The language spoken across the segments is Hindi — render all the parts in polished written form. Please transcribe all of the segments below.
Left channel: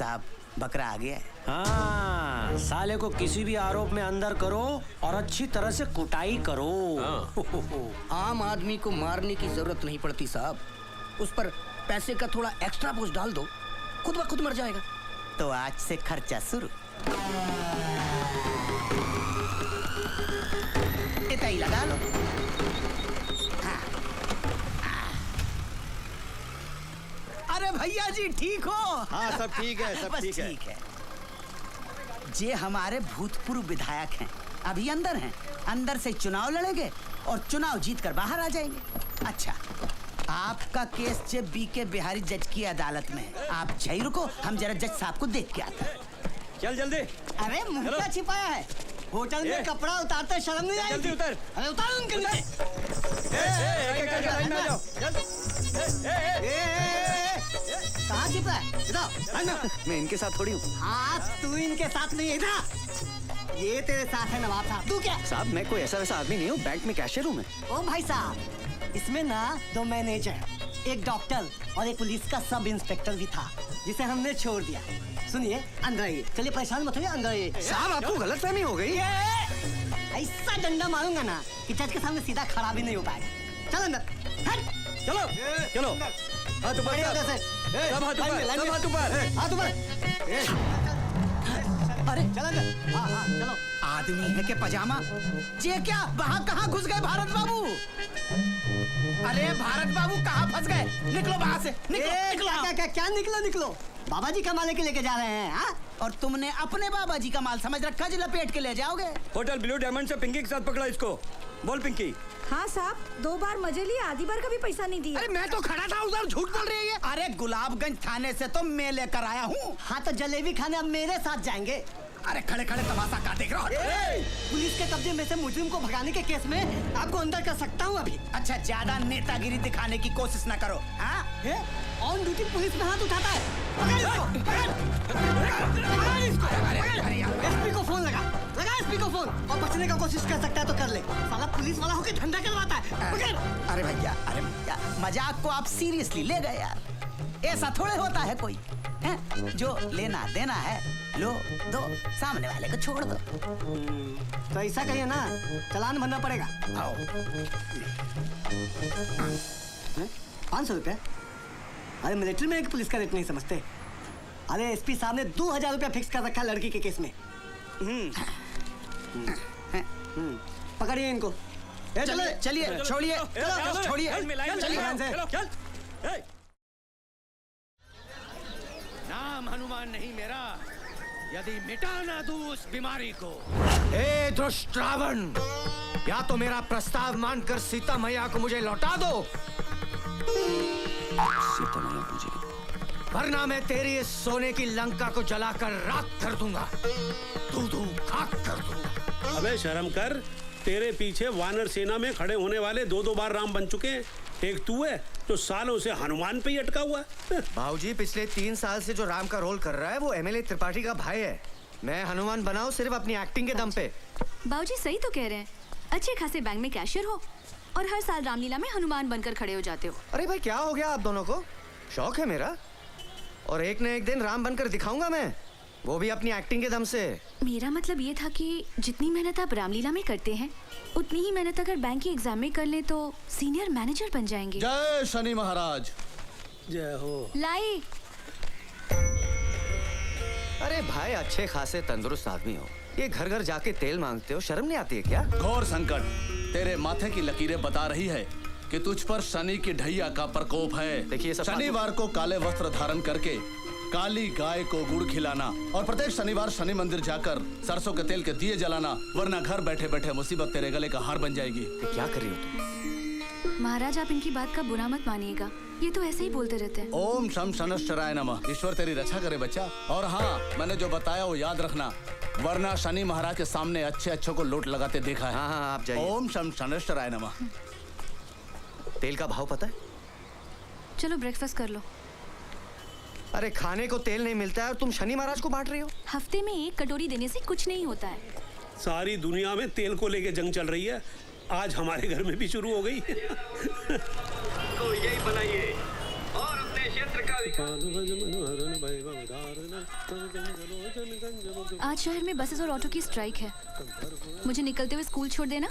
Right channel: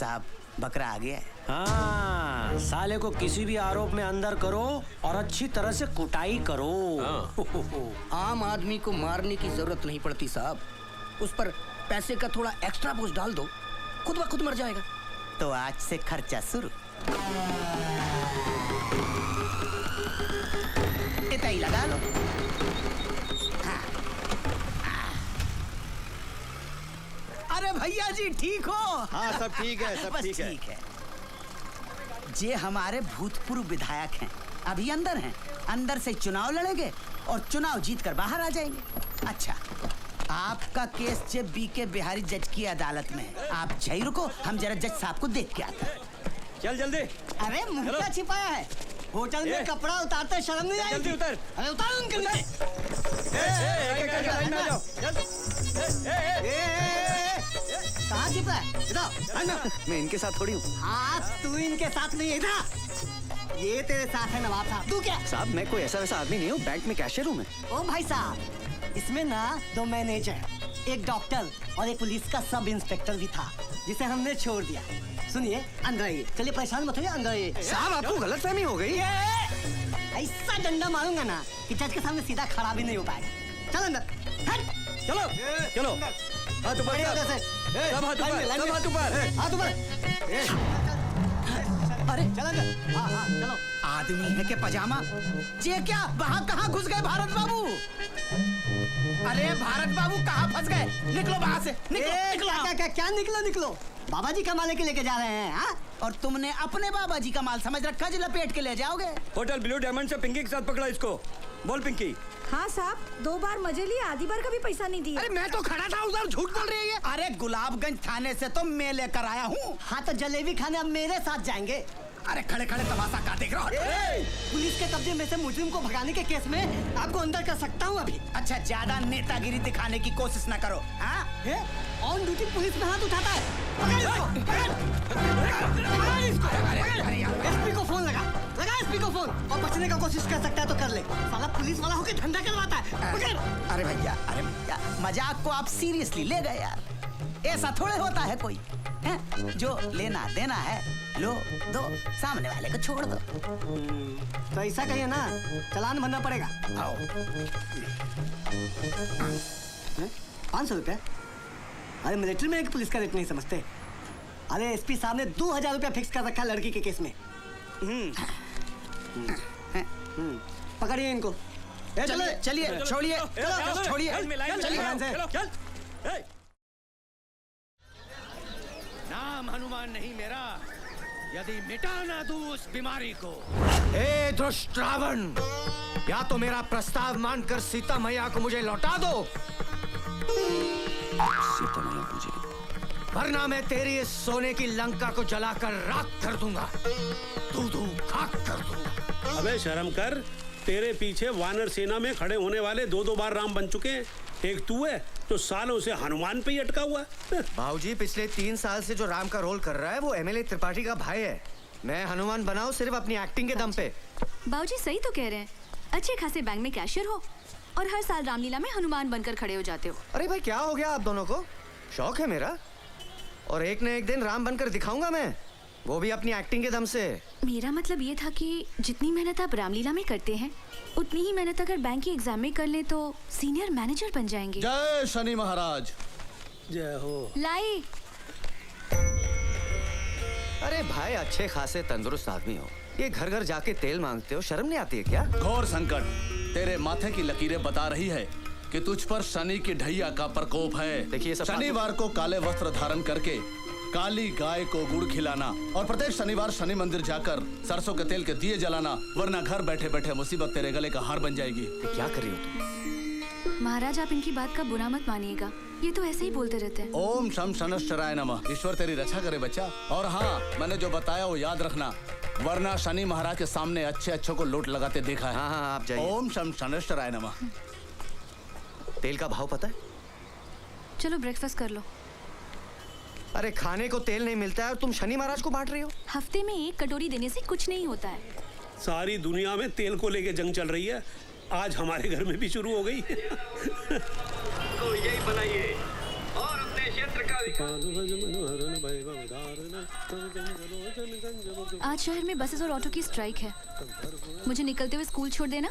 साहब बकरा आ गया है। हाँ, साले को किसी भी आरोप में अंदर करो और अच्छी तरह से कुटाई करो। आम आदमी को मारने की जरूरत नहीं पड़ती साहब, उस पर पैसे का थोड़ा एक्स्ट्रा बोझ डाल दो, खुद ब खुद मर जाएगा। तो आज से खर्चा शुरू। इतना ही लगा लो। अरे भैया जी ठीक हो? हाँ सब ठीक है, सब ठीक है। ये हमारे भूतपूर्व विधायक हैं, अभी अंदर हैं। अंदर से चुनाव लड़ेंगे और चुनाव जीत कर बाहर आ जाएंगे। अच्छा, आपका केस जे बीके बिहारी जज की अदालत में है। आप यहीं रुको, हम जरा जज साहब को देख के आते हैं। चल जल्दी। अरे मुर्गा छिपाया है होटल में, कपड़ा उतारते शर्म नहीं आई? जल्दी उतर। अरे उतार अंकल। कहाँ छिपा है? इधर। मैं इनके साथ थोड़ी हूँ हाँ तू इनके साथ नहीं, इधर। ये तेरे साथ है नवाब साहब। तू क्या? साहब, मैं कोई ऐसा वैसा आदमी नहीं हूँ, बैंक में कैशियर हूँ मैं। ओ भाई साहब, इसमें ना 2 मैनेजर, एक डॉक्टर और एक पुलिस का सब इंस्पेक्टर भी था, जिसे हमने छोड़ दिया। सुनिए, अंदर आइए। चलिए परेशान मत होइए, अंदर आइए। साहब, आपको गलतफहमी हो गई। ऐसा डंडा मारूंगा ना कि जज के सामने सीधा खड़ा भी नहीं हो पाएगा। चलो अंदर। हट। चलो चलो। हाथ ऊपर बढ़िया कर। से। सब हाथ ऊपर, सब हाथ ऊपर। हाथ ऊपर। अरे चलो अंदर। हाँ हाँ चलो। आदमी है के पजामा? ये क्या, वहाँ कहाँ घुस गए भारत बाबू? अरे भारत बाबू कहाँ फंस गए? निकलो वहाँ से, निकलो। क्या निकलो? बाबा जी कमाने के लेके जा रहे हैं। हाँ? और तुमने अपने बाबा जी का माल समझ रखा, जो लपेट के ले जाओगे। होटल ब्लू डायमंड से पिंकी के साथ पकड़ा इसको। बोल पिंकी। हाँ साहब, 2 बार मजे लिए, आधी बार का भी पैसा नहीं दिया। अरे मैं तो खड़ा था उधर, झूठ बोल रही है। अरे गुलाबगंज थाने से तो मैं लेकर आया हूँ। हाँ तो जलेबी खाने अब मेरे साथ जाएंगे। अरे खड़े खड़े तमाशा का देख रहा हो? पुलिस के कब्जे में से मुजरिम को भगाने के केस में आपको अंदर कर सकता हूँ अभी। अच्छा, ज्यादा नेतागिरी दिखाने की कोशिश न करो। हाँ? ऑन ड्यूटी पुलिस में हाथ उठाता है। एसपी को फोन लगा एसपी को फोन, और बचने का कोशिश कर सकता है तो कर ले। साला पुलिस वाला होकर झंडा करवाता है। अरे भैया, मजाक को आप सीरियसली ले गए यार। ऐसा थोड़े होता है कोई है? जो लेना देना है लो दो, सामने वाले को छोड़ दो। तो ऐसा कहिए ना, चालान भरना पड़ेगा। आओ। 500 रुपया? अरे मिलिट्री में एक पुलिस का रेट नहीं समझते। अरे एसपी साहब ने 2000 रुपया फिक्स कर रखा लड़की के केस में। पकड़िए इनको। चलिए, छोड़िए। नाम हनुमान नहीं मेरा, यदि मिटा ना दूं उस बीमारी को। ए दुष्ट रावण, या तो मेरा प्रस्ताव मानकर सीता मैया को मुझे लौटा दो, वरना मैं तेरी इस सोने की लंका को जलाकर राख कर दूंगा, दूं खाक कर दूंगा। अबे शर्म कर, तेरे पीछे वानर सेना में खड़े होने वाले 2 बार राम बन चुके हैं। एक तू है तो सालों से हनुमान पे ही अटका हुआ है। भाऊजी, पिछले 3 साल से जो राम का रोल कर रहा है वो एमएलए त्रिपाठी का भाई है। मैं हनुमान बनाऊं सिर्फ अपनी एक्टिंग के दम पे। बाबूजी सही तो कह रहे हैं, अच्छे खासे बैंक में कैशियर हो और हर साल रामलीला में हनुमान बनकर खड़े हो जाते हो। अरे भाई, क्या हो गया आप दोनों को? शौक है मेरा, और एक न एक दिन राम बनकर दिखाऊंगा मैं, वो भी अपनी एक्टिंग के दम से। मेरा मतलब ये था कि जितनी मेहनत आप रामलीला में करते हैं, उतनी ही मेहनत अगर बैंक की एग्जाम में कर ले तो सीनियर मैनेजर बन जाएंगे। जय शनि महाराज। जय हो। लाई। अरे भाई, अच्छे खासे तंदुरुस्त आदमी हो, ये घर घर जाके तेल मांगते हो, शर्म नहीं आती है क्या? घोर संकट तेरे माथे की लकीरें बता रही है कि तुझ पर शनि की ढैया का प्रकोप है। देखिए सब शनिवार को काले वस्त्र धारण करके काली गाय को गुड़ खिलाना और प्रत्येक शनिवार शनि मंदिर जाकर सरसों के तेल के दिए जलाना, वरना घर बैठे बैठे मुसीबत तेरे गले का हार बन जाएगी। क्या कर रही हो तुम? महाराज, आप इनकी बात का बुरा मत मानिएगा, ये तो ऐसे ही बोलते रहते हैं। ओम शम शनश्चराय नमः। ईश्वर तेरी रक्षा करे बच्चा। और हाँ, मैंने जो बताया वो याद रखना, वरना शनि महाराज के सामने अच्छे अच्छों को लूट लगाते देखा है। हाँ, आप जाइए। ओम शम शनश्चराय नमः। तेल का भाव पता है? चलो ब्रेकफास्ट कर लो। अरे खाने को तेल नहीं मिलता है और तुम शनि महाराज को बांट रही हो? हफ्ते में 1 कटोरी देने से कुछ नहीं होता है। सारी दुनिया में तेल को लेके जंग चल रही है, आज हमारे घर में भी शुरू हो गई। तो यही बनाइए और अपने क्षेत्र का आज शहर में बसेस और ऑटो की स्ट्राइक है। मुझे निकलते हुए स्कूल छोड़ देना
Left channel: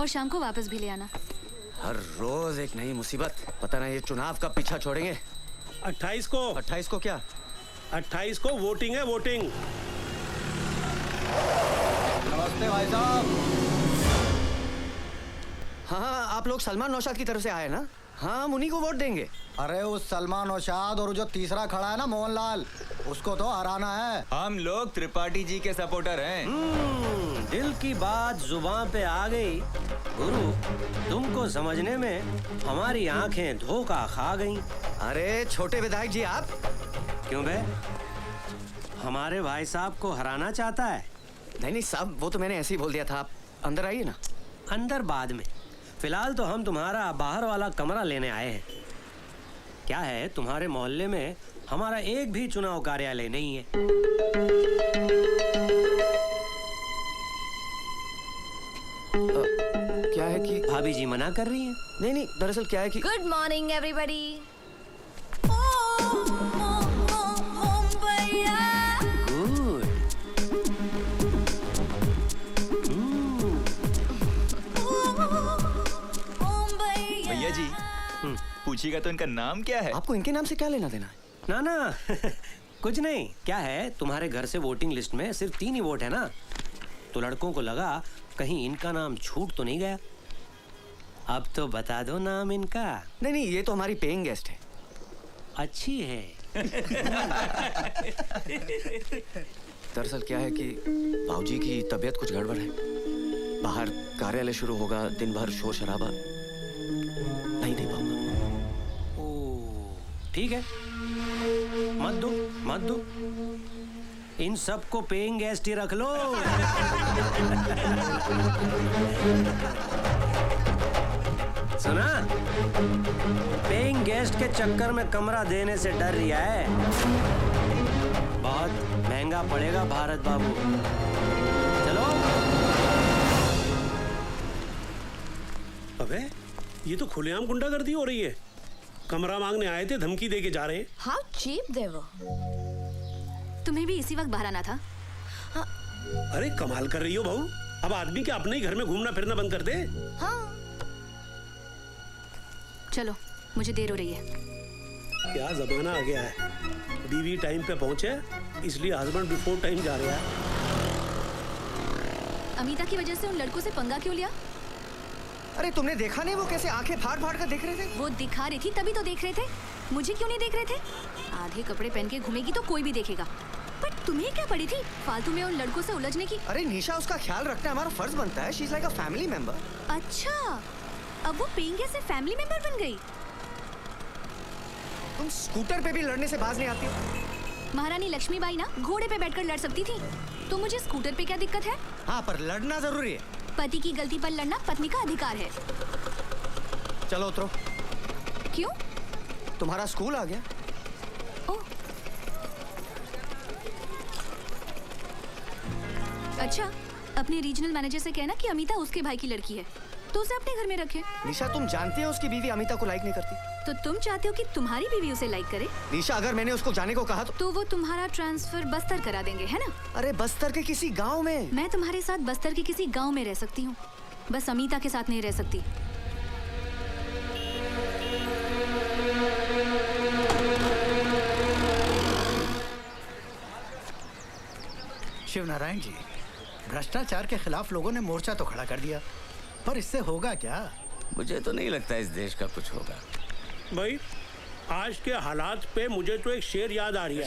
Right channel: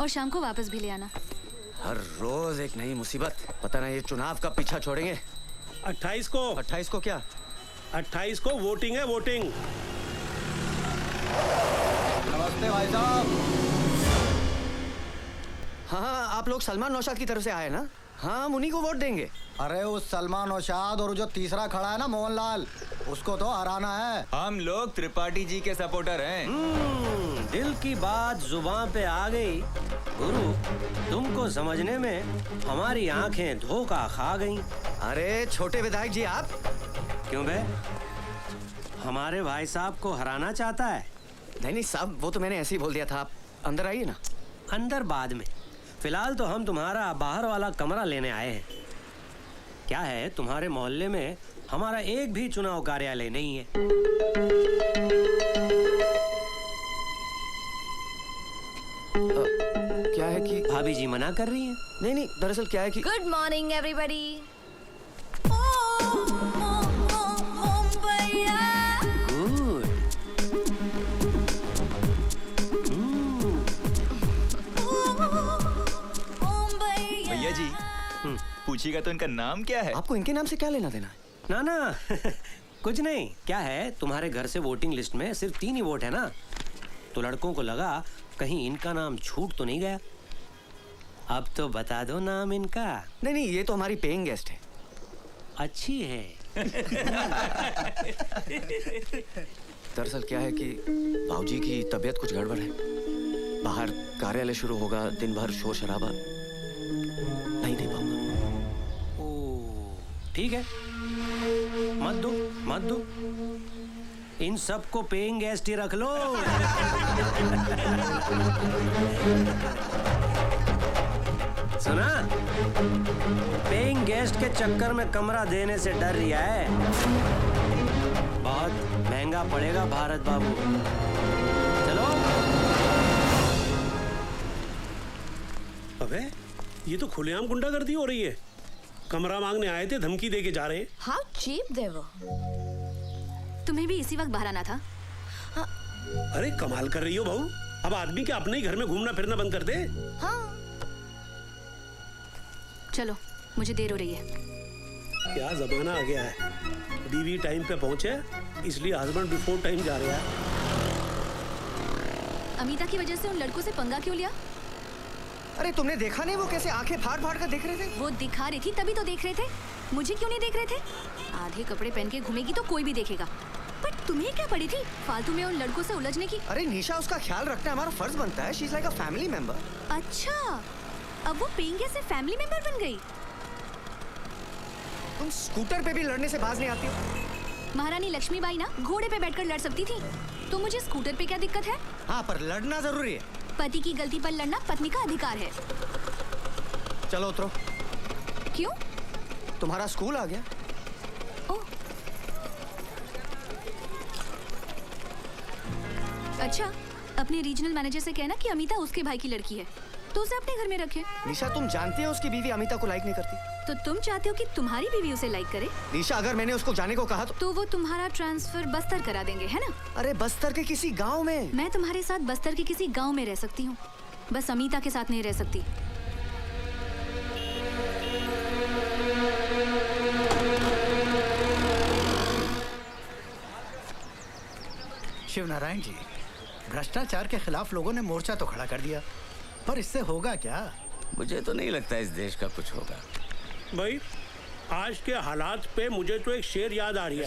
और शाम को वापस भी ले आना। हर रोज एक नई मुसीबत। पता नहीं ये चुनाव का पीछा छोड़ेंगे। 28 को 28 को क्या? 28 को वोटिंग है, वोटिंग। नमस्ते भाई साहब। हाँ, आप लोग सलमान नौशाद की तरफ से आए ना? हाँ, हम उन्हीं को वोट देंगे। अरे उस सलमान नौशाद और जो तीसरा खड़ा है ना मोहनलाल, उसको तो हराना है। हम लोग त्रिपाठी जी के सपोर्टर हैं। दिल की बात जुबान पे आ गई। गुरु, तुमको समझने में हमारी आंखें धोखा खा गईं। अरे छोटे विधायक जी आप? क्यों बे? हमारे भाई साहब को हराना चाहता है? नहीं साहब, वो तो मैंने ऐसे ही बोल दिया था। आप अंदर आइए ना। अंदर बाद में, फिलहाल तो हम तुम्हारा बाहर वाला कमरा लेने आए हैं। क्या है, तुम्हारे मोहल्ले में हमारा एक भी चुनाव कार्यालय नहीं है। क्या है कि भाभी जी मना कर रही है। नहीं, दरअसल क्या है कि गुड मॉर्निंग एवरीबॉडी। गुड। भैया जी, पूछिएगा तो इनका नाम क्या है? आपको इनके नाम से क्या लेना देना है? ना कुछ नहीं। क्या है, तुम्हारे घर से वोटिंग लिस्ट में सिर्फ 3 ही वोट है ना, तो लड़कों को लगा कहीं इनका नाम छूट तो नहीं गया। अब तो बता दो नाम इनका। नहीं, ये तो हमारी पेइंग गेस्ट है। अच्छी है। दरअसल क्या है कि बाबूजी की तबीयत कुछ गड़बड़ है। बाहर कार्यालय शुरू होगा, दिन भर शोर शराबा, नहीं दे पाऊंगा। ओ, ठीक है, मत दो। इन सबको पेइंग गेस्ट ही रख लो। सुना? पेइंग गेस्ट के चक्कर में कमरा देने से डर रिया है। बहुत महंगा पड़ेगा भारत बाबू। चलो। अबे, ये तो खुलेआम गुंडागर्दी हो रही है। कमरा मांगने आए थे, धमकी देके जा रहे हैं। हाउ चीप दे वो। तुम्हें भी इसी वक्त बाहर आना था। अरे कमाल कर रही हो बहू। अब आदमी के अपने ही घर में घूमना फिरना बंद कर दे। हाँ। चलो, मुझे देर हो रही है। क्या जमाना आ गया है। बीवी टाइम पे पहुंचे, इसलिए हस्बैंड बिफोर टाइम जा रहा है। अमिता की वजह से उन लड़कों से पंगा क्यों लिया? अरे तुमने देखा नहीं वो कैसे आंखें फाड़ फाड़ कर देख रहे थे? वो दिखा रही थी तभी तो देख रहे थे। मुझे क्यों नहीं देख रहे थे? आधे कपड़े पहन के घूमेगी तो कोई भी देखेगा। पर तुम्हें क्या पड़ी थी फालतू में उन लड़कों से उलझने की? अरे निशा, उसका ख्याल रखना हमारा फर्ज बनता है। She is like a family member. अच्छा, अब वो पेइंग गेस्ट से फैमिली मेंबर बन गई। तुम स्कूटर पे भी लड़ने से बाज नहीं आती। महारानी लक्ष्मीबाई ना घोड़े पे बैठकर लड़ सकती थी, तो मुझे स्कूटर पे क्या दिक्कत है? हाँ, पर लड़ना जरूरी है। पति की गलती पर लड़ना पत्नी का अधिकार है। चलो उतरो। क्यों? तुम्हारा स्कूल आ गया। ओह, अच्छा, अपने रीजनल मैनेजर से कहना कि अमिता उसके भाई की लड़की है, तो उसे अपने घर में रखे। निशा, तुम जानती हो उसकी बीवी अमिता को लाइक नहीं करती। तो तुम चाहते हो कि तुम्हारी बीवी उसे लाइक करे? निशा, अगर मैंने उसको जाने को कहा तो वो तुम्हारा ट्रांसफर बस्तर करा देंगे, है ना? अरे बस्तर के किसी गांव में। मैं तुम्हारे साथ बस्तर के किसी गांव में रह सकती हूँ, बस अमिता के साथ नहीं रह सकती। शिवनारायण जी, भ्रष्टाचार के खिलाफ लोगों ने मोर्चा तो खड़ा कर दिया, पर इससे होगा क्या? मुझे तो नहीं लगता इस देश का कुछ होगा। भाई, आज के हालात पे मुझे तो एक शेर याद आ रही है।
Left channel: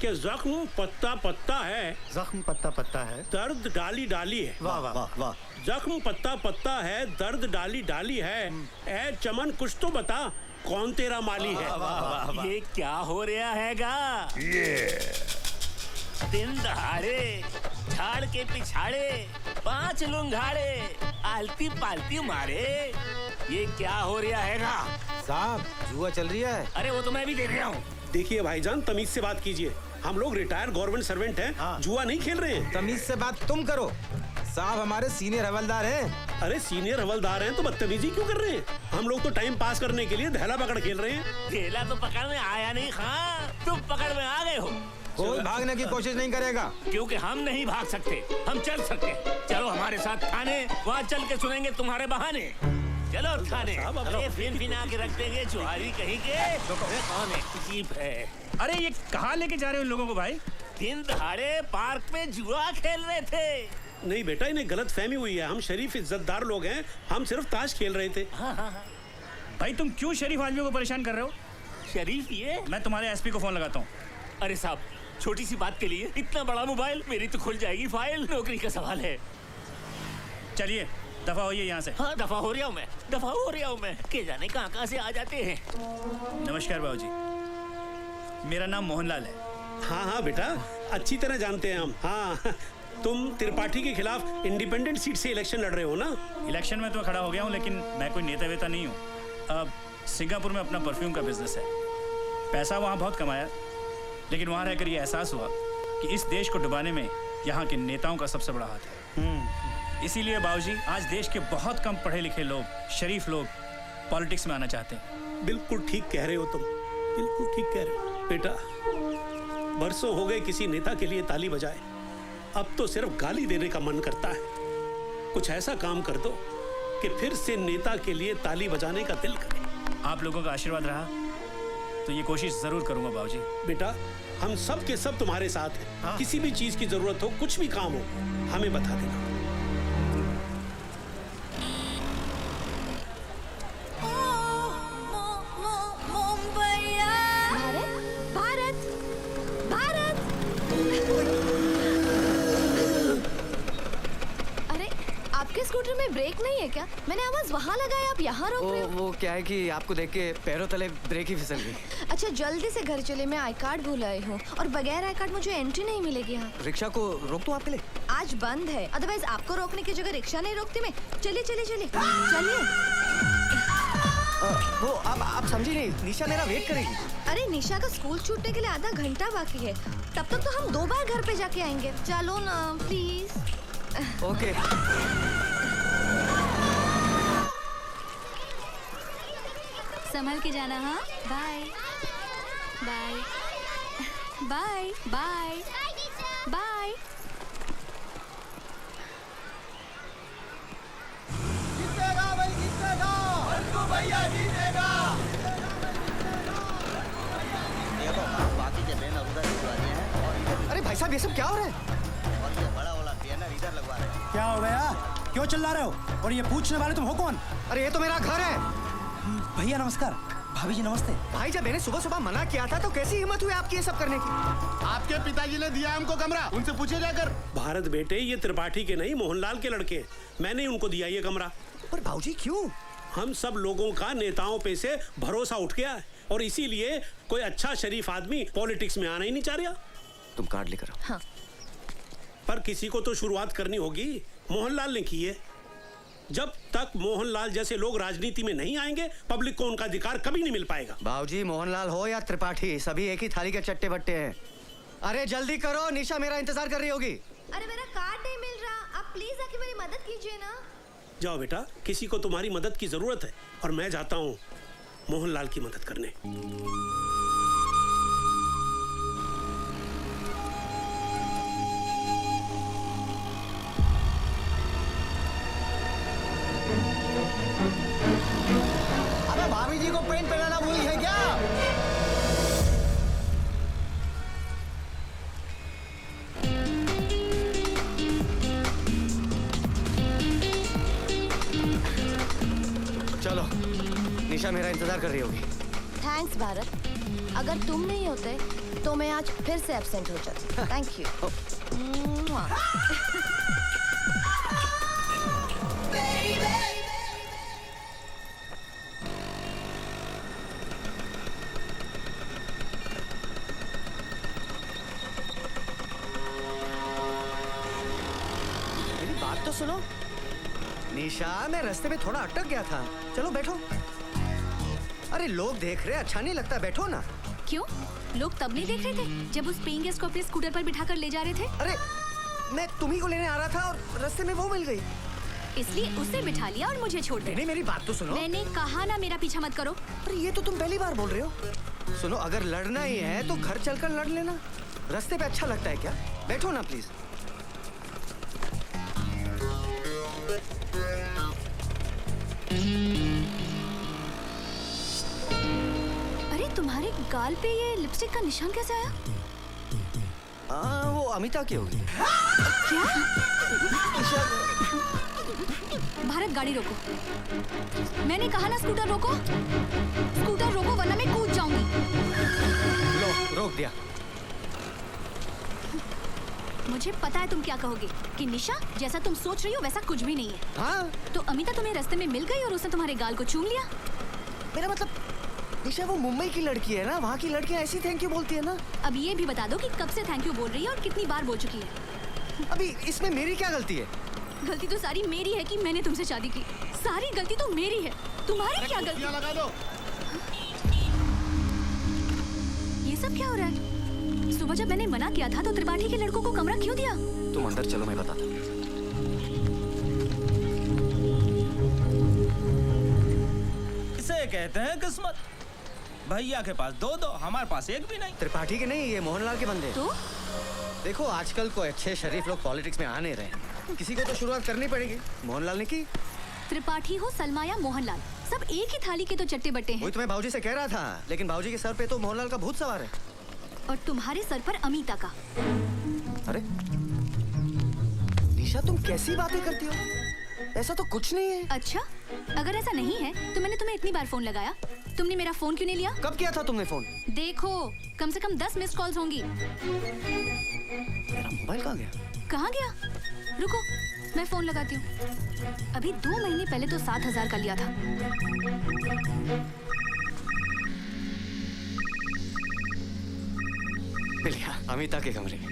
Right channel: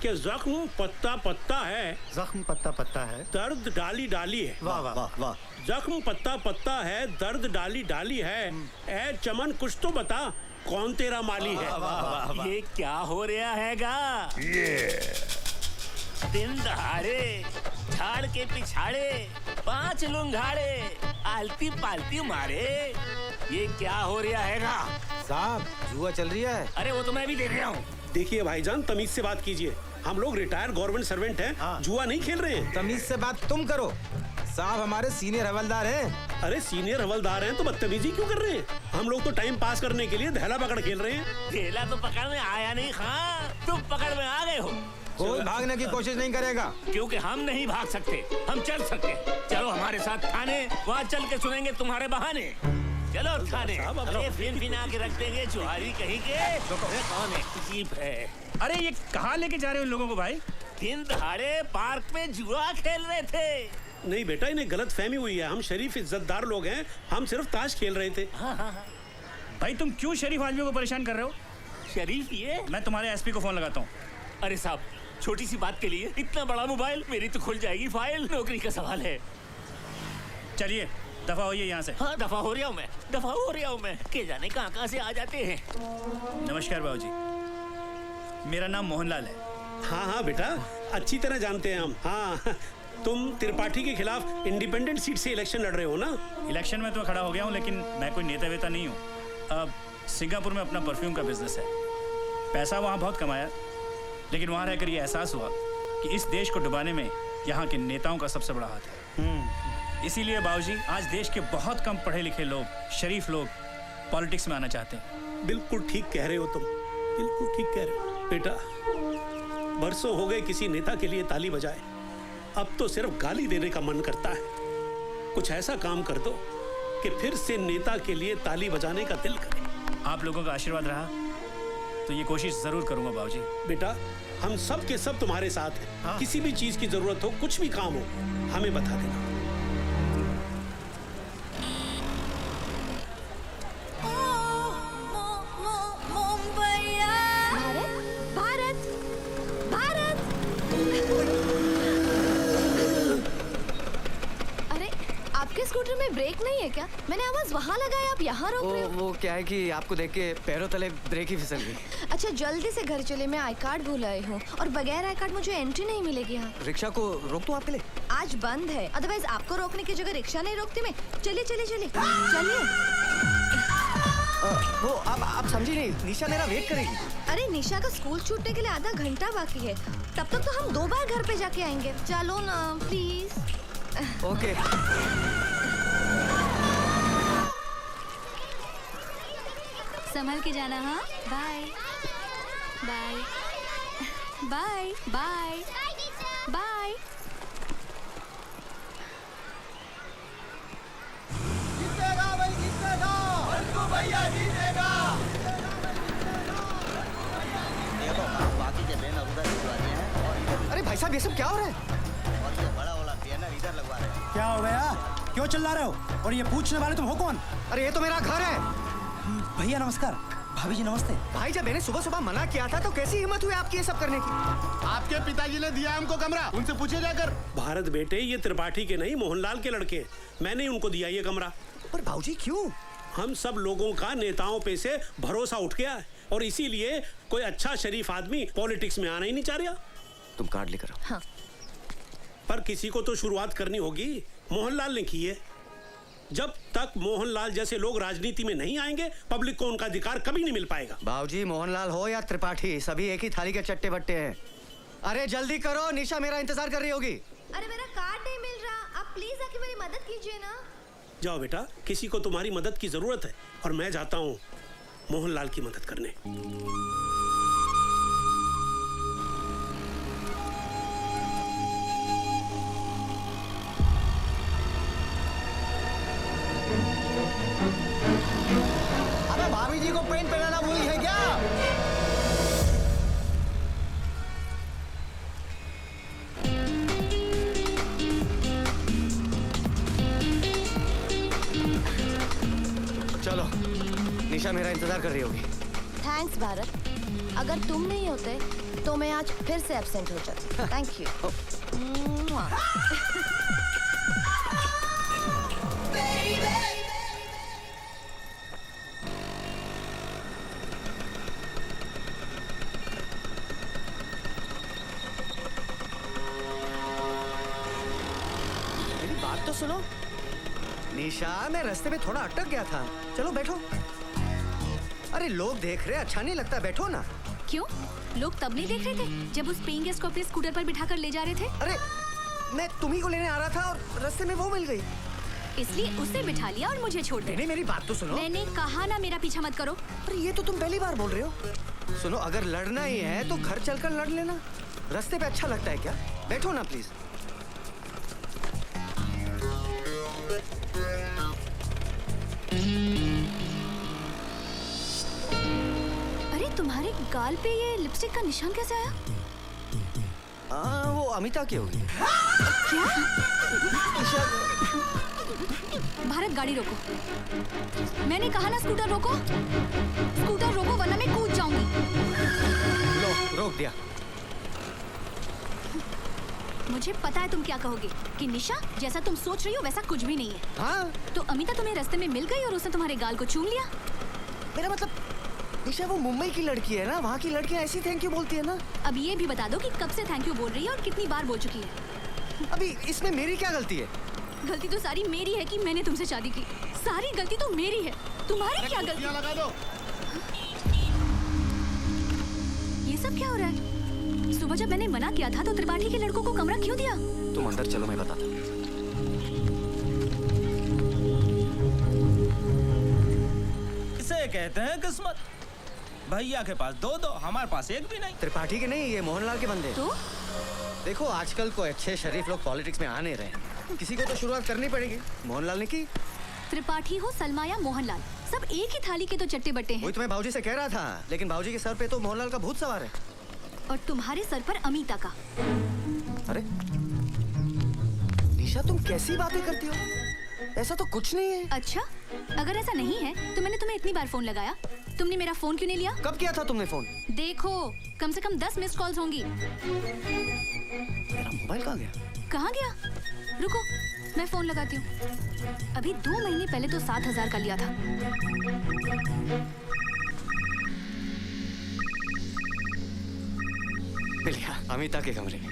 कि जख्म पत्ता पत्ता है, जख्म पत्ता पत्ता है, दर्द डाली डाली है। वाह वाह वाह वाह। जख्म पत्ता पत्ता है, दर्द डाली डाली है। ए चमन, कुछ तो बता, कौन तेरा माली है? ये क्या हो रहा हैगा? दिन दहाड़े झाड़ के पिछाड़े 5 लुंगाड़े आलती पालती मारे, ये क्या हो रहा हैगा? साहब, जुआ चल रही है। अरे वो तो मैं भी देख रहा हूँ। देखिए भाईजान, तमीज से बात कीजिए। हम लोग रिटायर्ड गवर्नमेंट सर्वेंट हैं, जुआ नहीं खेल रहे हैं। तमीज से बात तुम करो। साहब हमारे सीनियर हवलदार हैं। अरे सीनियर हवलदार हैं तो बदतमीजी क्यों कर रहे हैं? हम लोग तो टाइम पास करने के लिए धैला पकड़ खेल रहे हैं। खेला तो पकाने आया नहीं। हाँ, तुम पकड़ में आ गए हो। कोई भागने की कोशिश नहीं करेगा। क्योंकि हम नहीं भाग सकते, हम चल सकते। चलो हमारे साथ थाने, वहाँ चल के सुनेंगे तुम्हारे बहाने। चलो थाने, ये फिर बिना के रख देंगे चुहारी कहीं के। कौन एक जीप है? अरे ये कहाँ लेके जा रहे हो लोगों को भाई? दिन दहाड़े पार्क में जुआ खेल रहे थे। नहीं बेटा, इन्हें गलत फहमी हुई है। हम शरीफ इज्जतदार लोग हैं, हम सिर्फ ताश खेल रहे थे। भाई तुम क्यों शरीफ आदमियों को परेशान कर रहे हो? शरीफ ये? मैं तुम्हारे एसपी को फोन लगाता हूँ। अरे साहब, छोटी सी बात के लिए इतना बड़ा मोबाइल, मेरी तो खुल जाएगी फाइल। नौकरी का सवाल है। चलिए दफा होइए यहाँ से। हाँ दफा हो रहा हूँ मैं, दफा हो रहा हूँ मैं। के जाने कहाँ से आ जाते हैं। नमस्कार बाबूजी, मेरा नाम मोहनलाल है। हाँ हाँ बेटा, अच्छी तरह जानते हैं हम। हाँ, तुम त्रिपाठी के खिलाफ इंडिपेंडेंट सीट से इलेक्शन लड़ रहे हो ना? इलेक्शन में तो खड़ा हो गया हूँ, लेकिन मैं कोई नेता वेता नहीं हूँ। अब सिंगापुर में अपना परफ्यूम का बिजनेस है। पैसा वहाँ बहुत कमाया, लेकिन वहाँ रहकर ये एहसास हुआ कि इस देश को डुबाने में यहाँ के नेताओं का सबसे बड़ा हाथ है। इसीलिए बाबूजी, आज देश के बहुत कम पढ़े लिखे लोग, शरीफ लोग पॉलिटिक्स में आना चाहते हैं। बिल्कुल ठीक कह रहे हो तुम, बिल्कुल ठीक कह रहे हो बेटा। बरसों हो गए किसी नेता के लिए ताली बजाए, अब तो सिर्फ गाली देने का मन करता है। कुछ ऐसा काम कर दो कि फिर से नेता के लिए ताली बजाने का दिल करे। आप लोगों का आशीर्वाद रहा तो ये कोशिश जरूर करूंगा बाबूजी। बेटा, हम सब के सब तुम्हारे साथ हैं। हाँ? किसी भी चीज की जरूरत हो, कुछ भी काम हो, हमें बता देना। भारत, भारत। अरे आपके स्कूटर में ब्रेक नहीं है क्या? मैंने आवाज वहाँ लगाई, आप यहाँ रोक रहे हो। वो क्या है कि आपको देख के पैरों तले ब्रेक ही फिसल गई। अच्छा जल्दी से घर चले, मैं आई कार्ड भूल आई हूँ और बगैर आई कार्ड मुझे एंट्री नहीं मिलेगी यहाँ। रिक्शा को रोक दूं आपके लिए? आज बंद है, अदरवाइज आपको रोकने की जगह रिक्शा नहीं रोकती मैं। चलिए चलिए चलिए चलिए। वो आप समझी नहीं, निशा मेरा वेट करेगी। अरे निशा का स्कूल छूटने के लिए आधा घंटा बाकी है, तब तक तो हम 2 बार घर पे जाके आएंगे। चलो ना प्लीज। ओके। संभल के जाना। हाँ bye bye bye bye bye. अरे भाई साहब, ये सब क्या हो रहा है? क्या हो गया? क्यों चिल्ला रहे हो? और ये पूछने वाले तुम हो कौन? अरे ये तो मेरा घर है। भैया नमस्कार, भाभी जी नमस्ते। भाई जब मैंने सुबह सुबह मना किया था तो कैसी हिम्मत हुई आपकी ये सब करने की? आपके पिताजी ने दिया हमको कमरा, उनसे पूछिए जाकर। भारत बेटे, ये त्रिपाठी के नहीं मोहनलाल के लड़के, मैंने उनको दिया ये कमरा। पर भाऊजी क्यों? हम सब लोगों का नेताओं पे से भरोसा उठ गया है और इसीलिए कोई अच्छा शरीफ आदमी पॉलिटिक्स में आना ही नहीं चाह रहा। तुम कार्ड लेकर आओ। हाँ। पर किसी को तो शुरुआत करनी होगी। मोहनलाल ने की है। जब तक मोहनलाल जैसे लोग राजनीति में नहीं आएंगे, पब्लिक को उनका अधिकार कभी नहीं मिल पाएगा। बाबूजी, मोहनलाल हो या त्रिपाठी, सभी एक ही थाली के चट्टे बट्टे हैं। अरे जल्दी करो, निशा मेरा इंतजार कर रही होगी। अरे मेरा कार्ड नहीं मिल रहा, आप प्लीज आके मेरी मदद कीजिए ना। जाओ बेटा, किसी को तुम्हारी मदद की जरूरत है और मैं जाता हूँ मोहनलाल की मदद करने। अबे भाभी जी को पेंट पहनाना भूल है क्या? चलो, निशा मेरा इंतजार कर रही होगी। थैंक्स भारत, अगर तुम नहीं होते तो मैं आज फिर से एब्सेंट हो जाती। Thank you. बात तो सुनो। निशा, मैं रास्ते में थोड़ा अटक गया था। चलो बैठो। अरे लोग देख रहे, अच्छा नहीं लगता, बैठो ना। क्यों? लोग तब नहीं देख रहे थे जब उस पेइंग गेस्ट को अपने स्कूटर पर बिठाकर ले जा रहे थे? अरे मैं तुम्ही को लेने आ रहा था और रास्ते में वो मिल गई, इसलिए उसे बिठा लिया और मुझे छोड़ दिया। नहीं, मेरी बात तो सुनो। मैंने कहा ना मेरा पीछा मत करो। अरे ये तो तुम पहली बार बोल रहे हो। सुनो, अगर लड़ना ही है तो घर चलकर लड़ लेना। रास्ते पे अच्छा लगता है क्या? बैठो ना प्लीज। अरे तुम्हारे गाल पे ये लिपस्टिक का निशान कैसे आया? वो अमिता की होगी। क्या? भारत, गाड़ी रोको। मैंने कहा ना स्कूटर रोको। स्कूटर रोको वरना मैं कूद जाऊंगी। लो, रोक दिया। मुझे पता है तुम क्या कहोगे कि निशा जैसा तुम सोच रही हो वैसा कुछ भी नहीं है। हाँ? तो अमिता तुम्हें रास्ते में मिल गई और उसने तुम्हारे गाल को चूम लिया। मेरा मतलब निशा वो मुंबई की लड़की है ना, वहाँ की लड़कियाँ ऐसी थैंक यू बोलती है ना। अब ये भी बता दो कि कब से थैंक यू बोल रही है और कितनी बार बोल चुकी है। अभी इसमें मेरी क्या गलती है? गलती तो सारी मेरी है कि मैंने तुमसे शादी की। सारी गलती तो मेरी है, तुम्हारी क्या गलती? लगा दो। ये सब क्या हो रहा है? सुबह जब मैंने मना किया था तो त्रिपाठी के लड़कों को कमरा क्यों दिया? तुम अंदर चलो, मैं बताता हूँ। इसे कहते हैं किस्मत। भैया के पास दो, हमारे पास एक भी नहीं। त्रिपाठी के नहीं, ये मोहनलाल के बंदे। तो देखो आजकल को अच्छे शरीफ लोग पॉलिटिक्स में आ नहीं रहे, किसी को तो शुरुआत करनी पड़ेगी। मोहनलाल ने की। त्रिपाठी हो सलमा या मोहनलाल, सब एक ही थाली के तो चट्टे बट्टे हैं। वही तो मैं भाऊजी से कह रहा था, लेकिन भाऊजी के सर पे तो मोहनलाल का भूत सवार है। और तुम्हारे सर पर अमिता का। अरे निशा, तुम कैसी बातें करती हो? ऐसा तो कुछ नहीं है। अच्छा, अगर ऐसा नहीं है तो मैंने तुम्हें इतनी बार फोन लगाया, तुमने मेरा फोन क्यों नहीं लिया? कब किया था तुमने फोन? देखो, कम से कम 10 मिस्ड कॉल्स होंगी। मेरा मोबाइल कहाँ गया? कहाँ गया? रुको, मैं फोन लगाती हूँ। अभी 2 महीने पहले तो 7,000 का लिया था। बिलिया, अमिता के कमरे में।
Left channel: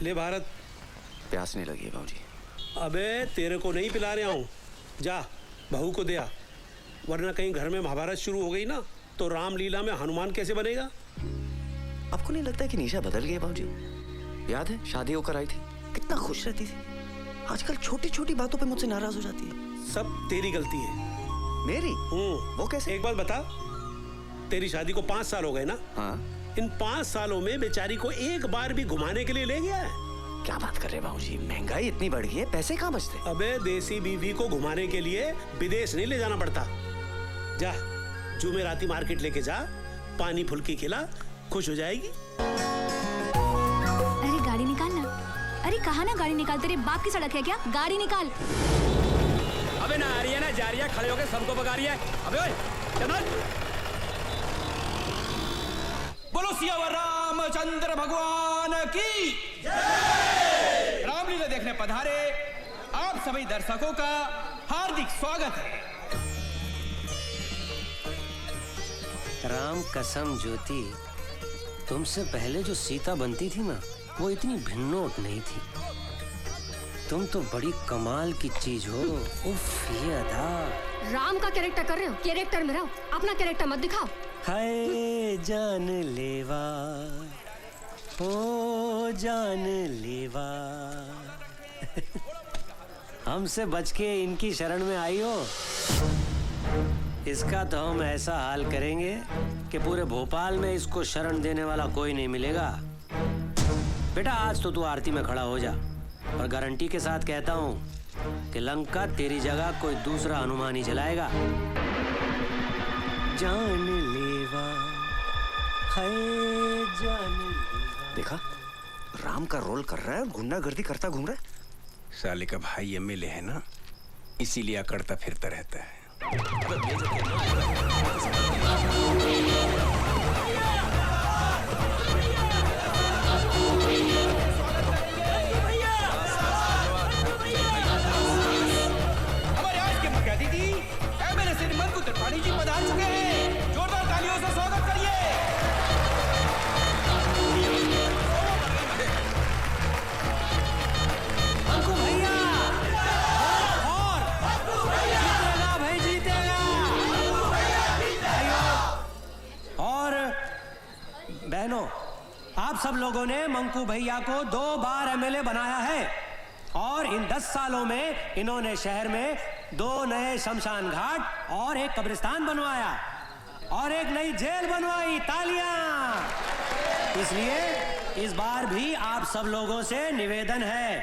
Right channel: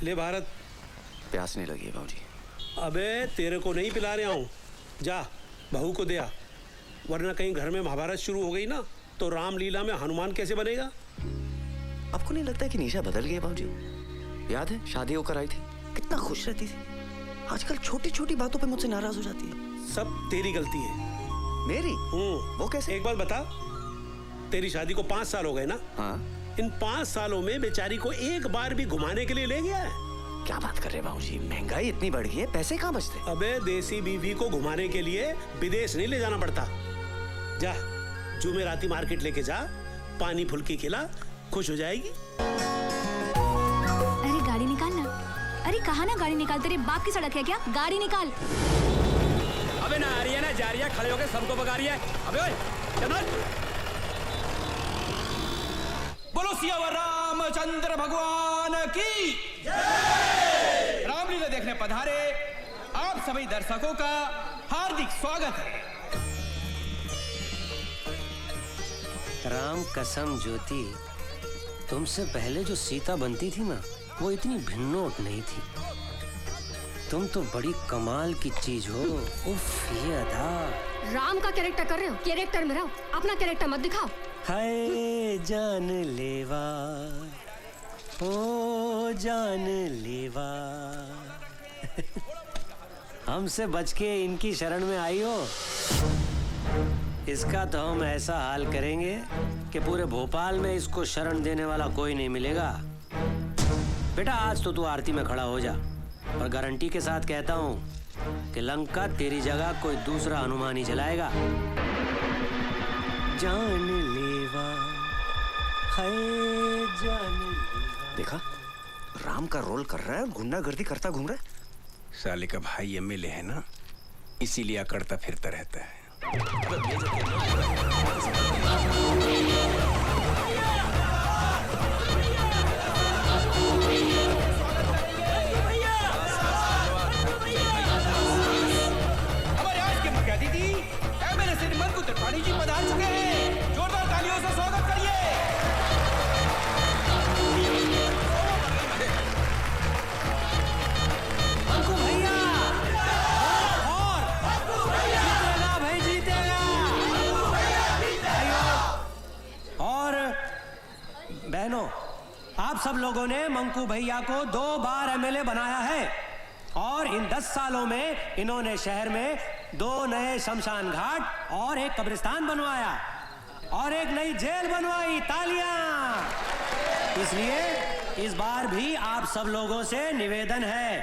ले भारत। प्यास नहीं लगी है भाऊजी। अबे तेरे को नहीं पिला रहा हूँ, जा बहू को दे आ, वरना कहीं घर में महाभारत शुरू हो गई ना तो रामलीला में हनुमान कैसे बनेगा? आपको नहीं लगता है कि निशा बदल गई है भाऊजी? याद है शादी होकर आई थी, कितना खुश रहती थी। आजकल छोटी छोटी बातों पे मुझसे नाराज हो जाती है। सब तेरी गलती है। मेरी? वो कैसे? एक बात बता, तेरी शादी को 5 साल हो गए ना? हाँ। इन 5 सालों में बेचारी को एक बार भी घुमाने के लिए ले गया है? क्या बात कर रहे भाऊजी, महंगाई इतनी बढ़ गई है, पैसे कहाँ बचते? अबे देसी बीवी को घुमाने के लिए विदेश नहीं ले जाना पड़ता। जा जुमेराती मार्केट लेके जा, पानी फुल्की खिला, खुश हो जाएगी। अरे गाड़ी निकाल ना। अरे कहा ना गाड़ी निकाल, तेरे बाप की सड़क है क्या? गाड़ी निकाल। अबे ना आ रही है ना जा रही है, खड़े होकर सबको भगा रही है। अबे चल। बोलो सियावर रामचंद्र भगवान की जय। रामलीला देखने पधारे आप सभी दर्शकों का हार्दिक स्वागत है। राम कसम ज्योति, तुमसे पहले जो सीता बनती थी ना, वो इतनी भिन्नोट नहीं थी। तुम तो बड़ी कमाल की चीज हो। उफ, ये अदा। राम का कैरेक्टर कर रहे हो, कैरेक्टर में रहो, अपना कैरेक्टर मत दिखाओ। हाय जान लेवा, ओ जान लेवा। हमसे बच के इनकी शरण में आई हो। इसका तो हम ऐसा हाल करेंगे कि पूरे भोपाल में इसको शरण देने वाला कोई नहीं मिलेगा। बेटा आज तो तू आरती में खड़ा हो जा, और गारंटी के साथ कहता हूँ कि लंका तेरी जगह कोई दूसरा हनुमान ही चलाएगा। जान लेवा, हाय जान लेवा। देखा, राम का रोल कर रहा है, गुंडागर्दी करता घूम रहा है। साले का भाई एमएलए है ना, इसीलिए अकड़ता फिरता रहता है। त्रिपाठी जी पधार चुके हैं, जोरदार तालियों से स्वागत करिए। और आप सब लोगों ने मंकू भैया को 2 बार एमएलए बनाया है और इन 10 सालों में इन्होंने शहर में 2 नए शमशान घाट और एक कब्रिस्तान बनवाया और एक नई जेल बनवाई। तालियां! इसलिए इस बार भी आप सब लोगों से निवेदन है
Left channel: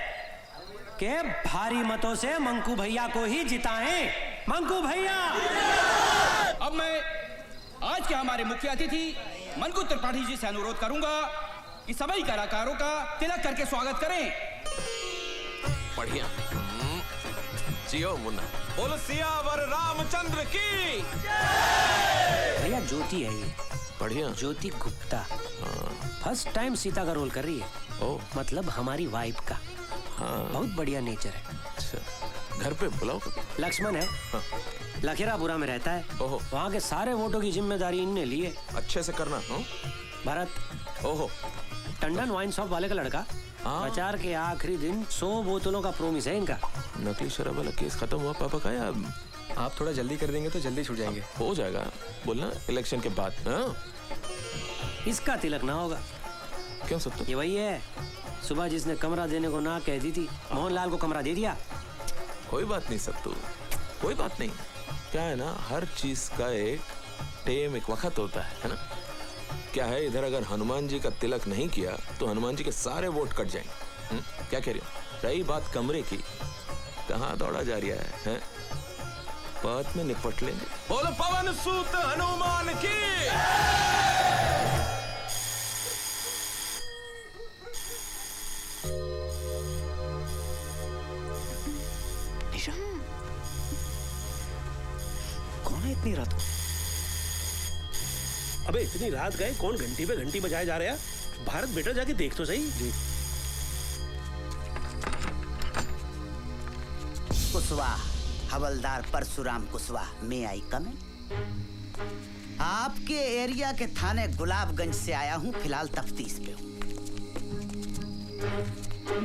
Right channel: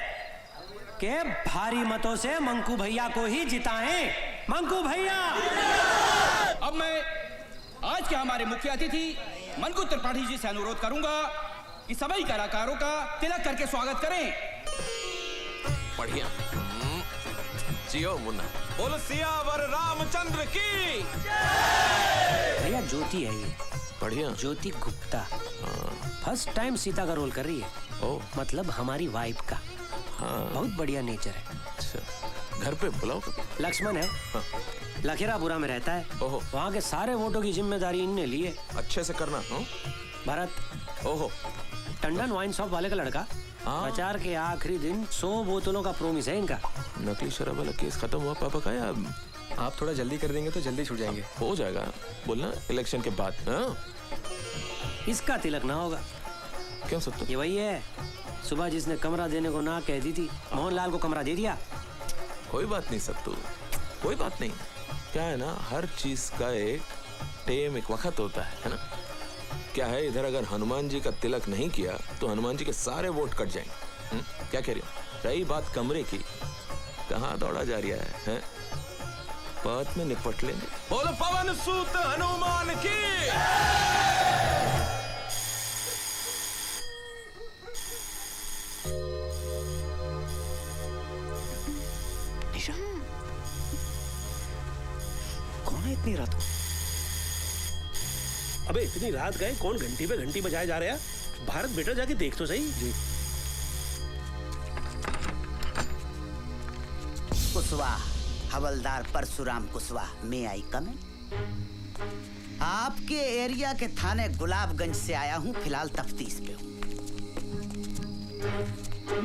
कि भारी मतों से मंकू भैया को ही जिताएं। मंकू भैया! अब मैं आज के हमारे मुख्य अतिथि मंकू त्रिपाठी जी से अनुरोध करूंगा कि सभी कलाकारों का तिलक करके स्वागत करें। बढ़िया। जियो मुन्ना। बोलो सियावर रामचंद्र की। भैया ज्योति है ये। बढ़िया। ज्योति गुप्ता फर्स्ट टाइम सीता का रोल कर रही है। ओ मतलब हमारी वाइफ का। हाँ। बहुत बढ़िया नेचर है। अच्छा घर पे बुलाओ। लक्ष्मण है। हाँ। लखेरापुरा में रहता है। ओहो। वहाँ के सारे वोटों की जिम्मेदारी इनने ली है। अच्छे से करना। भरत। ओहो। टंडन वाइन शॉप वाले का लड़का। प्रचार के आखिरी दिन 100 बोतलों का प्रोमिस है इनका। नकली शराब वाला केस खत्म हुआ पापा का? या आप थोड़ा जल्दी कर देंगे तो जल्दी छूट जाएंगे। हो जाएगा, बोलना इलेक्शन के बाद। हाँ? इसका तिलक ना होगा। क्यों सब तो? ये वही है सुबह जिसने कमरा देने को ना कह दी थी, मोहनलाल को कमरा दे दिया। कोई बात नहीं सब तो, कोई बात नहीं। क्या है ना, हर चीज का एक वक्त होता है ना? क्या है, इधर अगर हनुमान जी का तिलक नहीं किया तो हनुमान जी के सारे वोट कट जाएंगे। क्या कह रही हो? रही बात कमरे की, कहाँ दौड़ा जा रहा है? बाद में निपट लेंगे। बोलो पवन सूत हनुमान की। निशा, कौन है इतनी रात को? अबे इतनी रात गए, कौन घंटी पे घंटी बजाए जा रहा है? भारत बेटा जाके देख तो सही। कुशवाहा, हवलदार परशुराम कुशवाहा, मैं आई कम। आपके एरिया के थाने गुलाबगंज से आया हूँ, फिलहाल तफ्तीश पे हूँ।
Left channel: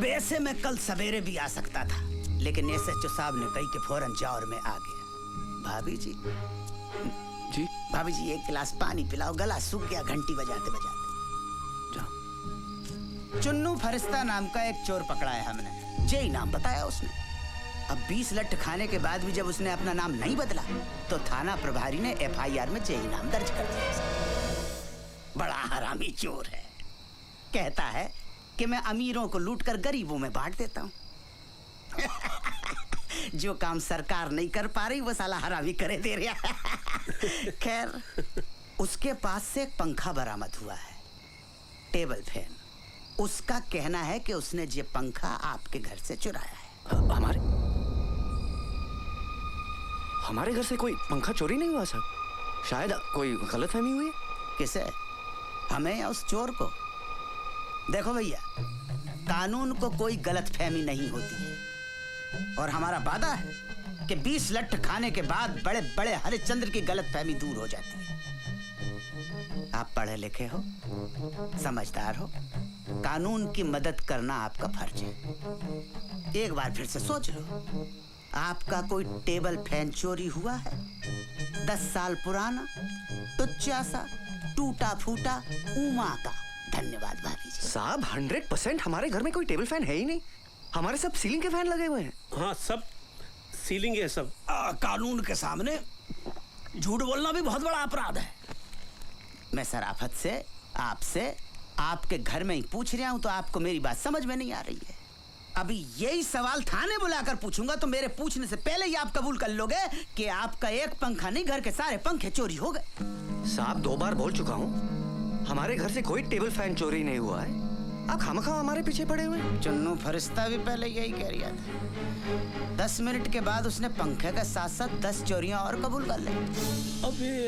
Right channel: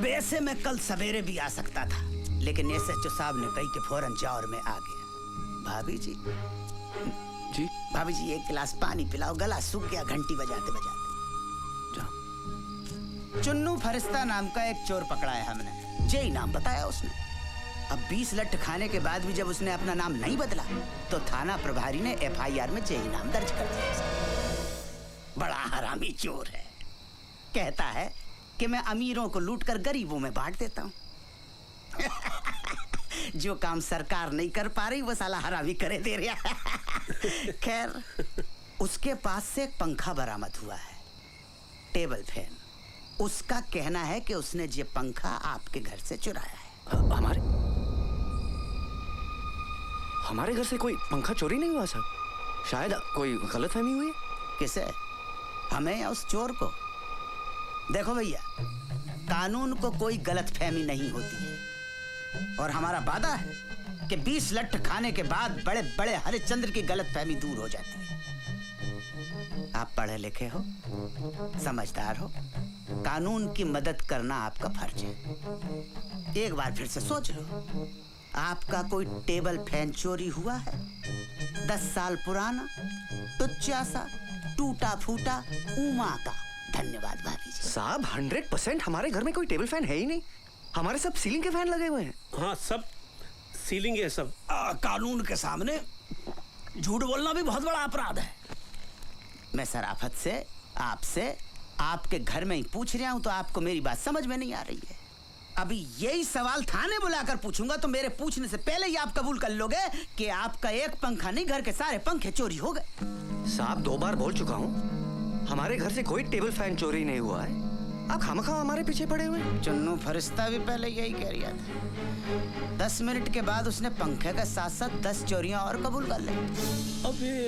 वैसे मैं कल सवेरे भी आ सकता था, लेकिन एसएचओ साहब ने कही कि फौरन जाओ और मैं आ गया। भाभी जी जी, भाभी जी एक गिलास पानी पिलाओ, गला सूख गया घंटी बजाते बजाते। चुन्नू फरिश्ता नाम का एक चोर पकड़ा है हमने, जे नाम बताया उसने। अब 20 लठ खाने के बाद भी जब उसने अपना नाम नहीं बदला तो थाना प्रभारी ने एफआईआर में जे नाम दर्ज कर दिया। बड़ा हरामी चोर है। कहता है कि मैं अमीरों को लूटकर गरीबों में बांट देता हूँ। जो काम सरकार नहीं कर पा रही वो साला हरामी करे दे रहा। खैर, उसके पास से एक पंखा बरामद हुआ है, टेबल फैन। उसका कहना है कि उसने ये पंखा आपके घर से चुराया है। हमारे घर से कोई पंखा चोरी नहीं हुआ साहब। शायद कोई गलतफहमी हुई। किसे? हमें या उस चोर को? देखो भैया, कानून को कोई गलतफहमी नहीं होती है और हमारा वादा है कि 20 लठ खाने के बाद बड़े बड़े हरिश्चंद्र की गलतफहमी दूर हो जाती है। आप पढ़े लिखे हो, समझदार हो, कानून की मदद करना आपका फर्ज है। एक बार फिर से सोच लो, आपका कोई टेबल फैन चोरी हुआ है? 10 साल पुराना, टुच्चा सा, टूटा फूटा, उमा का। धन्यवाद भाभी जी। साहब 100% हमारे घर में कोई टेबल फैन है ही नहीं। हमारे सब सीलिंग के फैन लगे हुए हैं। हाँ, सब सीलिंग है सब। कानून के सामने झूठ बोलना भी बहुत बड़ा अपराध है। मैं शराफत से आपसे आपके घर में ही पूछ रहा हूँ तो आपको मेरी बात समझ में नहीं आ रही है। अभी यही सवाल थाने बुलाकर पूछूंगा तो मेरे पूछने से पहले ही आप कबूल कर लोगे कि आपका एक पंखा नहीं, घर के सारे पंखे चोरी हो गए। साहब 2 बार बोल चुका हूँ, हमारे घर से कोई टेबल फैन चोरी नहीं हुआ है। आप खामखा हमारे पीछे पड़े हुए हैं। चुन्नू फरिश्ता भी पहले यही कह रहा था। 10 मिनट के बाद उसने पंखे के साथ साथ 10 चोरियां और कबूल कर ली।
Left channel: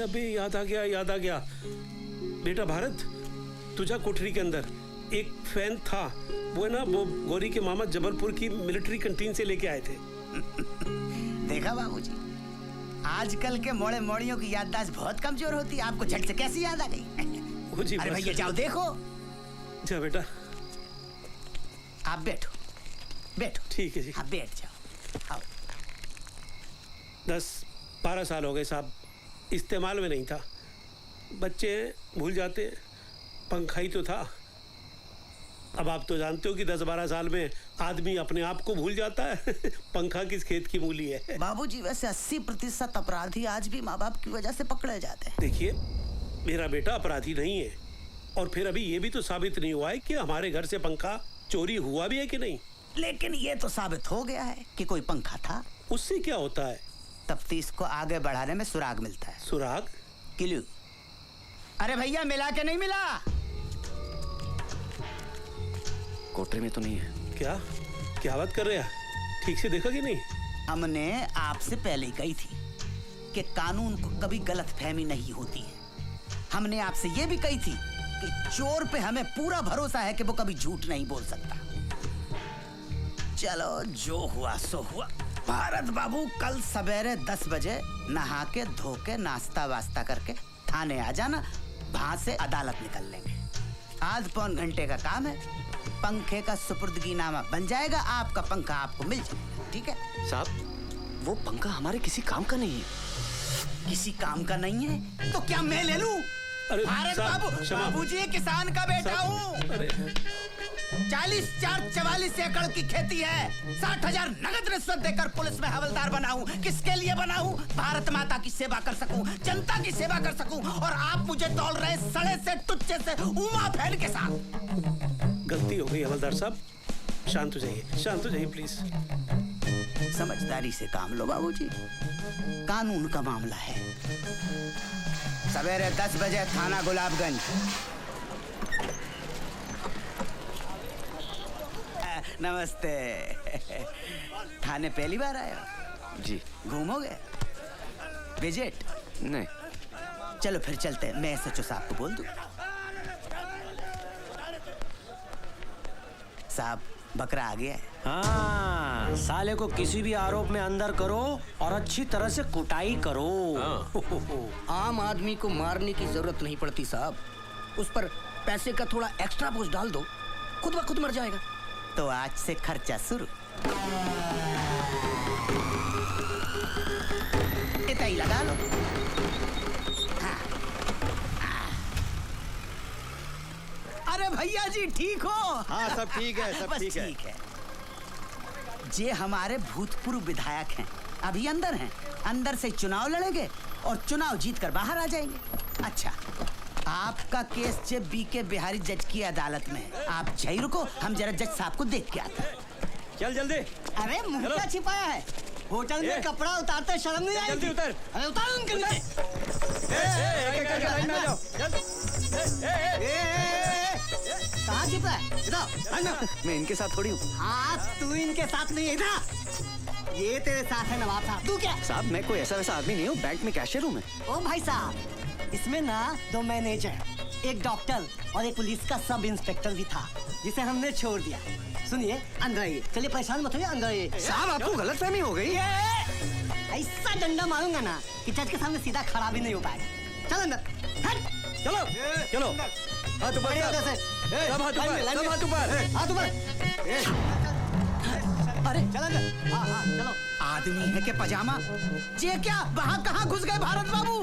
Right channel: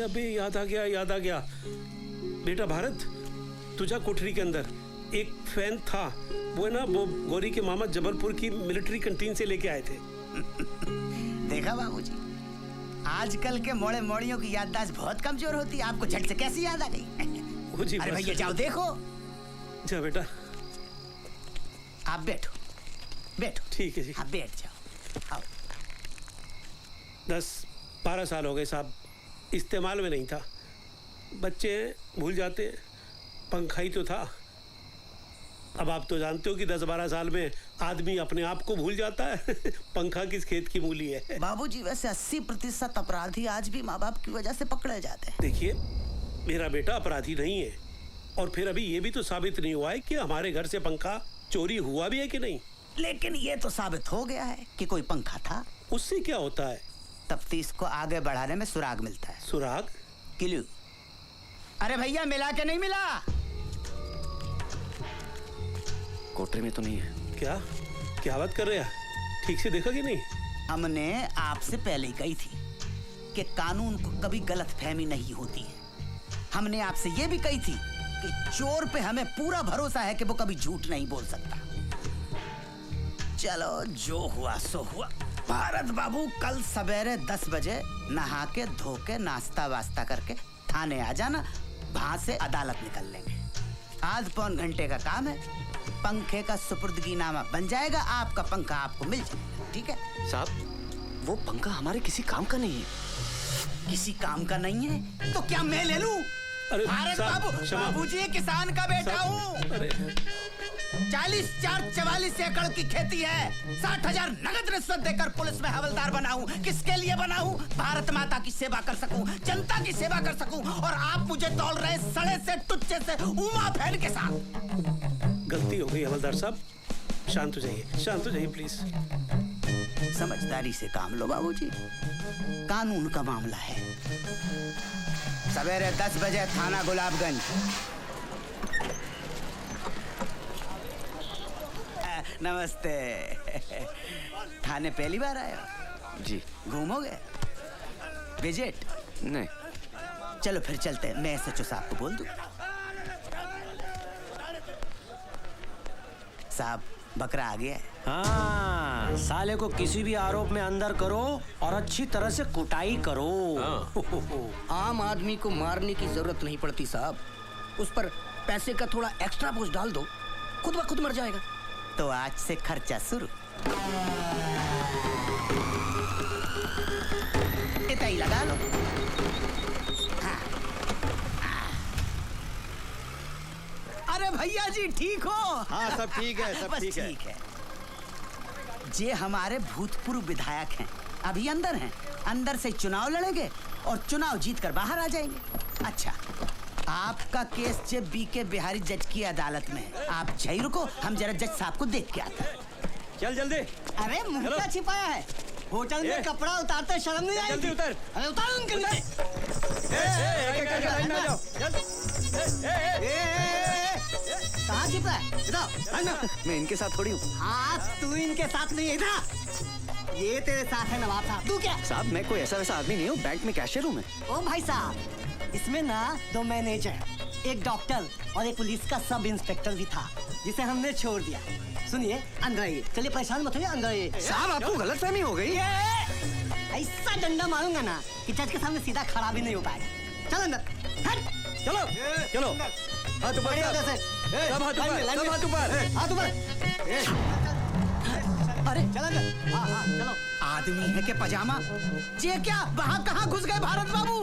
अबे याद आ गया बेटा भारत, तुझा कोठरी के अंदर एक फैन था, वो ना वो गौरी के मामा जबलपुर की मिलिट्री कैंटीन से लेके आए थे। देखा बाबूजी, आजकल के मोड़े मोड़ियों की याददाश्त बहुत कमजोर होती है। आपको झट से कैसे याद आ गई? अरे भैया जाओ देखो। जा बेटा, आप बैठो। ठीक है जी। हाँ बैठ जाओ। 10-12 साल हो गए साहब, इस्तेमाल में नहीं था। बच्चे भूल जाते, पंखा ही तो था। अब आप तो जानते हो कि 10-12 साल में आदमी अपने आप को भूल जाता है। पंखा किस खेत की मूली है। बाबूजी वैसे 80% अपराधी आज भी माँ बाप की वजह से पकड़े जाते हैं। देखिए, मेरा बेटा अपराधी नहीं है, और फिर अभी ये भी तो साबित नहीं हुआ है कि हमारे घर से पंखा चोरी हुआ भी है कि नहीं। लेकिन ये तो साबित हो गया है कि कोई पंखा था। उससे क्या होता है? तफ्तीश को आगे बढ़ाने में सुराग मिलता है। सुराग? क्लू। अरे भैया, मिला के नहीं मिला? कोठरी में तो नहीं है। क्या बात कर रहे हैं? ठीक से देखा कि नहीं? हमने आपसे पहले कही थी कि कानून को कभी गलतफहमी नहीं होती है। हमने आपसे ये भी कही थी कि चोर पे हमें पूरा भरोसा है कि वो कभी झूठ नहीं बोल सकता। चलो, जो हुआ सो हुआ। भारत बाबू, कल सवेरे 10 बजे नहा के धो के नाश्ता वास्ता करके थाने आ जाना। वहां से अदालत निकल लेंगे। आध पौन घंटे का काम है। पंखे का सुपुर्दगीनामा बन जाएगा। आपका पंखा आपको मिल जाएगा। ठीक है साहब, वो पंखा हमारे किसी काम का नहीं है। किसी काम का नहीं है तो क्या मैं ले लूं? भारत बाबू, बाबूजी किसान का बेटा हूँ। 44 एकड़ की खेती है। 60,000 नगद रिश्वत देकर पुलिस में हवलदार बना हूँ। किसके लिए बना हूँ? भारत माता की सेवा कर सकूं, जनता की सेवा कर सकूं। और आप मुझे तौल रहे सड़े से टुच्चे से उमा फैल के साथ। गलती हो गई हवलदार साहब, शांत हो जाइए प्लीज। समझदारी से काम लो बाबूजी, कानून का मामला है। सवेरे 10 बजे थाना गुलाबगंज। नमस्ते। थाने पहली बार आए हो? जी। घूमोगे? विजिट? नहीं। चलो फिर चलते हैं। मैं SHO साहब को बोल दूं। साहब, बकरा आ गया है। हाँ, साले को किसी भी आरोप में अंदर करो और अच्छी तरह से कुटाई करो। आम आदमी को मारने की जरूरत नहीं पड़ती साहब। उस पर पैसे का थोड़ा एक्स्ट्रा बोझ डाल दो, खुद ब खुद मर जाएगा। तो आज से खर्चा शुरू। इतना ही लगा लो। अरे भैया जी, ठीक हो? हाँ, सब ठीक है, सब बस ठीक है। ये हमारे भूतपूर्व विधायक हैं, अभी अंदर हैं। अंदर से चुनाव लड़ेंगे और चुनाव जीतकर बाहर आ जाएंगे। अच्छा, आपका केस जे BK बिहारी जज की अदालत में है। आप यहीं रुको, हम जरा जज साहब को देख के आते हैं। चल जल्दी। अरे मुर्गा छिपाया है होटल में, कपड़ा उतारते शर्म नहीं आई? जल्दी उतर। अरे उतार उनके लिए। कहाँ छिपा है? इधर। मैं इनके साथ थोड़ी हूँ। हाँ, तू इनके साथ नहीं है। इधर। ये तेरे साथ है नवाब साहब। तू क्या? साहब, मैं कोई ऐसा वैसा आदमी नहीं हूँ। बैंक में कैशियर हूँ मैं। ओ भाई साहब, इसमें ना 2 मैनेजर, एक डॉक्टर और एक पुलिस का सब इंस्पेक्टर भी था, जिसे हमने छोड़ दिया। सुनिए, अंदर आइए। चलिए, परेशान मत होइए, अंदर आइए। साहब, आपको गलतफहमी हो गई। ऐसा डंडा मारूंगा ना कि जज के सामने सीधा खड़ा भी नहीं हो पाए। चल अंदर। हट। चलो चलो। हाथ ऊपर। हाथ ऊपर। अरे चलो चलो। आदमी है के पजामा? ये क्या? वहाँ कहाँ घुस गए भारत बाबू?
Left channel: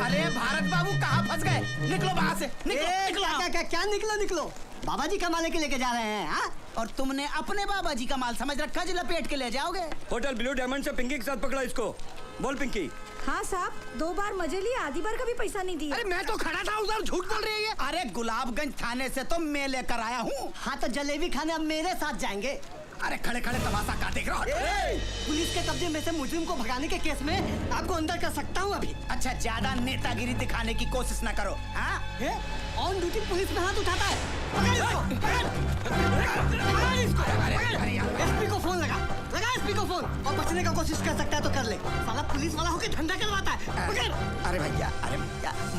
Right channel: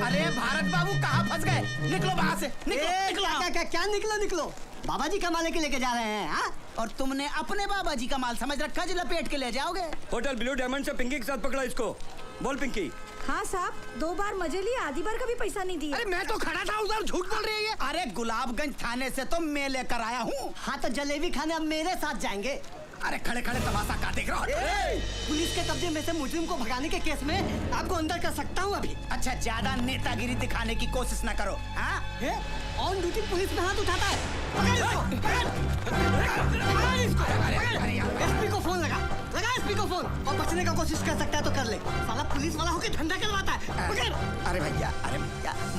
अरे भारत बाबू, कहाँ फंस गए? निकलो वहाँ से। निकलो। क्या निकलो? बाबा जी का माल के लेके जा रहे हैं? हाँ? और तुमने अपने बाबा जी का माल समझ रखा जो लपेट के ले जाओगे? होटल ब्लू डायमंड से पिंकी के साथ पकड़ा इसको। बोल पिंकी। हाँ साहब, 2 बार मजे लिए, आधी बार का भी पैसा नहीं दिया। अरे मैं तो खड़ा था उधर, झूठ बोल रही है। अरे गुलाबगंज थाने से तो मैं लेकर आया हूँ। हाँ, तो जलेबी खाने अब मेरे साथ जाएंगे। अरे खड़े खड़े तमाशा क्या देख रहे हो? पुलिस के कब्जे में से मुजरिम को भगाने के केस में आपको अंदर कर सकता हूँ अभी। अच्छा, ज्यादा नेतागिरी दिखाने की कोशिश न करो। हाँ? ऑन ड्यूटी पुलिस में हाथ उठाता है। एसपी को फोन लगा एसपी को फोन। और बचने का कोशिश कर सकता है तो कर ले। साला पुलिस वाला होकर धंधा करवाता है। अरे भैया,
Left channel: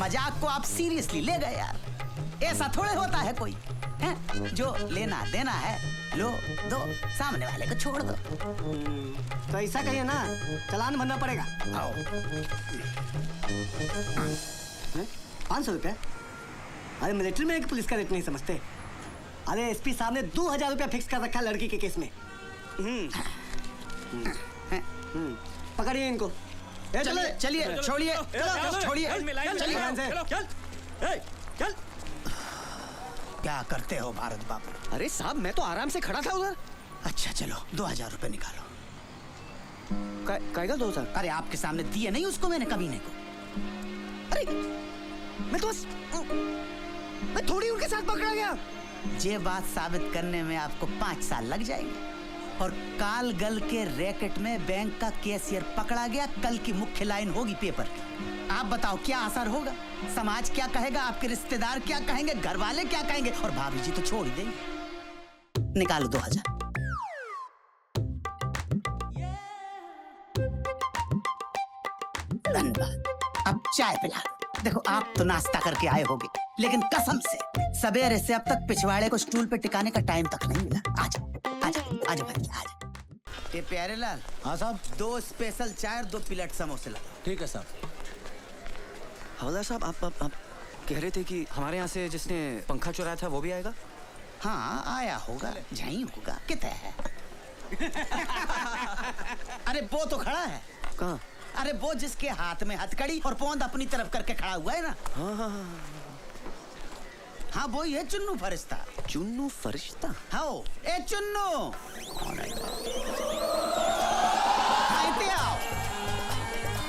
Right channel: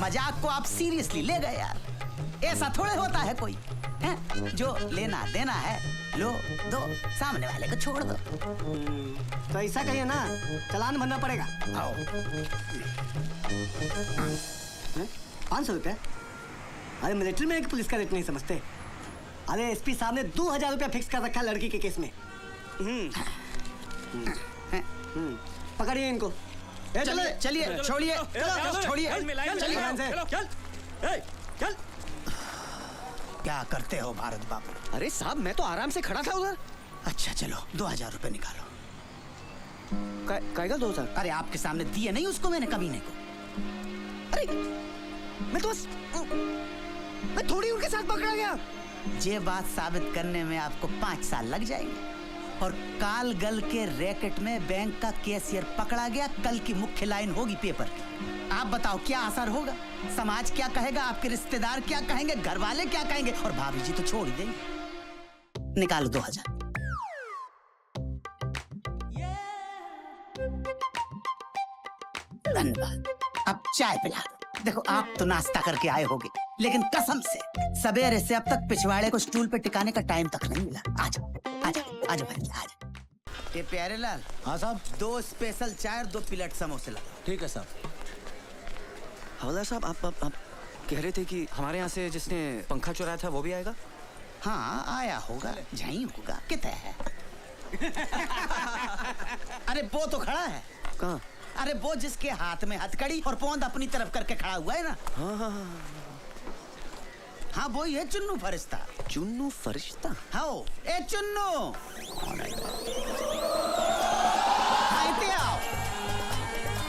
मजाक को आप सीरियसली ले गए यार। ऐसा थोड़े होता है कोई है? जो लेना देना है लो दो, सामने वाले को छोड़ दो। तो ऐसा कहिए ना, चालान भरना पड़ेगा। आओ। 500 रुपया? अरे मिलिट्री में एक पुलिस का रेट नहीं समझते। अरे एसपी साहब ने 2000 रुपया फिक्स कर रखा लड़की के केस में। पकड़िए इनको। चलिए छोड़िए छोड़िए। चल। क्या करते हो भारत बाबू? अरे साहब मैं तो आराम से खड़ा था उधर। अच्छा चलो 2000 रुपए निकालो। कायगा 2000? अरे आपके सामने दिए नहीं उसको मैंने कमीने को। अरे मैं तो बस मैं थोड़ी उनके साथ पकड़ा गया। ये बात साबित करने में आपको 5 साल लग जाएंगे। और काल गल के रैकेट में बैंक का कैशियर पकड़ा गया, कल की मुख्य लाइन होगी पेपर की। आप बताओ क्या असर होगा? समाज क्या कहेगा, आपके रिश्तेदार क्या कहेंगे, घर वाले क्या कहेंगे, और भाभी जी तो छोड़ देंगे। निकालो 2000। धन्यवाद। अब चाय पिला दो। देखो आप तो नाश्ता करके आए होगे, लेकिन कसम से सवेरे से अब तक पिछवाड़े को स्टूल पे टिकाने का टाइम तक नहीं मिला। आजा आजा आजा भाई आजा। ये प्यारे लाल। हाँ साहब। 2 स्पेशल चाय और 2 प्लेट समोसे ला। ठीक है साहब। हवलदार साहब आप कह रहे थे कि हमारे यहाँ से जिसने पंखा चुराया था वो भी आएगा? हाँ आया होगा, यहीं होगा। कितना है? अरे वो तो खड़ा है। कहाँ? अरे वो जिसके हाथ में हथकड़ी और पोंद अपनी तरफ करके खड़ा हुआ है ना। हाँ वो ही है चुन्नू फरिश्ता। चुन्नू फरिश्ता? हाँ ए चुन्नू। इते आओ।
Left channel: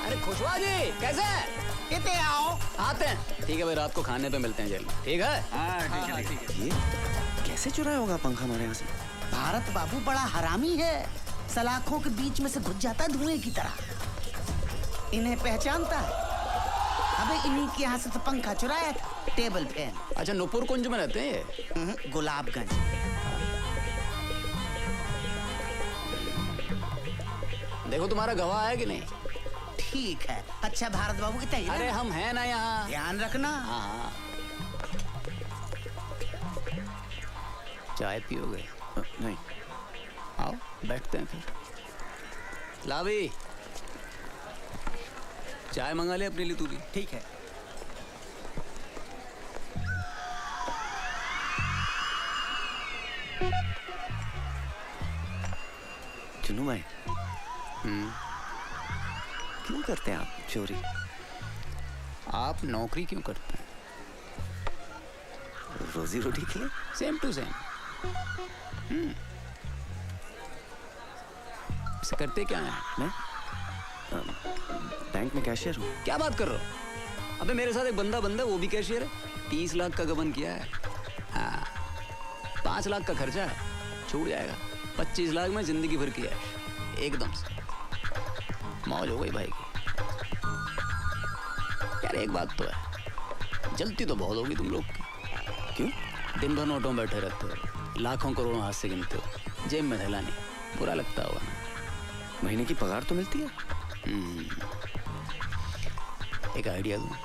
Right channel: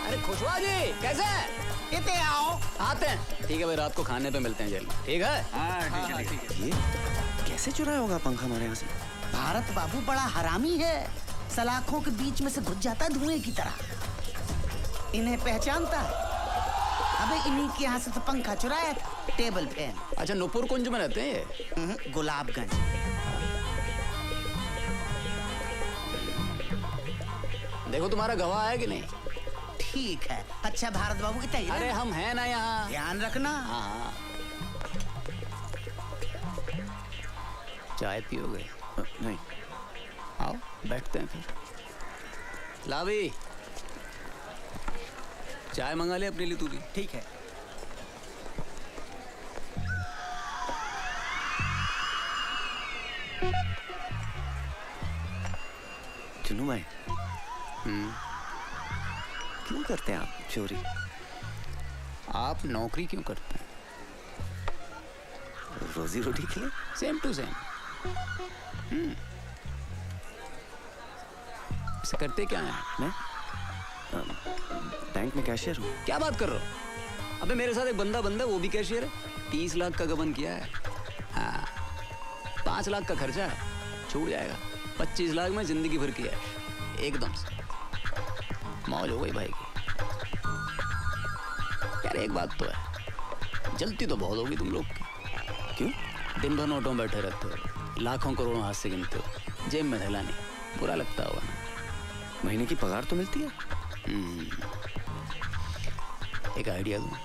अरे खुशवा जी कैसे हैं? इते आओ। आते हैं। ठीक है भाई, रात को खाने पे मिलते हैं जेल में। ठीक है? ये कैसे चुराया होगा पंखा हमारे यहाँ से? भारत बाबू बड़ा हरामी है, सलाखों के बीच में से घुस जाता है धुएं की तरह। इन्हें पहचानता है। अबे इन्हीं के यहाँ से तो पंखा चुराया था, टेबल फैन। अच्छा नूपुर कुंज में रहते हैं? गुलाबगंज। देखो तुम्हारा गवाह है कि नहीं? ठीक है। अच्छा भारत बाबू कितना? अरे हम हैं ना यहाँ। ध्यान रखना। हाँ। चाय पियोगे? नहीं। आओ बैठते हैं फिर। लावी चाय मंगा ले अपने लिए तू भी। ठीक है। चुन्नू भाई क्यों करते हैं आप चोरी? आप नौकरी क्यों करते हैं? रोजी रोटी के लिए। Same to same. इसे करते क्या है? मैं बैंक में कैशियर हूँ। क्या बात कर रहे हो? अबे मेरे साथ एक बंदा वो भी कैशियर है। 30 लाख का गबन किया है। हाँ 5 लाख का खर्चा है, छूट जाएगा। 25 लाख में जिंदगी भर किया है, एकदम से मौज हो गई भाई की। यार एक बात तो है, जलती तो बहुत होगी तुम लोग की। क्यों? दिन भर नोटों में बैठे रहते हो, लाखों करोड़ों हाथ से गिनते हो, जेब में थैला नहीं। बुरा लगता होगा। महीने की पगार तो मिलती है। एक आइडिया दूं,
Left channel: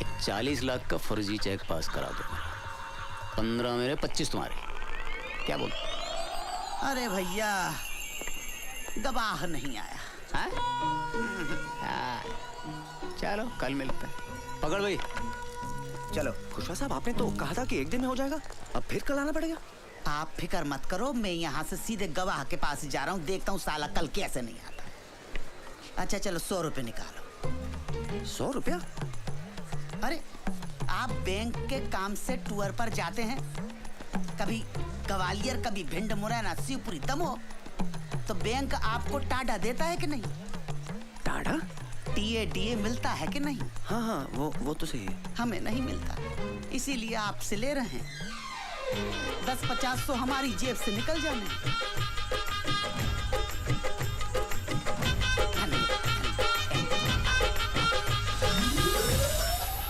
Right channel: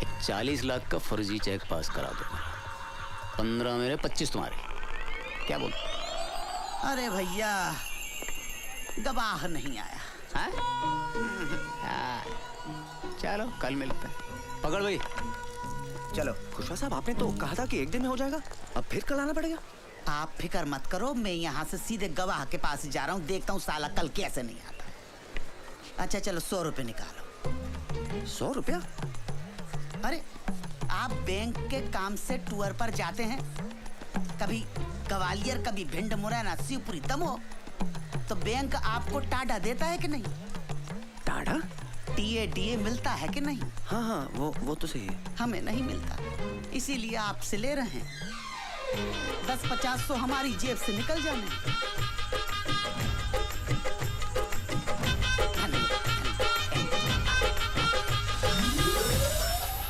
एक 40 लाख का फर्जी चेक पास करा दो। 15 मेरे 25 तुम्हारे। क्या बोल? अरे भैया गवाह नहीं आया। चलो कल मिलते हैं। पकड़ भाई। चलो खुशवा साहब आपने तो कहा था कि एक दिन में हो जाएगा, अब फिर कल आना पड़ेगा। आप फिक्र मत करो, मैं यहाँ से सीधे गवाह के पास जा रहा हूँ, देखता हूँ साला कल कैसे नहीं आता। अच्छा चलो 100 रुपए निकालो। 100 रुपया? अरे आप बैंक के काम से टूर पर जाते हैं, कभी ग्वालियर कभी भिंड मुरैना शिवपुरी दमोह, तो बैंक आपको टाडा देता है कि नहीं? टाडा? टीए मिलता है कि नहीं? हाँ वो तो सही है। हमें नहीं मिलता, इसीलिए आपसे ले रहे हैं। 10-50 तो हमारी जेब से निकल जाएंगे।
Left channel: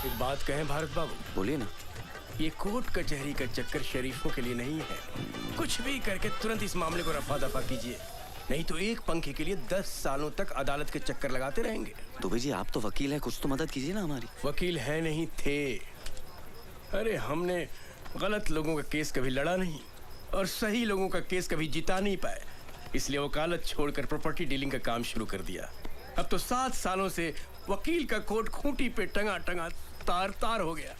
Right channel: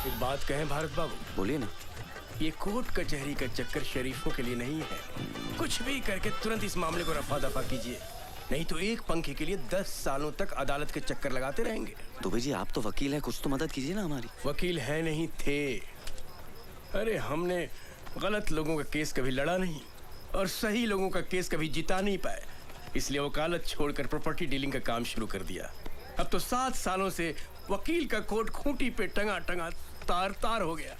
एक बात कहें भारत बाबू? बोलिए ना। ये कोर्ट कचहरी का चक्कर शरीफों के लिए नहीं है। कुछ भी करके तुरंत इस मामले को रफा दफा कीजिए, नहीं तो एक पंखे के लिए 10 सालों तक अदालत के चक्कर लगाते रहेंगे। दुबे जी आप तो वकील हैं, कुछ तो मदद कीजिए ना हमारी। वकील है नहीं थे। अरे हमने गलत लोगों का केस कभी लड़ा नहीं और सही लोगों का केस कभी जिता नहीं पाए, इसलिए वकालत छोड़कर प्रॉपर्टी डीलिंग का काम शुरू कर दिया। अब तो 7 सालों से वकील का कोट खूंटी पे टंगा टंगा तार तार हो गया।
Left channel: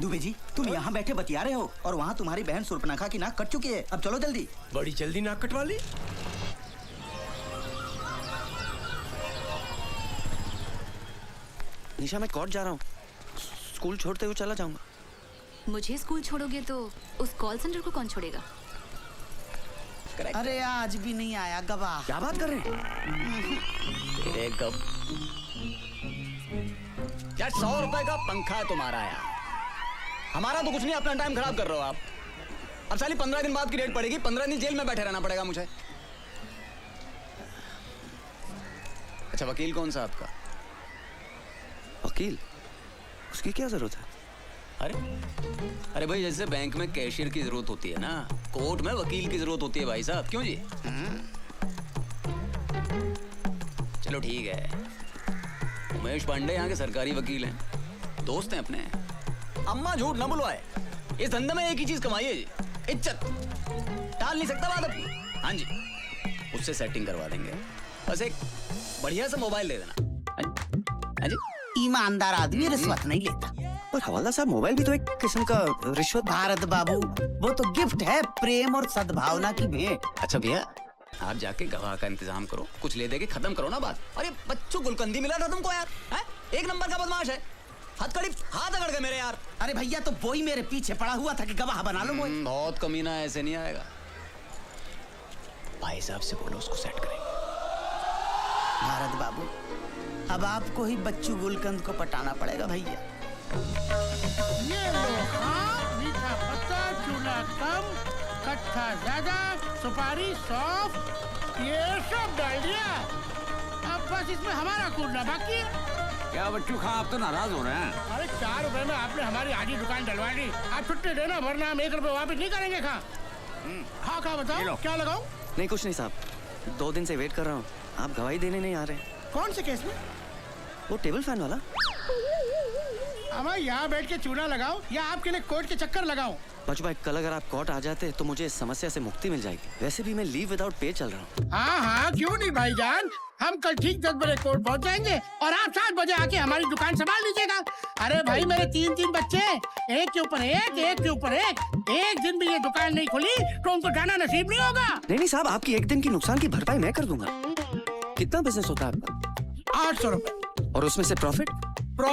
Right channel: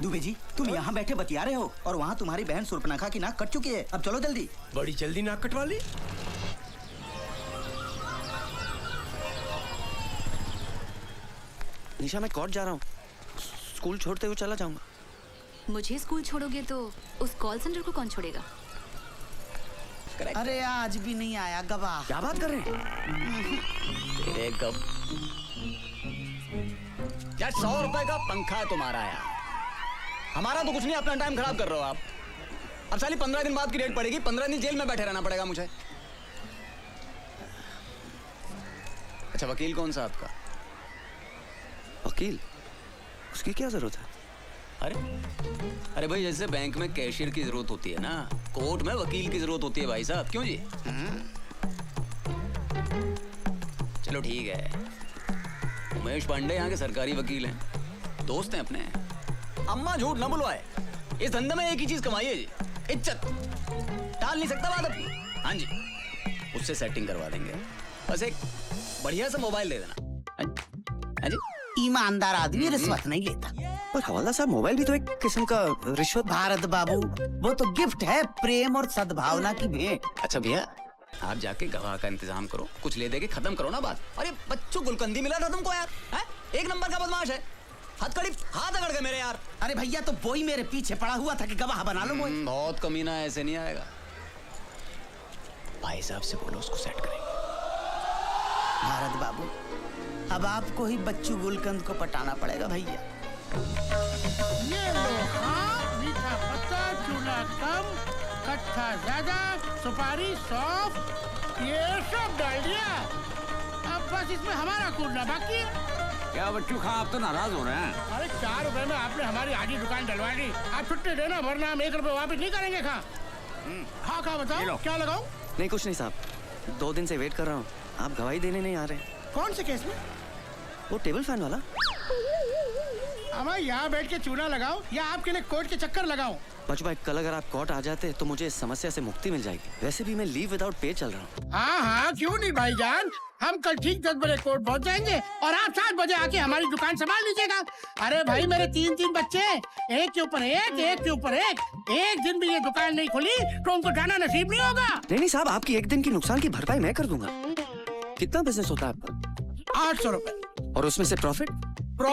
दुबे जी तुम यहाँ बैठे बतिया रहे हो और वहाँ तुम्हारी बहन सुर्पनखा की नाक कट चुकी है। अब चलो जल्दी। बड़ी जल्दी नाक कटवा ली। निशा मैं कोर्ट जा रहा हूँ, स्कूल छोड़ते हुए चला जाऊंगा। मुझे स्कूल छोड़ोगे तो उस कॉल सेंटर को कौन छोड़ेगा? अरे आज भी नहीं आया गवाह। क्या बात कर रहे हैं? तेरे गप क्या 100 रुपए का पंखा तुम्हारा है, हमारा तो कुछ नहीं। अपना टाइम खराब कर रहे हो आप। अब साली 15 दिन बाद की रेट पड़ेगी, 15 दिन जेल में बैठे रहना पड़ेगा मुझे। अच्छा वकील कौन सा आपका? वकील? उसकी क्या जरूरत है? अरे भाई जैसे बैंक में कैशियर की जरूरत होती है ना, कोर्ट में वकील की जरूरत होती है भाई साहब। क्यों जी? चलो ठीक है, उमेश पांडे यहाँ के सरकारी वकील हैं, दोस्त हैं अपने। अम्मा झूठ ना बुलवाए, इस धंधे में एक ही चीज कमाई है जी, इज्जत। टाल नहीं सकता बात अपनी। हाँ जी, उससे सेटिंग करवा देंगे, बस एक बढ़िया सा मोबाइल दे देना। हाँ जी, ईमानदार आदमी रिश्वत नहीं लेता। पर हवाला साहब, मोबाइल भी तो एक किस्म का रिश्वत। भारत बाबू, वो तो गिफ्ट है प्रेम और सद्भावना की भेंट। अच्छा भैया, आप जाके गवाह का इंतजाम करो, कुछ ले दे के खत्म करो ना बात। अरे बच्चों गुलकंदी मिला था तुमको यार, है? एक नंबर का बदमाश है, हथकड़ी हाथ अकड़ गए मेरे यार। अरे भैया, तो वही मेरे पीछे पड़ा हुआ था कि गवाह बना लो मुझे। बहुत कमीना, ऐसे नहीं आएगा। भाई साहब से बोलो उसको सेट करेंगे। भारत बाबू, अब आपको ही बच्चू गुलकंद को पटाना पड़ेगा भैया। ये मीठा पत्ता, चूड़ा कम, कट्ठा ज्यादा, सुपारी सॉफ्ट, ये सब डाल दिया। अब बस इसमें हमारा कूटना बाकी है। क्या बच्चू खा, आप तो नाराज हो रहे हैं? अरे 4 रुपए में आपने हमारी आधी दुकान डलवा दी। आप छुट्टी देना, वरना हम 1 रुपए वापस नहीं करेंगे। खा बताओ क्या लगाओ? नहीं कुछ नहीं साहब, 2 दिन से वेट कर रहा हूँ, आप गवाही देने नहीं आ रहे। कौन से केस में? वो टेबल फैन वाला। अब यहाँ बैठ के चूड़ा लगाओ या आपके लिए कोर्ट के चक्कर लगाओ? बच भाई, कल अगर आप कोर्ट आ जाते तो मुझे इस समस्या से मुक्ति मिल जाएगी। वैसे भी मैं लीव विदाउट पे चल रहा हूँ। हाँ, क्यों नहीं भाईजान, हम कल ठीक 10 बजे कोर्ट पहुँच जाएंगे और आप 7 बजे आके हमारी दुकान संभाल लीजिएगा। अरे भाई, मेरे 3 बच्चे, एक के ऊपर एक के ऊपर एक दिन भी ये दुकान नहीं खुली तो उनको जाना नसीब नहीं होगा। नहीं साहब, आपकी एक दिन की नुकसान की भरपाई मैं कर दूंगा। कितना बिजनेस होता है आपका? 800 रुपए। और उसमें से प्रॉफिट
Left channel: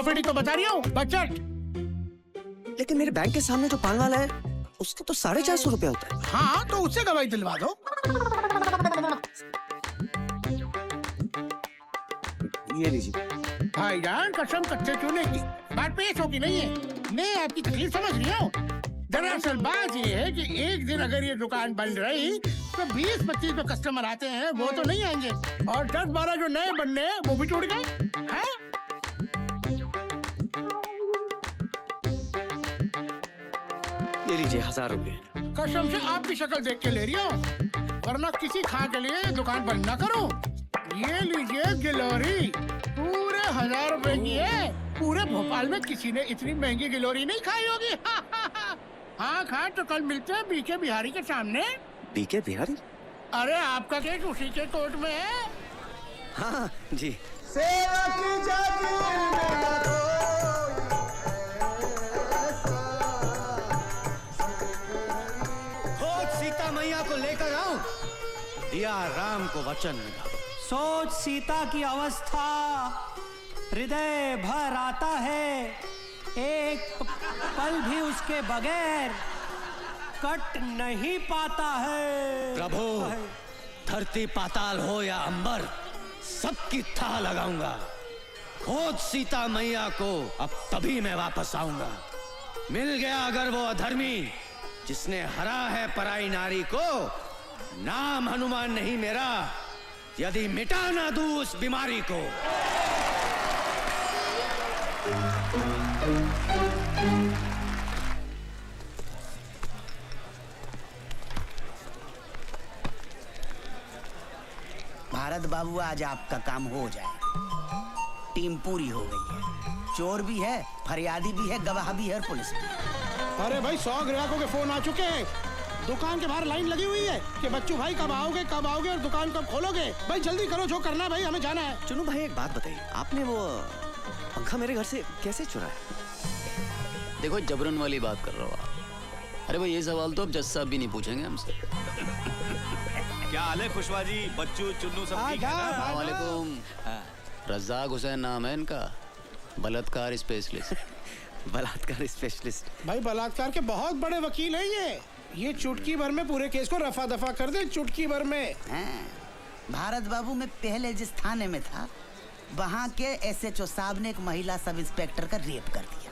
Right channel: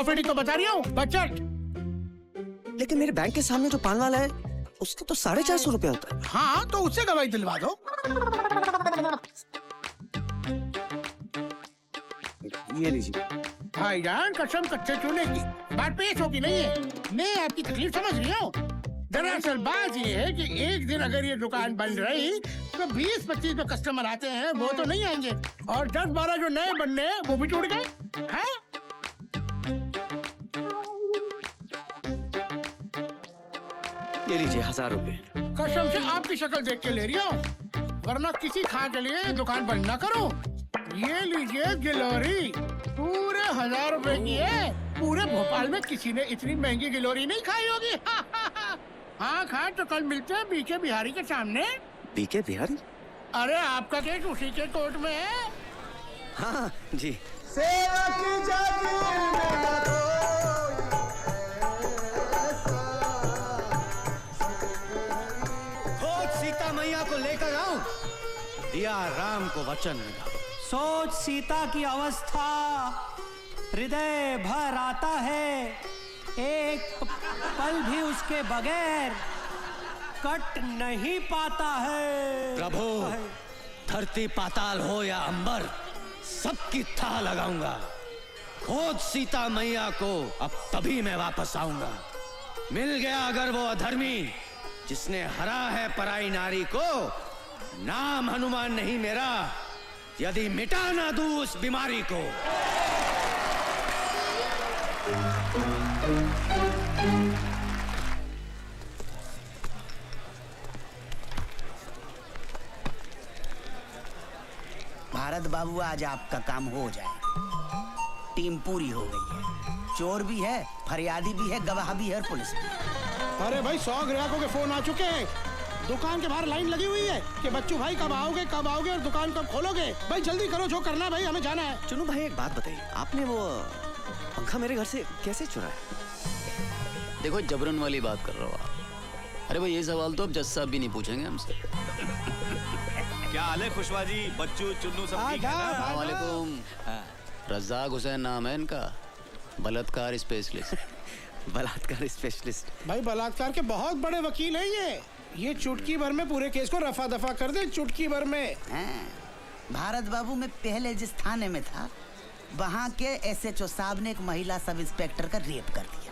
ही तो बता रही हूँ, बजट। लेकिन मेरे बैंक के सामने जो पान वाला है, उसका तो 450 रुपए होता है। हाँ, तो उससे गवाही दिलवा दो। ये लीजिए। भाईजान, कसम कच्चे चूल्हे की बात पेश होगी नहीं है। मैं आपकी तकलीफ समझ रही हूँ। दरअसल बात ये है कि एक दिन अगर ये दुकान बंद रही तो 20-25 जो कस्टमर आते हैं वो तो नहीं आएंगे, और 10-12 जो नए बनने हैं वो भी टूट गए। ये लीजिए 1000 रुपए। कसम से आपकी शक्ल देख के ले रही हो, वरना किसी खा के लिए दुकान बंद ना करो। ये लीजिए गिलोरी, पूरे 1000 रुपए की है। पूरे भोपाल में किसी ने इतनी महंगी गिलोरी नहीं खाई होगी। हाँ खा, तो कल मिलते हैं बीके बिहारी के सामने। बीके बिहारी? अरे आपका केस उसी के कोर्ट में है। हाँ जी। सेवा की सीता मैया को लेकर आओ, दिया राम को वचन मिला। सोच सीता की अवस्था, हृदय भर आता है, एक पल भी उसके बगैर कट नहीं पाता है। प्रभु, धरती पाताल हो या अंबर, सबकी थाह लगाऊंगा। खोज सीता मैया को, अब तभी मैं वापस आऊंगा। मिल गया अगर वो अधर्मी जिसने हरा है पराई नारी को, नाम हनुमान नहीं मेरा, यदि मिटा ना दूं उस बीमारी को। भारत बाबू, आज आपका काम हो जाएगा। टीम पूरी हो गई है, चोर भी है, फरियादी भी है, गवाह भी है, पुलिस भी। अरे भाई, 100 ग्राहकों के फोन आ चुके हैं। दुकान के बाहर लाइन लगी हुई है कि बच्चू भाई कब आओगे और दुकान कब खोलोगे। भाई जल्दी करो, जो करना है भाई, हमें जाना है। चलो भाई, एक बात बताइए, आपने वो पंखा मेरे घर से कैसे चुराया? देखो, जबरन वाली बात कर रहे हो आप। अरे भाई, ये सवाल तो अब जज साहब भी नहीं पूछेंगे हमसे। क्या हाल है खुशवा जी, बच्चू चुन्नू सब ठीक है? वालेकुम। रज़ाक हुसैन नाम है इनका, बलात्कार स्पेशलिस्ट। बलात्कार स्पेशलिस्ट। भाई बलात्कार के बहुत बड़े वकील हैं ये चुटकी भर में पूरे केस को रफा दफा कर दे, चुटकी भर में। भारत बाबू में पहले जिस थाने में था वहाँ के SHO साहब ने एक महिला सब इंस्पेक्टर का रेप कर दिया।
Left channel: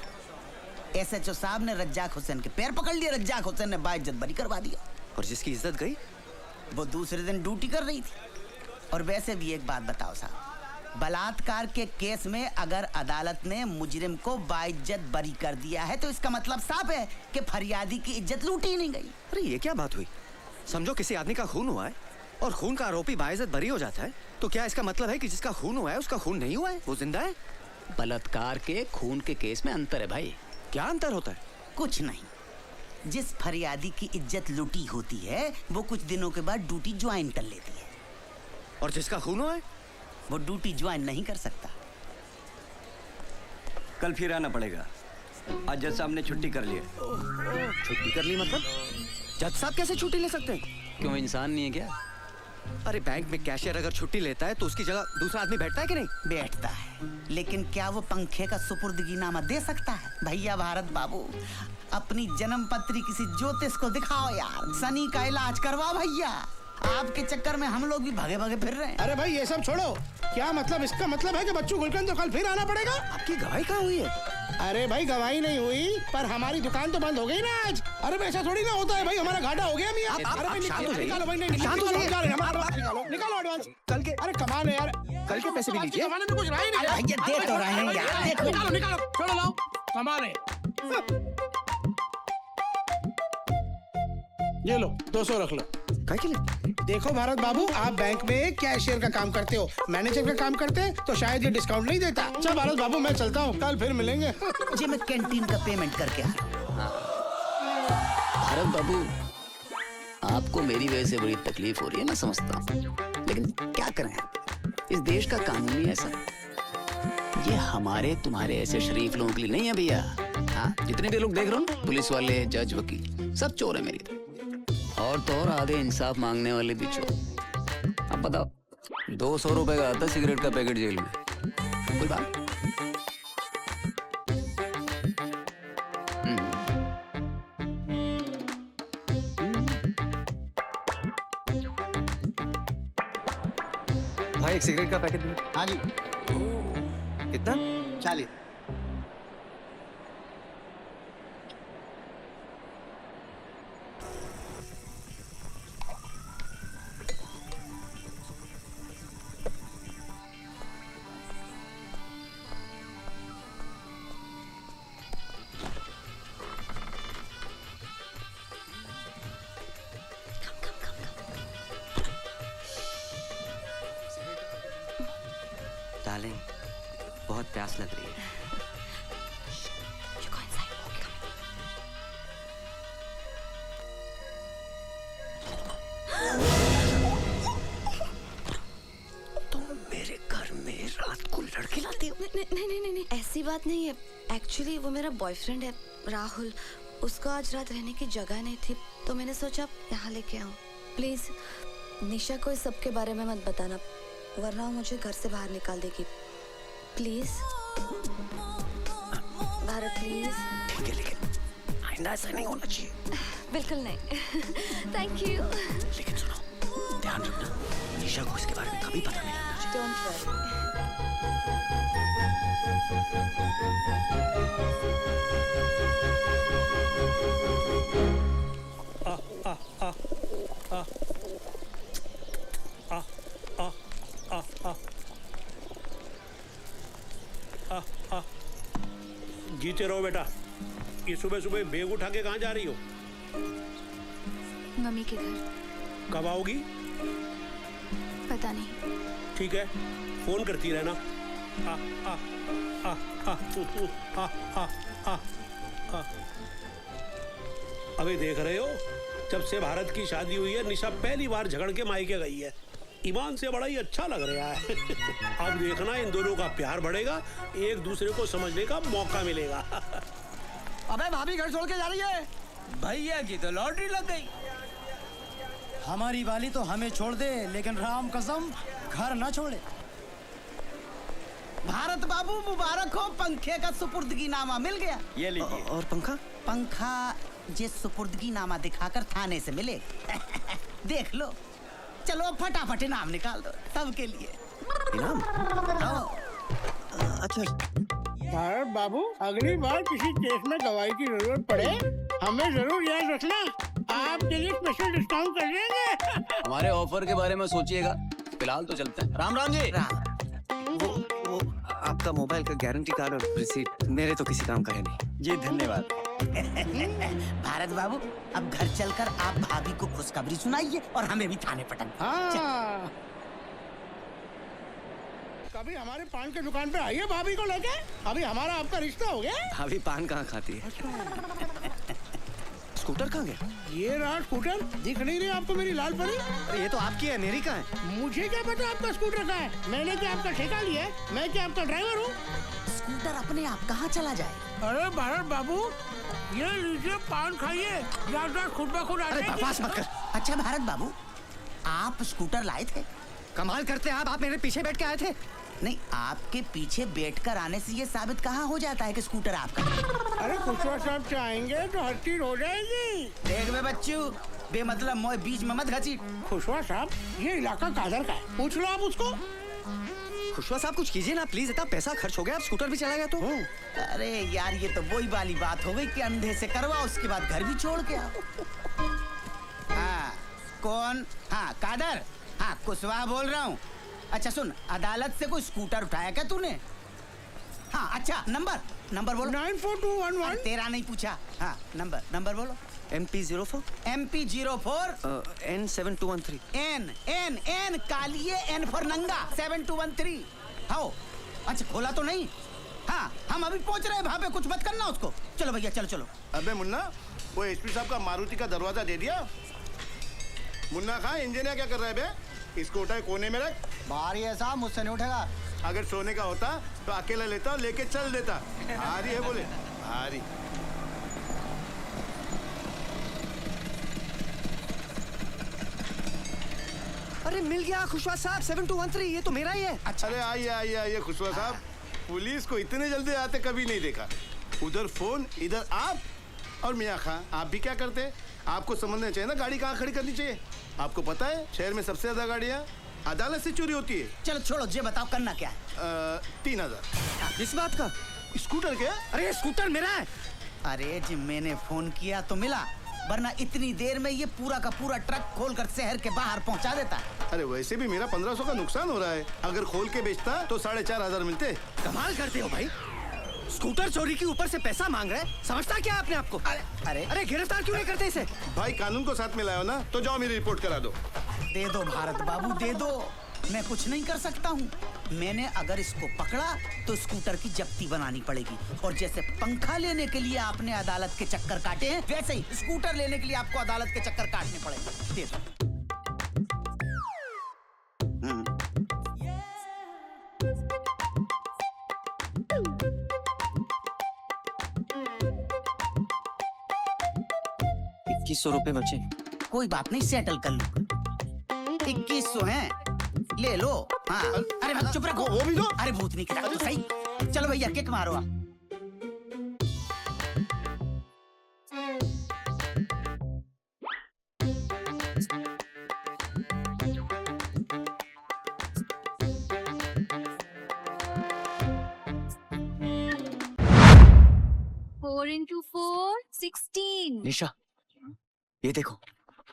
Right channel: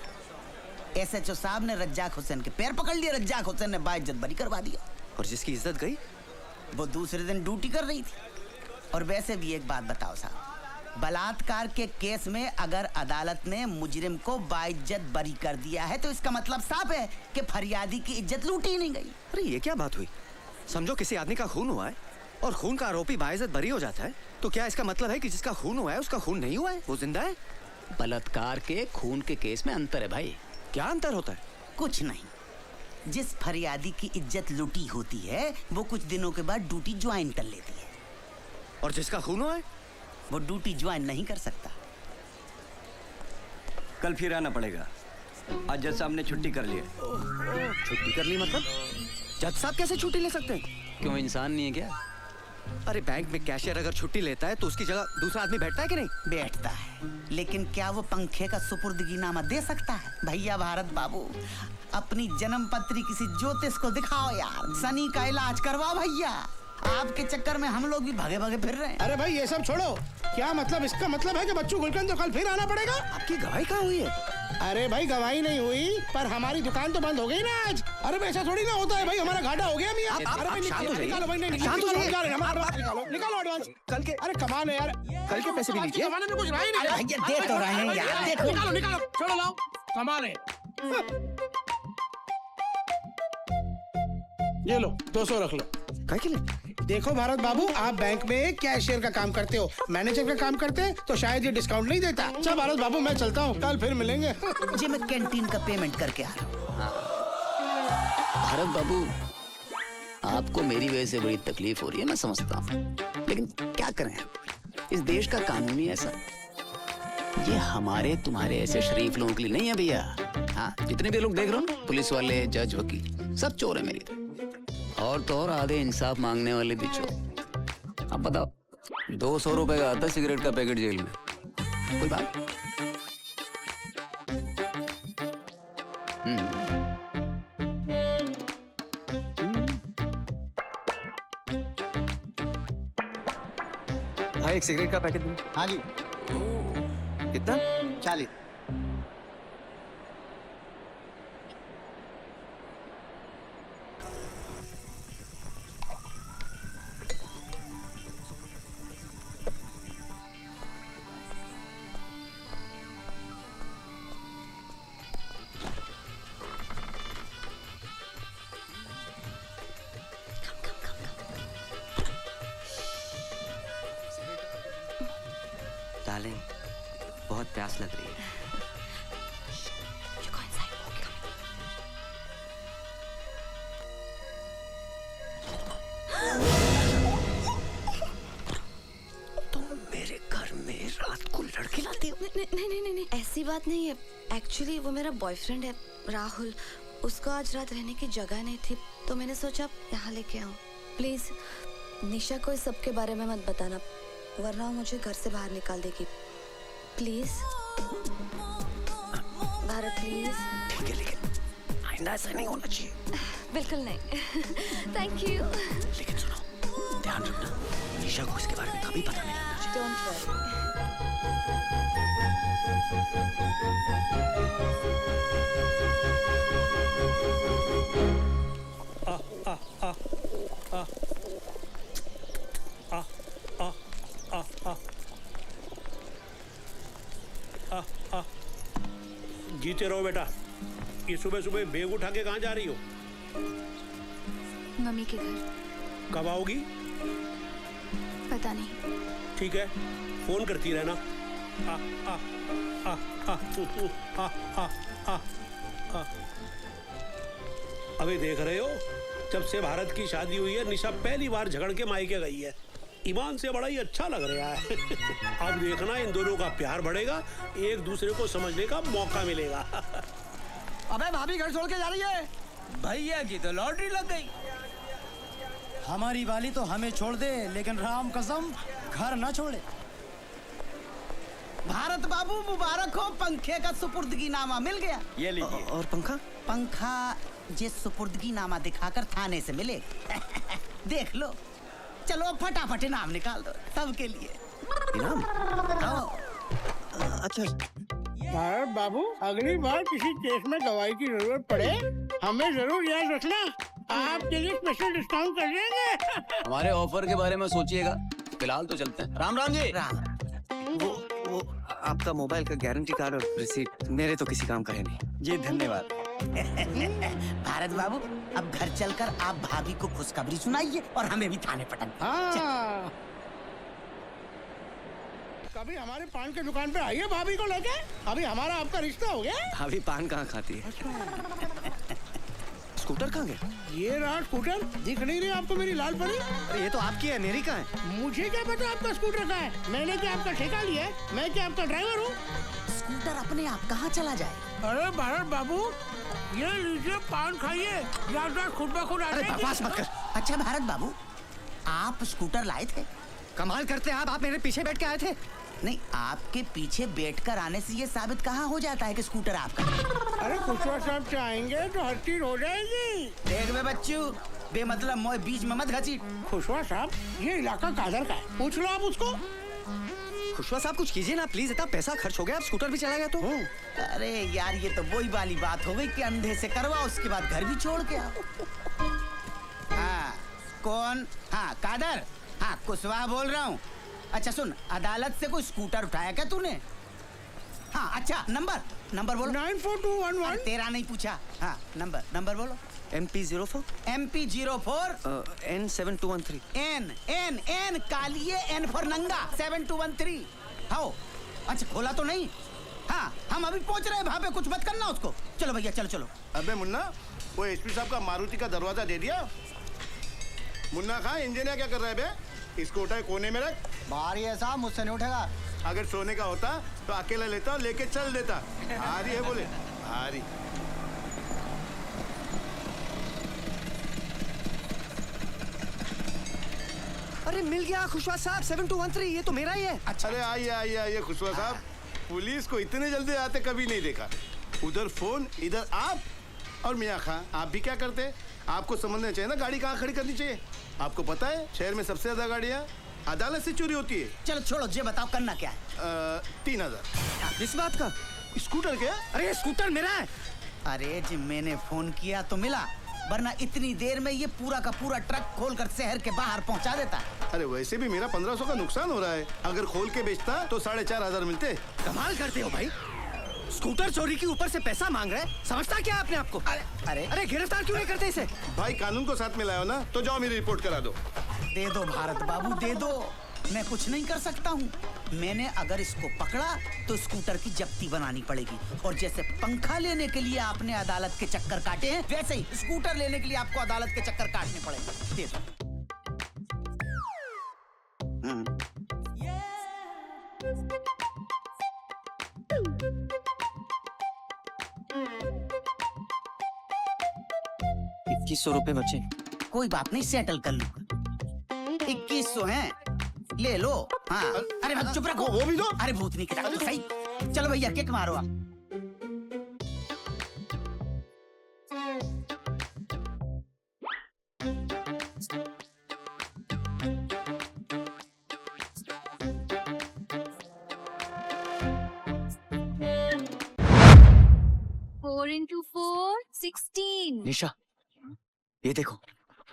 SHO साहब ने रज्जाक हुसैन के पैर पकड़ लिए, रज्जाक हुसैन ने बाइज्जत बरी करवा दिया। और जिसकी इज्जत गई वो दूसरे दिन ड्यूटी कर रही थी। और वैसे भी एक बात बताओ साहब, बलात्कार के केस में अगर अदालत ने मुजरिम को बाइज्जत बरी कर दिया है तो इसका मतलब साफ है कि फरियादी की इज्जत लूटी ही नहीं गई। अरे ये क्या बात हुई? समझो किसी आदमी का खून हुआ है और खून का आरोपी बाइज्जत बरी हो जाता है, तो क्या इसका मतलब है कि जिसका खून हुआ है उसका खून नहीं हुआ है, वो जिंदा है? बलात्कार के खून के केस में अंतर है भाई। क्या अंतर होता है? कुछ नहीं। जिस फरियादी की इज्जत लूटी होती है वो कुछ दिनों के बाद ड्यूटी ज्वाइन कर लेती है, और जिसका खून हुआ है वो ड्यूटी ज्वाइन नहीं कर सकता। कल फिर आना पड़ेगा। आज जज साहब ने छुट्टी कर ली है। छुट्टी कर ली मतलब? जज साहब कैसे छुट्टी ले सकते हैं? क्यों, इंसान नहीं है क्या? अरे बैंक में कैशियर अगर छुट्टी लेता है तो उसकी जगह दूसरा आदमी बैठता है कि नहीं? बैठता है, लेकिन क्या वो पंखे का सुपुर्दगीनामा दे सकता है? भैया भारत बाबू, अपनी जन्म पत्री किसी ज्योतिष को दिखाओ यार, शनि का इलाज करवाओ भैया। आपके चक्कर में हम लोग भी भागे भागे फिर रहे हैं। अरे भाई ये सब छोड़ो, क्या मतलब? इसका मतलब है कि बच्चू गुलकंद तो कल फिर आना पड़ेगा। आपकी गवाही कहाँ हुई है? अरे भाई गवाही नहीं हुई, पर हमारी दुकान तो बंद हो गई ना आज। अरे ऐसा थोड़ी ना होता है भाई, हमारा घाटा हो गया। निकालो एडवांस कल के। अरे कमाल है यार, कल के पैसे भी लीजिए। जमाने में कुछ रहा ही नहीं। देख तो रहे हैं यार, निकालो चलो लाओ, कमाल है। ये लो 200 रख लो। देखो भारत बाबू, आप बैंक में कैशियर का काम करते हो, मैनेजर का काम करते हैं तो शायद ये डिस्काउंट नहीं देता। चल भारत बाबू मैं चलता हूँ, कल फिर मिलेंगे। जी मैं कैंटीन का पेमेंट करके आ रहा हूँ। भारत बाबू, आपको मेरी वजह से बड़ी तकलीफ हो रही है, मैं समझता हूँ, लेकिन क्या करें, इस देश का कानून ही ऐसा। ये हमारे तुम्हारे ऐसे शरीफ लोगों के लिए नहीं है भैया। हाँ, जितने भी लोग देख रहे हो, पुलिस वाले, जज, वकील, सब चोर है मेरी तरह। और तो और आधे इंसाफ मांगने वाले भी चोर। अब बताओ, 200 रुपए का आता सिगरेट का पैकेट जेल में, कोई बात? भाई एक सिगरेट का पैकेट दो। हाँ जी। कितना? 40। डार्लिंग, बहुत प्यास लग रही है। तुम मेरे घर में रात को लड़के लाते हो? नहीं, ऐसी बात नहीं है। एक्चुअली वो मेरा बॉयफ्रेंड है राहुल, उसका आज रात रहने की जगह नहीं थी तो मैंने सोचा यहाँ लेके आऊँ। प्लीज निशा को इस सब के बारे में मत बताना, वरना मुझे घर से बाहर निकाल देगी। Please Bharat, please. ठीक है, लेकिन आइंदा ऐसा नहीं होना चाहिए। बिल्कुल नहीं। Thank you. लेकिन सुनो, ध्यान रखना, निशा को इसके बारे में कभी पता नहीं लगना चाहिए। जीते रहो बेटा। ये सुबह सुबह बैग उठा के कहाँ जा रही हो? मम्मी के घर। कब आओगी? पता नहीं। ठीक है, फोन करती रहना। आ, आ, आ, आ, आ, आ, आ, आ। अभी देख रहे हो, जब से भारत की शादी हुई है निशा पहली बार झगड़ के मायके गई है। ईमान से बड़ा ही अच्छा लग रहा है। अब देखना इन दोनों का प्यार बढ़ेगा, एक दूसरे को समझने का मौका मिलेगा। अबे भाभी घर छोड़ के जा रही है? भैया की तो लॉटरी लग गई। हमारी वाली तो हमें छोड़ दे, लेकिन राम कसम घर न छोड़े। भारत बाबू मुबारक हो, पंखे का सुपुर्दगी नामा मिल गया। ये लीजिए। और पंखा? पंखा जिस सुपुर्दगी नामा दिखाकर थाने से मिले देख लो। चलो फटाफट इनाम निकाल दो सबके लिए। भारत बाबू, अगली बार किसी केस में गवाही की जरूरत पड़े हमें जरूर याद रखना, आपके लिए स्पेशल डिस्काउंट कर देंगे। हमारे ऑफर के बारे में सोचिएगा, फिलहाल तो चलते हैं। राम राम जी। आपका मोबाइल का गारंटी कार्ड और रिसीट मेरे तो किसी काम करे नहीं। जी धन्यवाद। भारत बाबू, अब घर चलकर आप भाभी को खुशखबरी सुनाइए और हमें भी थाने पटन। कभी हमारे पान की दुकान पे आइए भाभी को लेके, अभी हमारा आपका रिश्ता हो गया। भाभी पान कहाँ खाती है? स्कूटर कहाँ गया? ये रहा स्कूटर, दिख नहीं रही आपको मेरी लाल परी? अरे ये तो आपकी है, मेरी कहाँ है? मुझे क्या पता आपका स्कूटर कहाँ है? मैंने क्या आपका ठेका लिया है? मैं क्या आपका ड्राइवर हूँ? स्कूटर अपने आप कहाँ चला जाए? अरे भारत बाबू, ये लीजिए पान खाइए, याददाश्त खुद ब खुद आ जाएगी। बकवास मत कर। अच्छा भारत बाबू, आप स्कूटर लाए थे? कमाल करते आप मेरे पीछे बैठ के आए थे? नहीं, आपके पीछे बैठकर आने से ये साबित कहाँ हो जाता है कि स्कूटर आपका? अरे खुशवा साहब चाहेंगे तो हर चीज हो जाएगी। देख में बच्चू, बेमतलब मोए बीच में मत घसीट। खुशवा साहब, ये इलाका कादर का है, पूछ लो आप उसको। खुशवा साहब कुछ कीजिए ना प्लीज, इतना पैसा खर्च हो गया, आप स्कूटर भी चलाएगा तो? अरे यार, ये तो वही वाली बात हो गई कि अंधे से करवा, उसके बाद घर भी छोड़ के आओ। हाँ, कौन? हाँ कादर, हाँ कुशवाहा बोल रहा हूँ। अच्छा सुन, अदालत से कोई स्कूटर उठाया क्या तूने? हाँ अच्छा, नंबर बोलो। 94211। तेरा नहीं पूछा। हाँ नंबर बोलो। MP04 N7213 N कालिए N फॉर नंगा 7213। हाँ अच्छा, खोला तो नहीं? हाँ हम अभी पहुंच रहे हैं, वहाँ पे कुछ मत करना उसको। चलो भैया चलो। अबे मुन्ना, वो एसपी साहब का मारुति का दरवाजा दे दिया? मुन्ना खां, इंजीनियर क्या कर रहा है बे? इसको उठा कोने में रख। बाहर ही है साहब, मुझसे नहीं उठेगा। अगर सोने का होता तो अकेला लेता और लेके चल देता। भारी है बोले, भारी। अरे मिल गया खुशवा साहब, 7213, ये तो मेरा ही है। अच्छा, अरे आइए खुशवा साहब, पुलिस को इतने जल्दी आते कभी नहीं देखा। उधर फोन, इधर आप। और मियाँ खां, आप भी क्या करते? आपको समझना चाहिए ना, गाड़ी कहाँ खड़ी करनी चाहिए। आपको पता है शहर में सबसे ज्यादा गाड़ियाँ अदालत से चोरी होती है। चलो छोड़ो, ये बताओ करना क्या है? 3000। इस बात का? स्कूटर क्या? अरे स्कूटर मेरा है। अरे जी मैंने फोन किया तो मिला, वरना इतनी देर में ये पूरा का पूरा ट्रक खोलकर शहर के बाहर पहुंचा देता। अरे वैसे भी मेरा 1500 का नुकसान हो रहा है, अगर खोल के बेचता तो 4500 मिलते। कमाल करते हो भाई, स्कूटर चोरी के ऊपर से पैसा मांग रहे हैं, समझता क्या आपने आपको? अरे गिरफ्तार क्यों नहीं करते इसे? भाई कानून को साथ में लाओ ना, तो जाओ मेरी रिपोर्ट करा दो। दे दो भारत बाबू, दे दो, मैं कुछ नहीं कर सकता हूँ। मैंने अगर इसको पकड़ा तो स्कूटर की जब्ती बनानी पड़ेगी, और जैसे पंखा लेने के लिए आपने अदालत के चक्कर काटे हैं, वैसे ही स्कूटर लेने के लिए आपको अदालत के चक्कर काटने पड़ेंगे। दे दो। ₹2100 बचे। कोई बात नहीं, सेटल कर लो। 2100 है, ले लो। हाँ अरे चुप रखो, वो भी दो। अरे भूतनी की तरह सही। चलो भैया किक मारो आप। निशा, ये देखो,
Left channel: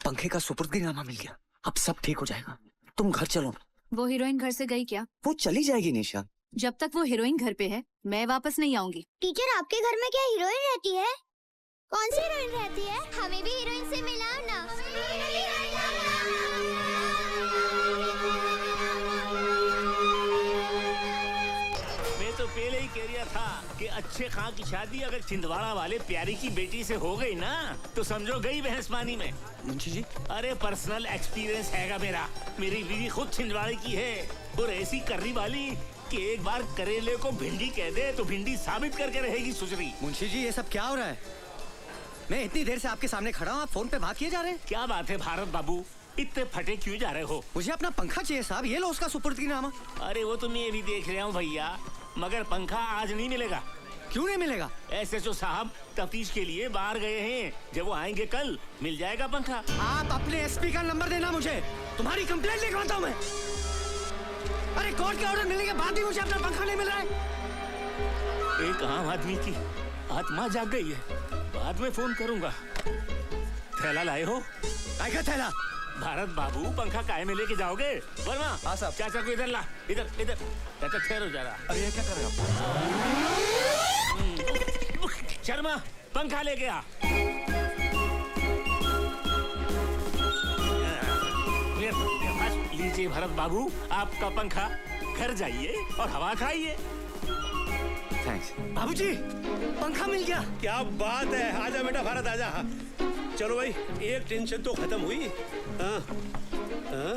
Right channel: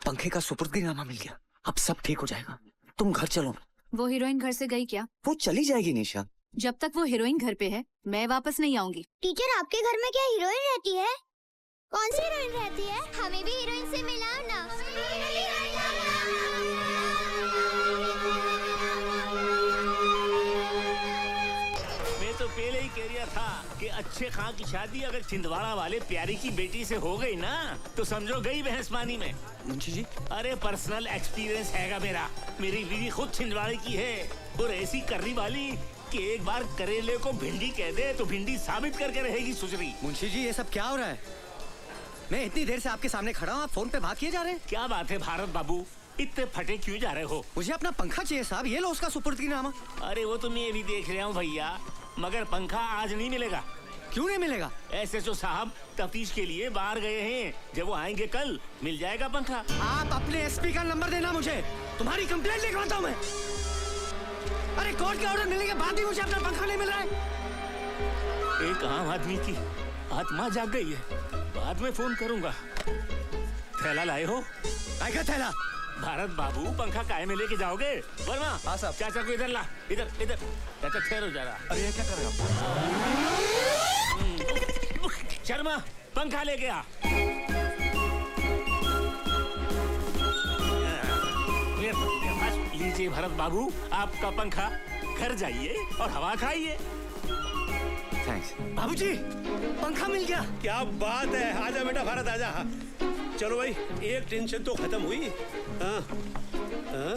पंखे का सुपुर्दगीनामा मिल गया, अब सब ठीक हो जाएगा। तुम घर चलो। वो हीरोइन घर से गई क्या? वो चली जाएगी निशा। जब तक वो हीरोइन घर पे है, मैं वापस नहीं आऊंगी। टीचर, आपके घर में क्या हीरोइन रहती है? कौन सी हीरोइन रहती है? हमें भी हीरोइन से मिलाओ ना। मैं तो पहले ही कह रहा था कि अच्छे खां की शादी अगर छिंदवाड़ा वाले प्यारी की बेटी से हो गई ना, तो समझो गई भैंसमानी में। मुंशी जी, अरे पर्सनल एक्सपीरियंस हैगा मेरा। मेरी बीवी खुद छिंदवाड़े की है, और ऐसी करनी वाली कि एक बार करेले को भिंडी कह दे तो भिंडी साबित करके रहेगी सुसरी। मुंशी जी, ये सब क्या हो रहा है? मैं इतनी देर से आपके सामने खड़ा हूँ, आप फोन पे बात किए जा रहे हैं। क्या बात है भारत बाबू, इतने फटे क्यों जा रहे हो? मुझे अपना पंखा चाहिए साहब, ये लो उसका सुपुर्दगीनामा। अरे वो तो मैं ये भी देख रहा हूँ भैया, मगर पंखा आज नहीं मिलेगा। क्यों नहीं मिलेगा? एसएचओ साहब तफ्तीश के लिए बाहर गए हैं, जब वो आएंगे कल मिल जाएगा पंखा। आप अपने एसपी का नंबर देना मुझे, तुम्हारी कंप्लेंट लिख रहा था मैं। अरे कोर्ट के ऑर्डर मिलने के बाद भी मुझे अपना पंखा नहीं मिल रहा है। एक आम आदमी की आत्मा जाग गई है, बाद में फोन करूंगा। थैला लाए हो? क्या थैला? भारत बाबू पंखा काहे में लेके जाओगे? वर्मा, हाँ साहब। चाचा को इधर ला, इधर इधर। चाचा ठहरो जरा। अरे क्या कर रहे हो? शर्मा पंखा लेके आ। लीजिए भरत बाबू आपका पंखा, घर जाइए और हवा खाइए। बाबूजी पंखा मिल गया। क्या बात है, आजा बेटा भारत आजा। चलो भाई एक टेंशन तो खत्म हुई। हाँ हाँ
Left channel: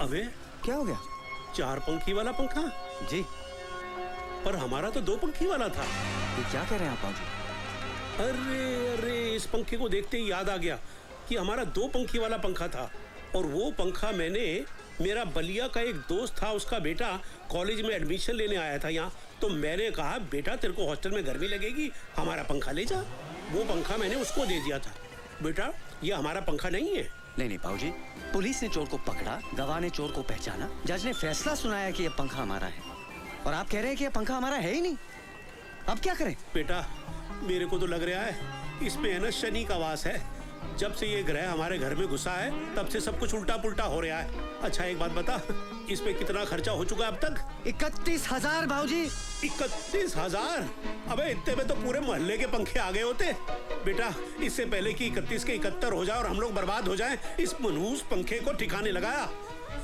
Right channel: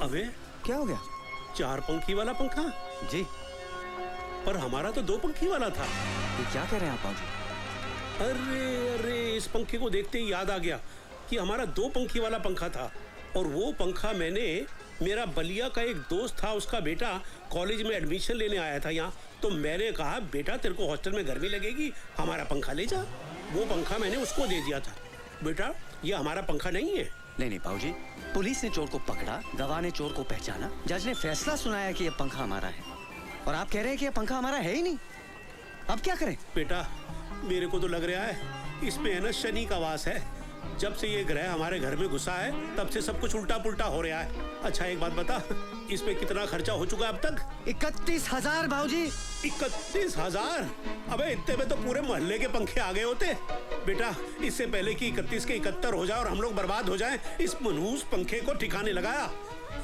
अबे क्या हो गया? 4 पंखी वाला पंखा जी, पर हमारा तो 2 पंखी वाला था। क्या कह रहे हैं आप बाबू? अरे अरे इस पंखे को देखते ही याद आ गया कि हमारा 2 पंखी वाला पंखा था, और वो पंखा मैंने, मेरा बलिया का एक दोस्त था, उसका बेटा कॉलेज में एडमिशन लेने आया था यहाँ, तो मैंने कहा बेटा तेरे को हॉस्टल में गर्मी लगेगी, हमारा पंखा ले जा। वो पंखा मैंने उसको दे दिया था। बेटा ये हमारा पंखा नहीं है। नहीं नहीं बाबूजी, पुलिस ने चोर को पकड़ा, गवाह ने चोर को पहचाना, जज ने फैसला सुनाया कि ये पंखा हमारा है, और आप कह रहे हैं कि ये पंखा हमारा है ही नहीं। अब क्या करें? बेटा मेरे को तो लग रहा है इस पे है ना शनि का वास है। जब से ये ग्रह हमारे घर में घुसा है तब से सब कुछ उल्टा पुल्टा हो रहा है। अच्छा एक बात बता, इस पे कितना खर्चा हो चुका अब तक? 31,000 भाऊजी। 31,000? अबे इतने में तो पूरे मोहल्ले के पंखे आ गए होते। बेटा इससे पहले कि 31 के 71 हो जाए और हम लोग बर्बाद हो जाएं, इस मनहूस पंखे को ठिकाने लगाया।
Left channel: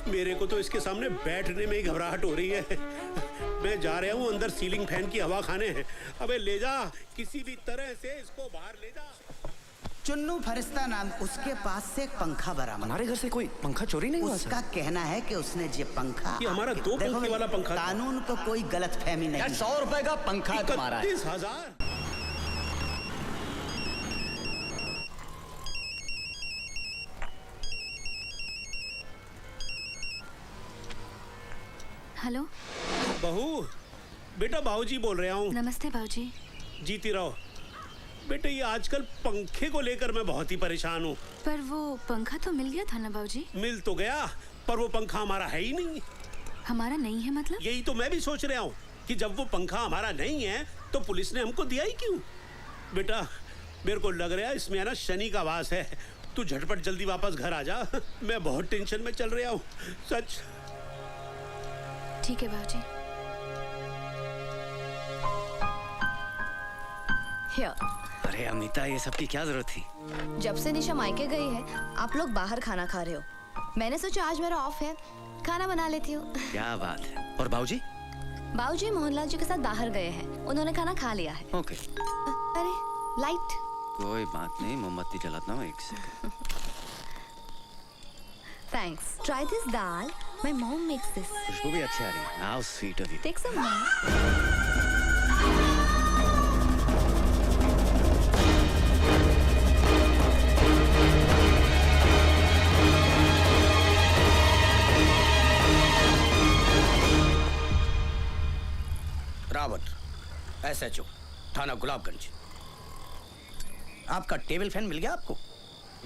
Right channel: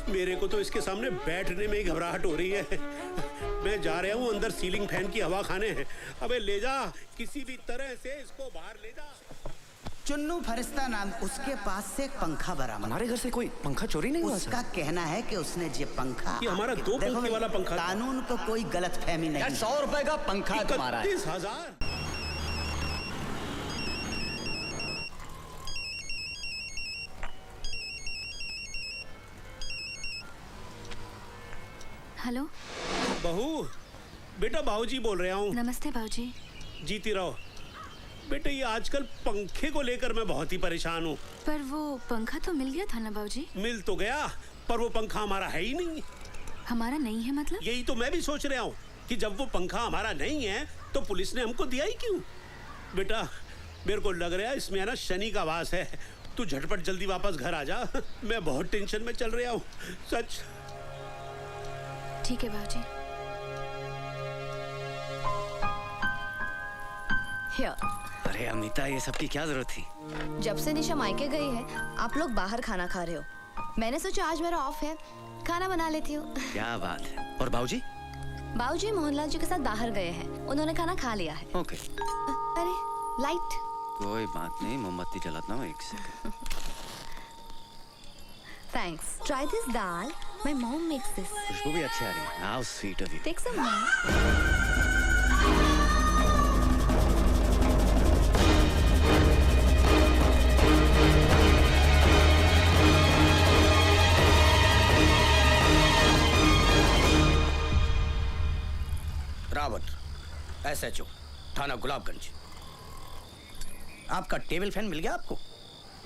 मेरे को तो इसके सामने बैठने में ही घबराहट हो रही है। मैं जा रहा हूँ अंदर सीलिंग फैन की हवा खाने हैं। अबे ले जा, किसी भी तरह से इसको बाहर ले जा। चुन्नू फरिश्ता नाम उसके पास से एक पंखा बरामद। हमारे घर से कोई पंखा चोरी नहीं हुआ? उसका कहना है कि उसने ये पंखा, ये हमारा 2 पंखे वाला पंखा, कानून को कोई गलत फहमी नहीं। 100 रुपए का पंखा तुम्हारा है। 31,000? हेलो बहू, बेटा बाबूजी बोल रहा हूँ। नमस्ते बाबूजी। जीती रहो। बेटे ये आजकल पंखे को लेकर मैं बहुत ही परेशान हूँ। पर वो पंखा तो मिल गया था ना बाबूजी? मिल तो गया, पर वो पंखा हमारा है ही नहीं। हमारा नहीं है मतलब? यही तो मैं भी सोच रहा हूँ कि जब वो पंखा हमारा नहीं है तो पुलिस ने हमको दिया ही क्यों? बेटा मेरे को लग रहा है इसमें है ना शनि का वास है। तू झटपट जल्दी वापस घर आ जा, मैं बहुत टेंशन में चल रहा हूँ सच। ठीक है बाबूजी। अरे अमिता ये सब की क्या जरूरत थी? जब से निशा मायके गई है आप लोग बाहर खाना खा रहे हो, मैंने सोचा आज मेरा ऑफ है, खाना बना लेती हूँ। क्या बात है। और बाबूजी? बाबूजी मोहनलाल जी के साथ बाहर गए हैं, उन्होंने खाना खा लिया है। ओके। अरे लाइट। कोई बात नहीं, मोमबत्ती जलाता हूँ एक second. Thanks. Try this dal, my mom makes this. खुशबू भी अच्छी आ रही है। How sweet of you. Take some. Rawat, SHO, थाना गुलाबगंज। आपका टेबल फैन मिल गया आपको?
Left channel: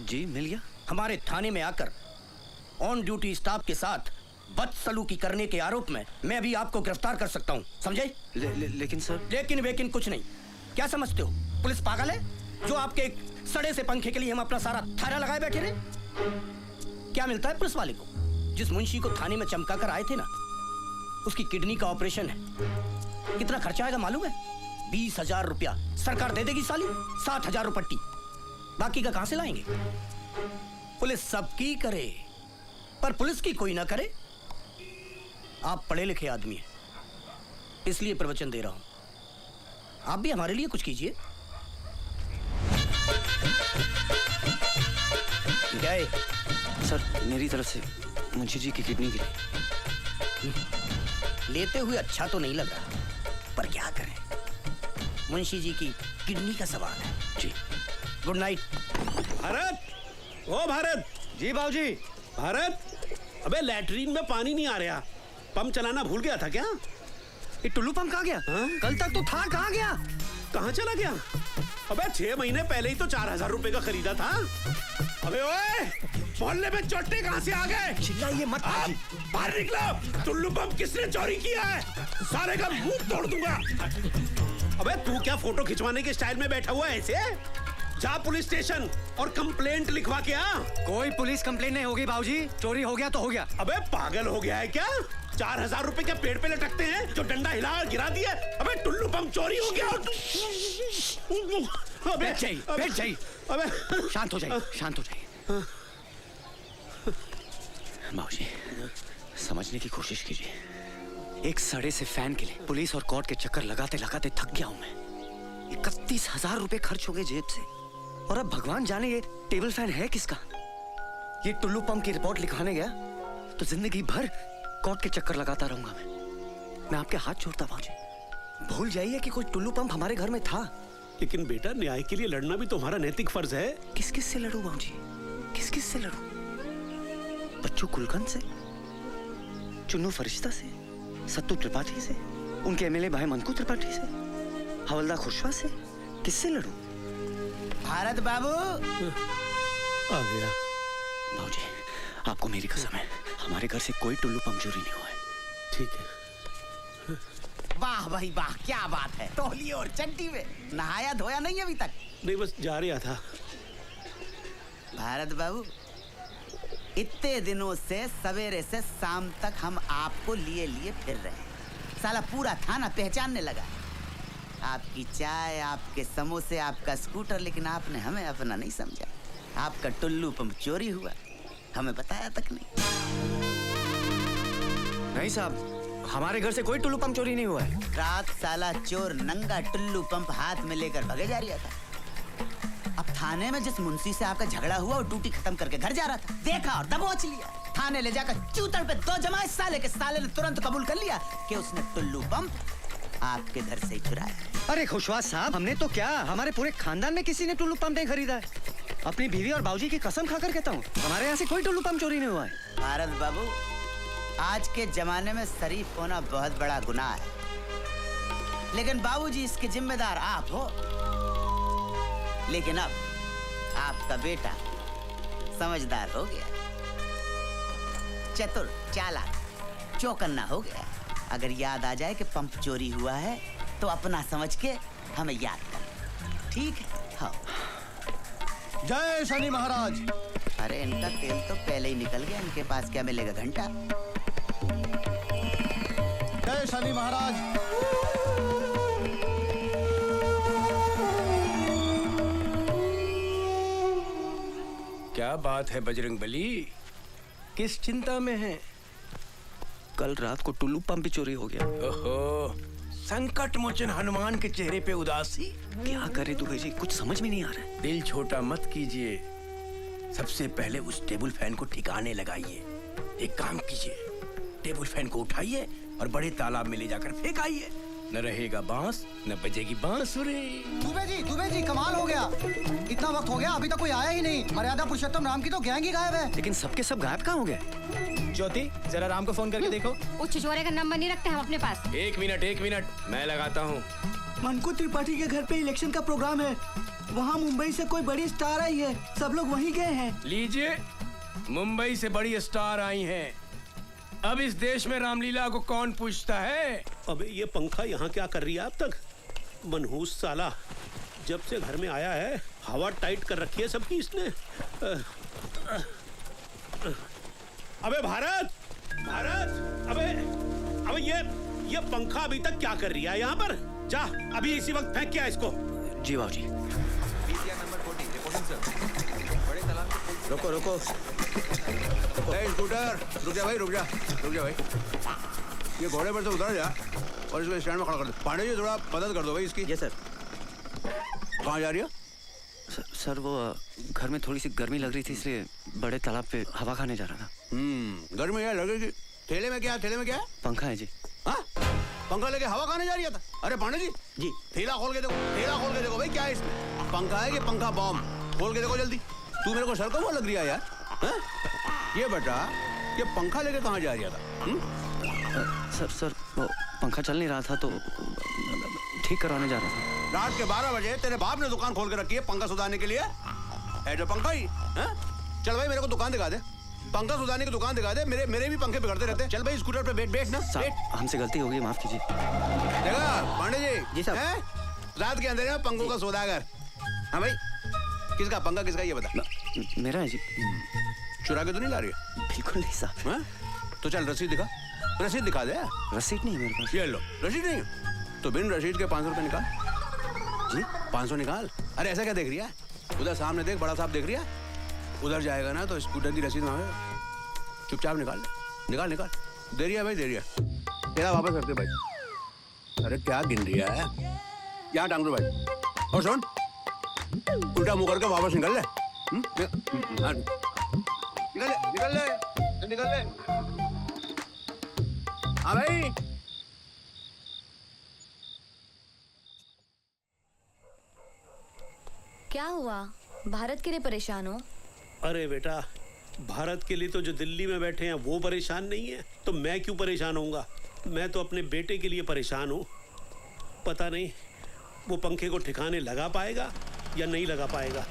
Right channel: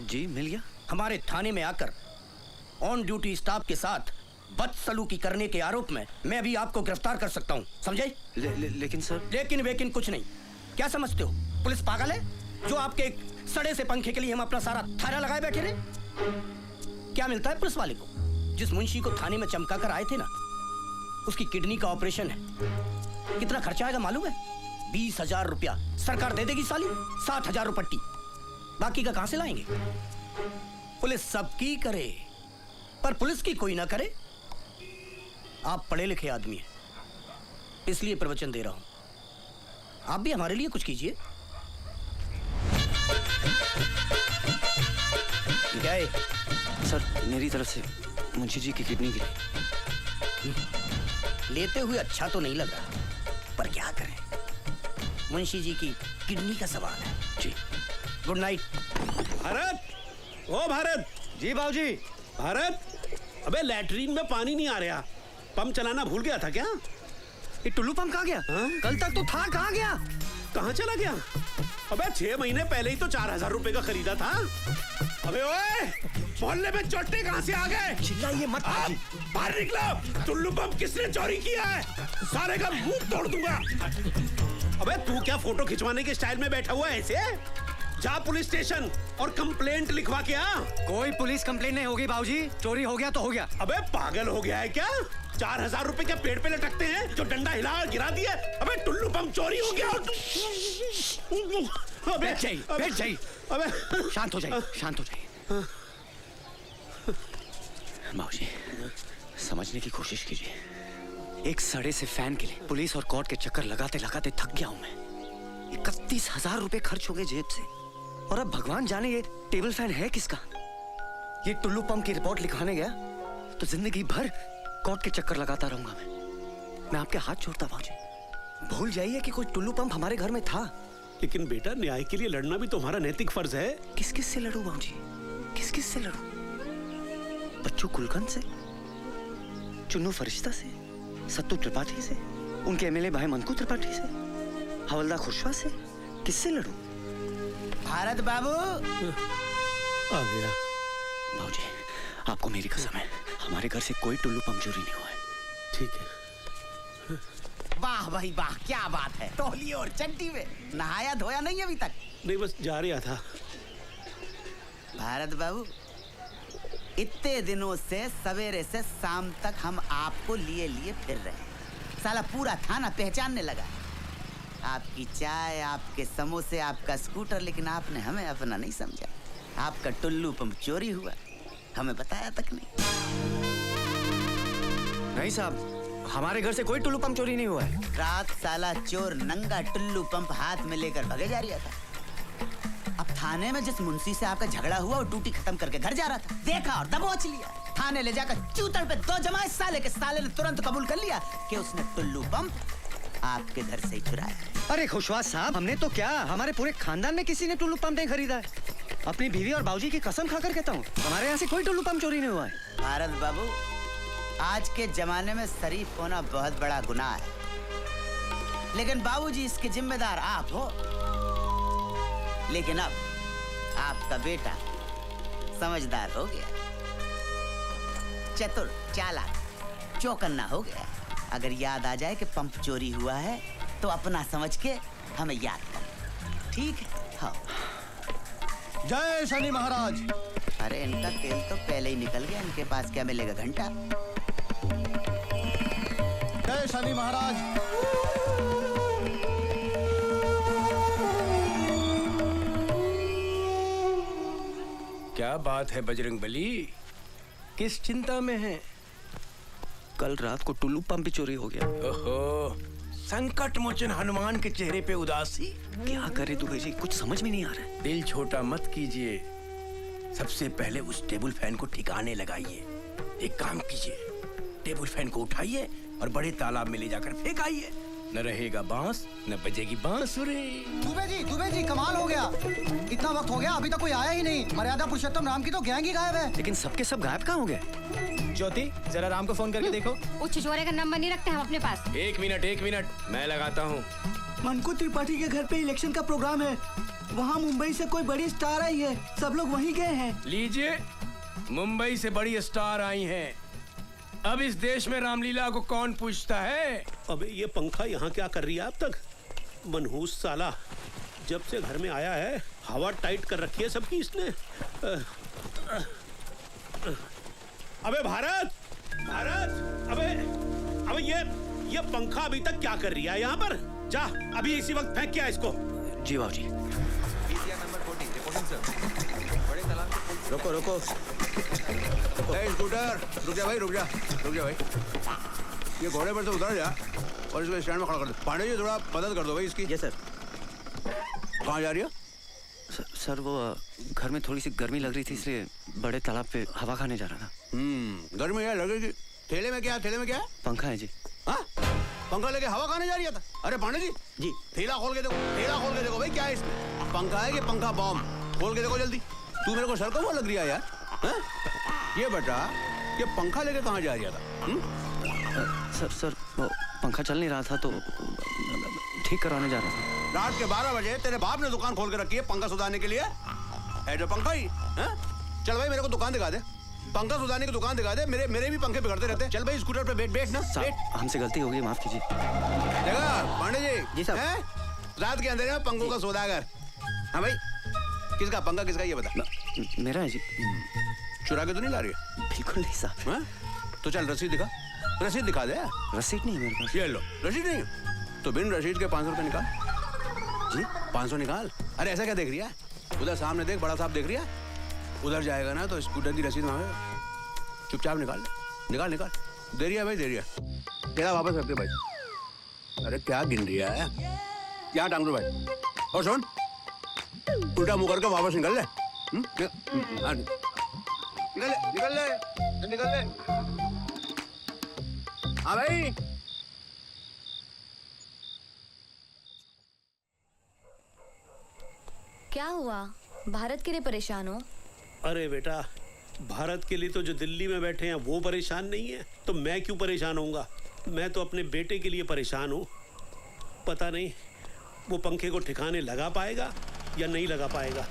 जी मिल गया। हमारे थाने में आकर ऑन ड्यूटी स्टाफ के साथ बदसलूकी करने के आरोप में मैं भी आपको गिरफ्तार कर सकता हूँ, समझे? लेकिन सर। लेकिन वेकिन कुछ नहीं। क्या समझते हो पुलिस पागल है जो आपके एक सड़े से पंखे के लिए हम अपना सारा थाना लगाए बैठे रहे? क्या मिलता है पुलिस वाले को? जिस मुंशी को थाने में चमका कर आए थे ना, उसकी किडनी का ऑपरेशन है। कितना खर्चा आएगा मालूम है? 20,000 रुपया सरकार दे देगी साली, 60,000 रुपट्टी। बाकी का कहां से लाएंगे? पुलिस सबकी करे पर पुलिस की कोई ना करे। आप पढ़े लिखे आदमी हैं, इसलिए प्रवचन दे रहा हूं। आप भी हमारे लिए कुछ कीजिए। गए सर, मेरी तरफ से मुंशी जी की किडनी भी लेते हुए अच्छा तो नहीं लगा, पर क्या करें, मुंशी जी की किडनी का सवाल है। जी गुड नाइट। भारत, ओ भारत। जी बाबूजी। भारत, अबे लैट्रीन में पानी नहीं आ रहा, पंप चलाना भूल गया था क्या? ये टुल्लू पंप कहाँ गया? कल तक तो था, कहाँ गया? कहाँ चला गया? अबे 6 महीने पहले ही तो 4000 रुपए का खरीदा था। अबे ओए, मोहल्ले में चोटे कहाँ से आ गए? चिल्लाइए मत भाई। बाहर निकलो। टुल्लू पंप किसने चोरी किया है? सारे का मुंह तोड़ दूंगा। अबे तू क्या फोटो खिंचवाने के स्टाइल में बैठा हुआ है ऐसे? जा पुलिस स्टेशन और कंप्लेंट लिखवा के आ। कोई पुलिस कंप्लेंट नहीं होगी बाबूजी, चोरी हो गया तो हो गया। अबे पागल हो गया है क्या? 4000 रुपए क्या पेड़ पे लटकते हैं जो डंडा हिला और गिरा दिया? अबे टुल्लू पंप चोरी हो गया। बैठ जाइए। अबे शांत हो जाइए, शांत हो जाइए। बाबूजी समझने की कोशिश कीजिए। एक सड़े से फैन के लिए पुलिस और कोर्ट के चक्कर लगाते लगाते थक गया हूं मैं। 31,000 रुपए खर्च हो गए जेब से, और अब भगवान जाने ये टेबल फैन है किसका। ये टुल्लू पंप की रिपोर्ट लिखवाने गया तो जिंदगी भर कोर्ट के चक्कर लगाता रहूंगा मैं आपके हाथ छोड़ता बाबूजी। भूल जाइए कि कोई टुल्लू पंप हमारे घर में था। लेकिन बेटा न्याय के लिए लड़ना भी तुम्हारा नैतिक फर्ज है। किस किस से लड़ूं बाबूजी, किस किस से लड़ूं? बच्चू कुलकर्णी से, चुन्नू फरिश्ता से, सत्तू त्रिपाठी से, उनके एमएलए भाई मनकू त्रिपाठी से, हवलदार खुशवा से, किससे लड़ूं? भारत बाबू आ गया। बाबूजी आपको मेरी कसम है, हमारे घर से कोई टुल्लू पंप चोरी नहीं हुआ है। ठीक है। वाह भाई वाह, क्या बात है। तौलिए और चड्डी में नहाया धोया नहीं अभी तक? नहीं, बस जा रहा था। भारत बाबू इतने दिनों से सवेरे से शाम तक हम आपको लिए लिए फिर रहे हैं। साला पूरा थाना पहचानने लगा। आपकी चाय, आपके समोसे, आपका स्कूटर, लेकिन आपने हमें अपना नहीं समझा। आपका टुल्लू पंप चोरी हुआ, हमें बताया तक नहीं। नहीं साहब, हमारे घर से कोई टुल्लू पंप चोरी नहीं हुआ है। रात साला चोर नंगा टुल्लू पंप हाथ में लेकर भगे जा रहा था। अब थाने में जिस मुंशी से आपका झगड़ा हुआ और ड्यूटी खत्म करके घर जा रहा था, देखा और दबोच लिया। थाने ले जाकर चूतड़ पे 2 जमाए साले के। साले ने तुरंत कबूल कर लिया कि उसने टुल्लू पंप आपके घर से ही चुराया। अरे खुशवा साहब, हमने तो क्या, हमारे पूरे खानदान में किसी ने टुल्लू पंप नहीं खरीदा है। अपनी बीवी और बाबूजी की कसम खाकर कहता हूँ, हमारे यहाँ से कोई टुल्लू पंप चोरी नहीं हुआ है। भारत बाबू, आज के जमाने में शरीफ होना बहुत बड़ा गुनाह है, लेकिन बाबूजी इसके जिम्मेदार आप हो। लेकिन अब आपका बेटा समझदार हो गया, चतुर, चालाक, चौकन्ना हो गया। अगर याद आ जाए कि पंप चोरी हुआ है तो अपना समझ के हमें याद कर। ठीक है? हाँ। जय शनि महाराज। अरे इनका तेल तो पहले ही निकल गया, इनके पास क्या मिलेगा घंटा। जय शनि महाराज। क्या बात है बजरंगबली, किस चिंता में है? कल रात को टुल्लू पंप भी चोरी हो गया। ओहो, संकट मोचन हनुमान के चेहरे पे उदासी। क्या करे दुबे जी, कुछ समझ में नहीं आ रहा है। दिल छोटा मत कीजिए, सबसे पहले उस टेबल फैन को ठिकाने लगाइए। एक काम कीजिए, टेबल फैन को उठाइए और बड़े तालाब में ले जाकर फेंकाइए। न रहेगा बांस, न बजेगी बांसुरी। दुबे जी कमाल हो गया। इतना वक्त हो गया, अभी तक कोई आया ही नहीं। मर्यादा पुरुषोत्तम राम की तो गैंग ही गायब है। लेकिन सबके सब गायब कहाँ हो गए? ज्योति, जरा राम को फोन करके देखो। वो छिछोरे का नंबर नहीं रखते हम अपने पास। एक मिनट, मैं लगाता हूँ। मनकू त्रिपाठी के घर पे इलेक्शन का प्रोग्राम है। वहाँ मुंबई से कोई बड़ी स्टार आई है, सब लोग वहीं गए हैं। लीजिए, मुंबई से बड़ी स्टार आई हैं। अब इस देश में रामलीला को कौन पूछता है? अब ये पंखा यहाँ क्या कर रही है अब तक? मनहूस साला, जब से घर में आया है हवा टाइट कर रखी है सबकी इसने। अबे भारत, अबे ये पंखा अभी तक क्या कर रही है यहाँ पर? जा अभी इसी वक्त फेंक क्या इसको। जी बाबूजी। रुको। रुक जा भाई। ये घोड़े पर से उतर जा और इसको स्टैंड में खड़ा कर दो। पांडे जी थोड़ा मदद कर दो भाई इसकी। Yes sir. कहाँ जा रही है? सर वो घर में थोड़ी सी गर्मी लग रही थी, इसलिए बड़े तालाब पे हवा खाने जा रहा था। गर्मी है लग रही थी। थैले में क्या? पंखा है जी। हाँ, पंखा लेके हवा खाने जा रही है? अरे पांडे जी, थैला खोल के देखो भाई, क्या है इसमें? पंखा है कि पंखा बॉम्ब? खोल के देखो जल्दी। तू मेरे को सर को वो लग रही है यार। ये बेटा, ये पंखा लेके कहाँ जा रही था? सर वो पंखा चल नहीं रहा था तो ठीक करवाने जा रहा था। रात के 12 बजे तेरे बाप ने दुकान खोल के रखी है पंखा सुधारने के लिए? ऐसे पंखा ही हैं? चल भाई मेरे को दुकान दिखा दे, पंखा सुधारने की दुकान दिखा दे। मेरे भी पंखे बिगड़ते रहते हैं। चल भाई स्कूटर पे बैठ ना। हमसे गलती हो गई, माफ कीजिए। पांडे जी साहब, रात के अंधेरे में पंखों का सौदागर। हाँ भाई, किसका पंखा किसका ये बता। मेरा है जी। चुरा के तो नहीं ला रही है? बिल्कुल नहीं साहब। तो चल रसीद दिखा, रसीद दिखा दे। रसीद नहीं मेरे पास। ये लो, रसीद नहीं तो बिन रसीद के 500 रुपए निकाल। जी 500 निकाल। अरे ऐसा क्या देख रही है? उधर सामने देख, बड़ा साहब देख रही है। उधर जाएगा ना तो स्कूटर की रसीद मांगे, चुपचाप निकाल निकाल निकाल। दे रही है भाई, दे रही है। क्या वापस रखते भाई? अरे क्या गिन रही है? क्या टांग दो भाई? और सुन, उल्टा मुंह करके वापस निकल ले। निकल ले, निकल ले। हाँ भाई। क्या हुआ? भारत के लिए परेशान हो? अरे बेटा, भारत के लिए तो जो दिल्ली में बैठे हैं वो परेशान नहीं है, तो मैं क्यों परेशान होऊंगा? मैं तो अपने बेटे के लिए परेशान हूँ। पता नहीं वो पंखे को ठिकाने लगा पाएगा या नहीं लगा पाएगा।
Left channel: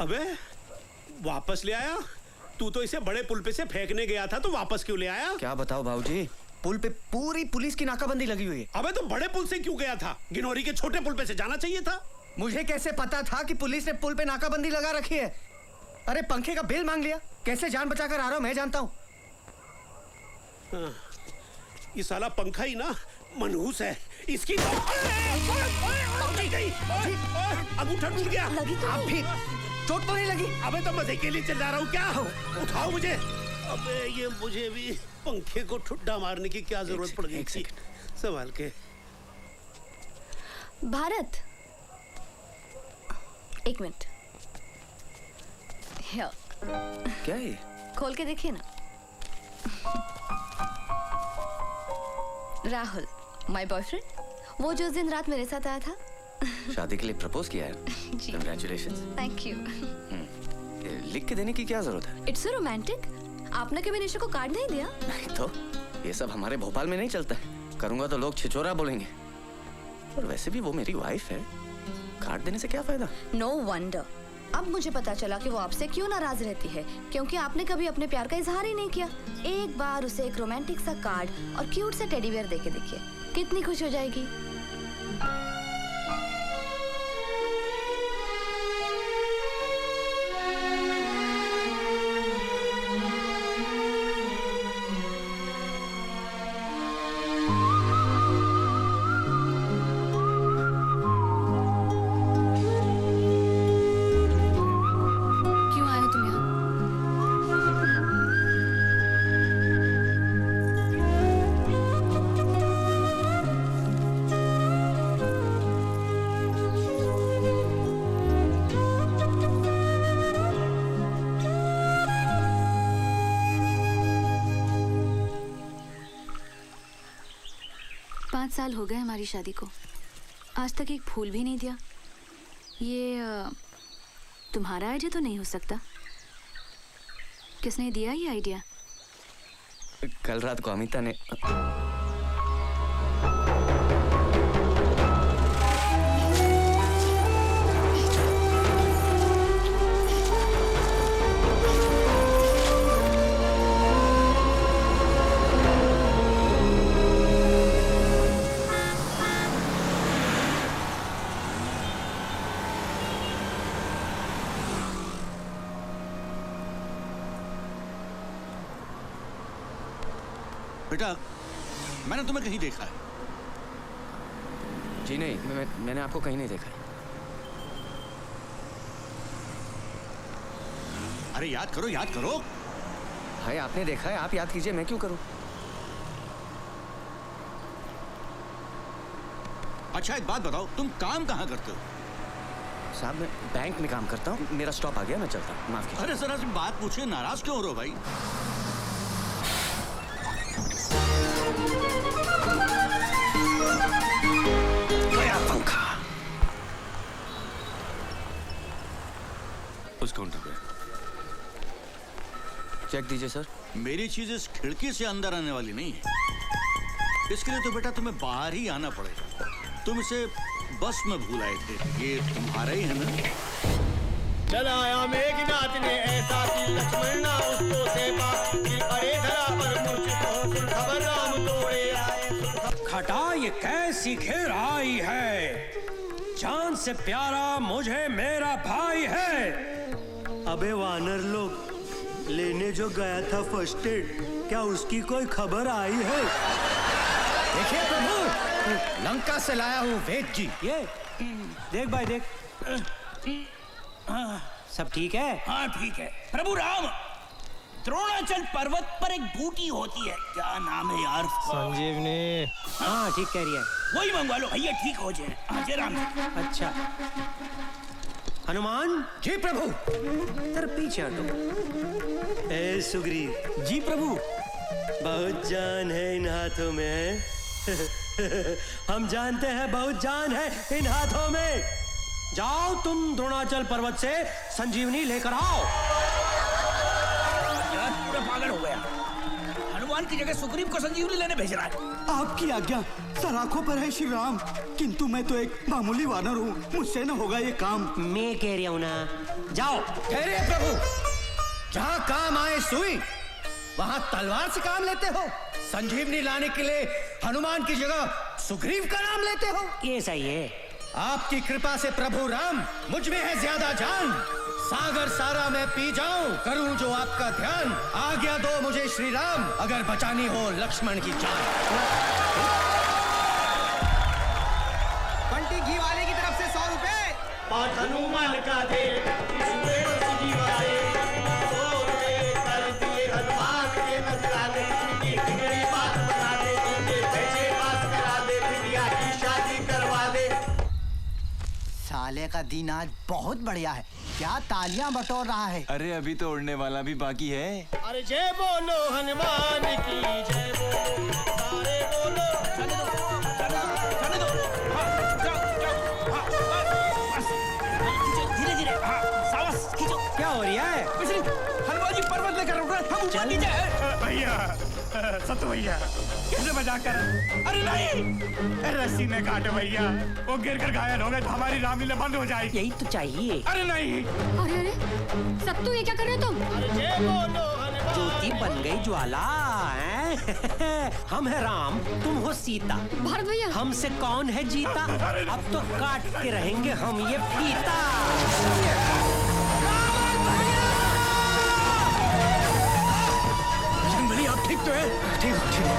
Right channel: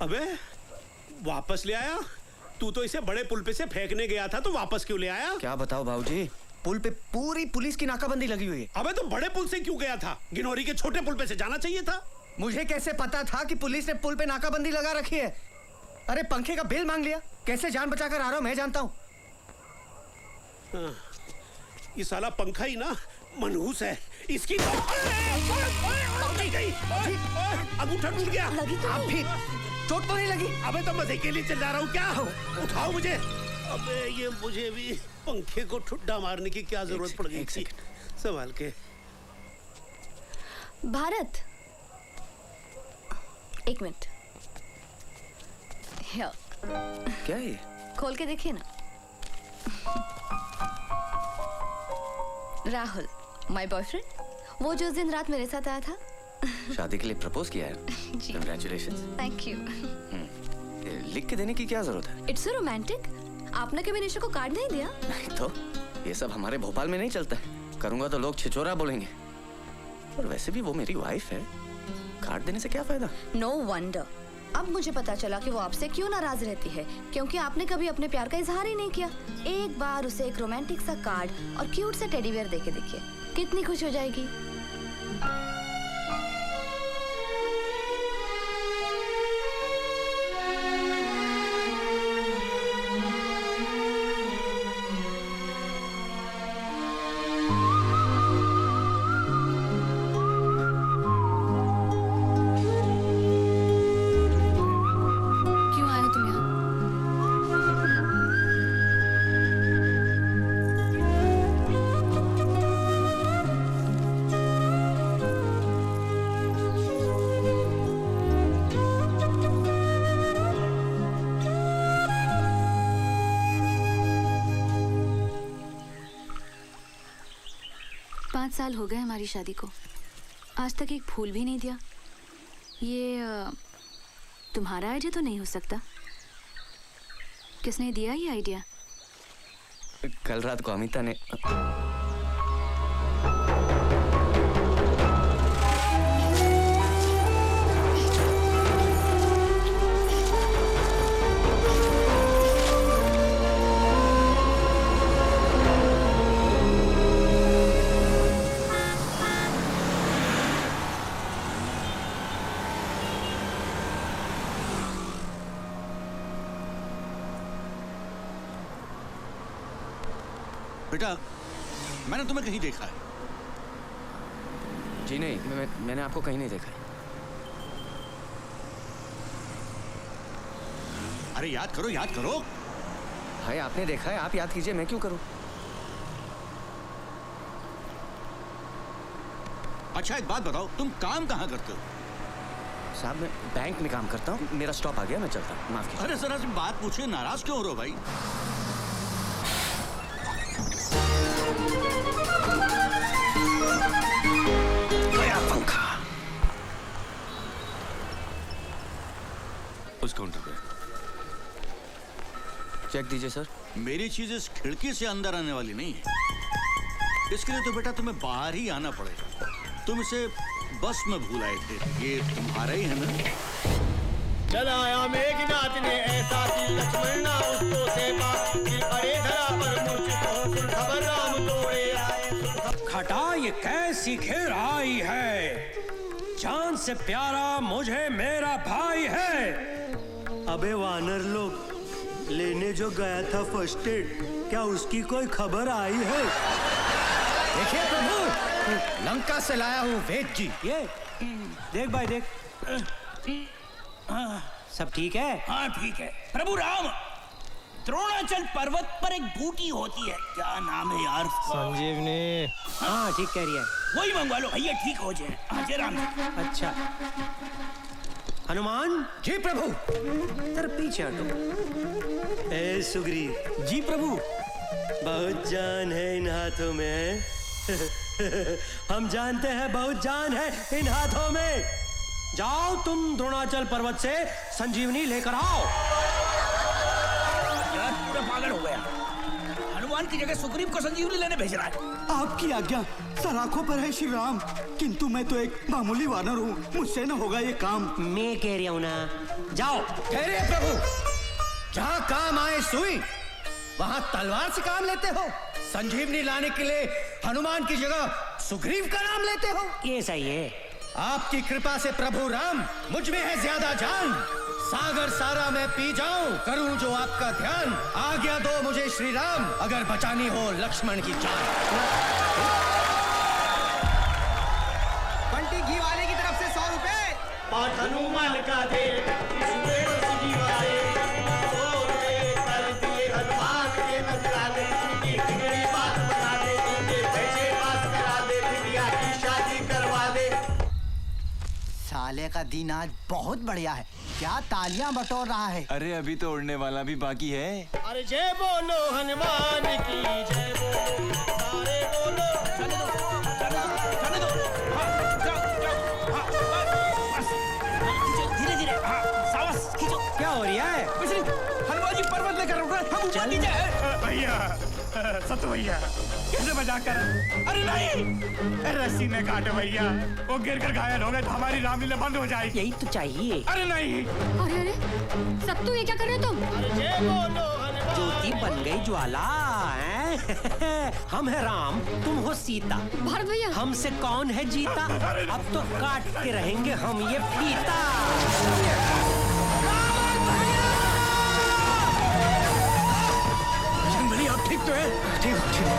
अबे वापस ले आया? तू तो इसे बड़े पुल पे से फेंकने गया था, तो वापस क्यों ले आया? क्या बताओ बाबूजी, पुल पे पूरी पुलिस की नाकाबंदी लगी हुई है। अबे तो बड़े पुल से क्यों गया था? गिनौरी के छोटे पुल पे से जाना चाहिए था। मुझे कैसे पता था कि पुलिस ने पुल पे नाकाबंदी लगा रखी है? अरे पंखे का बिल मांग लिया, कैसे जान बचाकर आ रहा हूँ मैं जानता हूँ। ये साला पंखा ही ना मनहूस है। इसकी तो गई। अंगूठा टूट गया। आप भी चोट तो नहीं लगी? अबे तो मजे के लिए चल रहा हूँ क्या? उठाओ मुझे। अबे ये मुझे भी पंखे को ठुड्डा मारने की क्या जरूरत पड़ गई थी? संभाल के। भारत, एक मिनट। क्या ये? खोल के देखिए ना। राहुल, माय बॉयफ्रेंड, वो जो उस दिन रात मेरे साथ आया था। शादी के लिए प्रपोज किया है? जी। Congratulations। Thank you. लिख के देने की क्या जरूरत है? It's so romantic. आपने कभी निशा को कार्ड नहीं दिया? नहीं तो ये सब हमारे भोपाल में नहीं चलता है। करूंगा तो लोग छिचोरा बोलेंगे। और वैसे भी वो मेरी वाइफ है, कार्ड देने से क्या फायदा? No wonder. अब मुझे पता चला कि वो आपसे क्यों नाराज रहती है, क्योंकि आपने कभी अपने प्यार का इजहार ही नहीं किया। एक बार उसे एक रोमांटिक सा कार्ड और क्यूट सा टेडी बियर देके देखिए, कितनी खुश हो जाएगी। साल हो गए हमारी शादी को, आज तक एक फूल भी नहीं दिया। ये तुम्हारा आइडिया तो नहीं हो सकता। किसने दिया ये आइडिया? कल रात को अमिता ने। बेटा, मैंने तुम्हें कहीं देखा है। जी नहीं, मैंने आपको कहीं नहीं देखा। अरे याद करो, याद करो। भाई आपने देखा है, आप याद कीजिए, मैं क्यों करूं? अच्छा एक बात बताओ, तुम काम कहाँ करते हो? साहब मैं बैंक में काम करता हूँ, मेरा स्टॉप आ गया, मैं चलता हूँ, माफ कीजिए। अरे जरा तुम बात पूछे, नाराज क्यों हो रहे हो भाई? पंखा उस काउंटर पे चेक दीजिए सर। मेरी चीज इस खिड़की से अंदर आने वाली नहीं है, इसके लिए तो बेटा तुम्हें बाहर ही आना पड़ेगा। तुम इसे बस में भूल आए थे, ये तुम्हारा ही है ना? चला आया मेघनाथ ने ऐसा कि लक्ष्मण ना उसको सेवा, फिर पड़े धरा पर मूर्छित हो, फिर खबर राम तोड़े आए। खटा ये कैसी घेर आई है, जान से प्यारा मुझे मेरा भाई है। अबे वानर लोग, लेने जो गया था फर्स्ट एड, क्या उसकी कोई खबर आई है? देखिए प्रभु, लंका से लाया हूँ वेद की। ये देख भाई देख, सब ठीक है? हाँ ठीक है। प्रभु राम, द्रोणाचल पर्वत पर एक बूटी होती है, क्या नाम है यार? संजीवनी। हाँ ठीक कह रही है। वही मंगवा लो भैया, ठीक हो जाए। हाँ जय राम। अच्छा हनुमान जी प्रभु। तेरे पीछे हटो। ए सुग्रीव जी प्रभु। बहुत जान है इन हाथों में। हम जानते हैं बहुत जान है इन हाथों में। जाओ तुम द्रोणाचल पर्वत से संजीवनी लेकर आओ। यार पूरा पागल हो गया, हनुमान की जगह सुग्रीव को संजीवनी लेने भेज रहा है। आपकी आज्ञा, सराखों पर है श्री राम, किंतु मैं तो एक मामूली वानर हूँ, मुझसे न होगा ये काम। मैं कह रही हूँ ना, जाओ। अरे प्रभु, जहाँ काम आए सुई, वहाँ तलवार से काम लेते हो। संजीवनी लाने के लिए हनुमान की जगह सुग्रीव का नाम लेते हो। ऐसा ही है। आपकी कृपा से प्रभु राम, मुझ में है ज्यादा जान। सागर सारा मैं पी जाऊं, करूं जो आपका ध्यान। आज्ञा दो मुझे श्री राम, अगर बचानी हो लक्ष्मण की जान। बंटी घी वाले की तरफ से 100 रुपए। और हनुमान का दे हनुमान के नजराने, एक मेरी बात बता दे, मुझे पैसे पास करा दे, बिटिया की शादी करवा दे। साले का दिन आज बहुत बढ़िया है, क्या तालियां बटोर रहा है। अरे अभी तो उड़ने वाला भी बाकी है। अरे जय बोलो हनुमान की जय बोलो, सारे बोलो। जाने दो, जाने दो, जाने दो। हाँ, जाओ, जाओ, हाँ, बस, धीरे धीरे, हाँ, सावधान, खींचो। क्या हो रहा है? कुछ नहीं, हनुमान जी पर्वत लेकर उड़ रहे हैं, हम ऊपर नीचे हैं। भैया, सत्य भैया, कैसे मजाक कर? अरे नहीं, रस्सी में काटो भैया, वो गिर कर घायल हो रहे तो हमारी रामलीला बंद हो जाएगी। यही तो चाहिए। अरे नहीं। अरे अरे सत्तू, ये क्या कर रहे हो तुम? अरे जय बोलो हनुमान। ज्योति बन गई ज्वाला है। हम है राम, तुम हो सीता। भारत भैया, हमसे कौन है जीता? अब तो काट के रहेंगे हम ये फीता। ठीक तो है? ठीक हो, ठीक हो।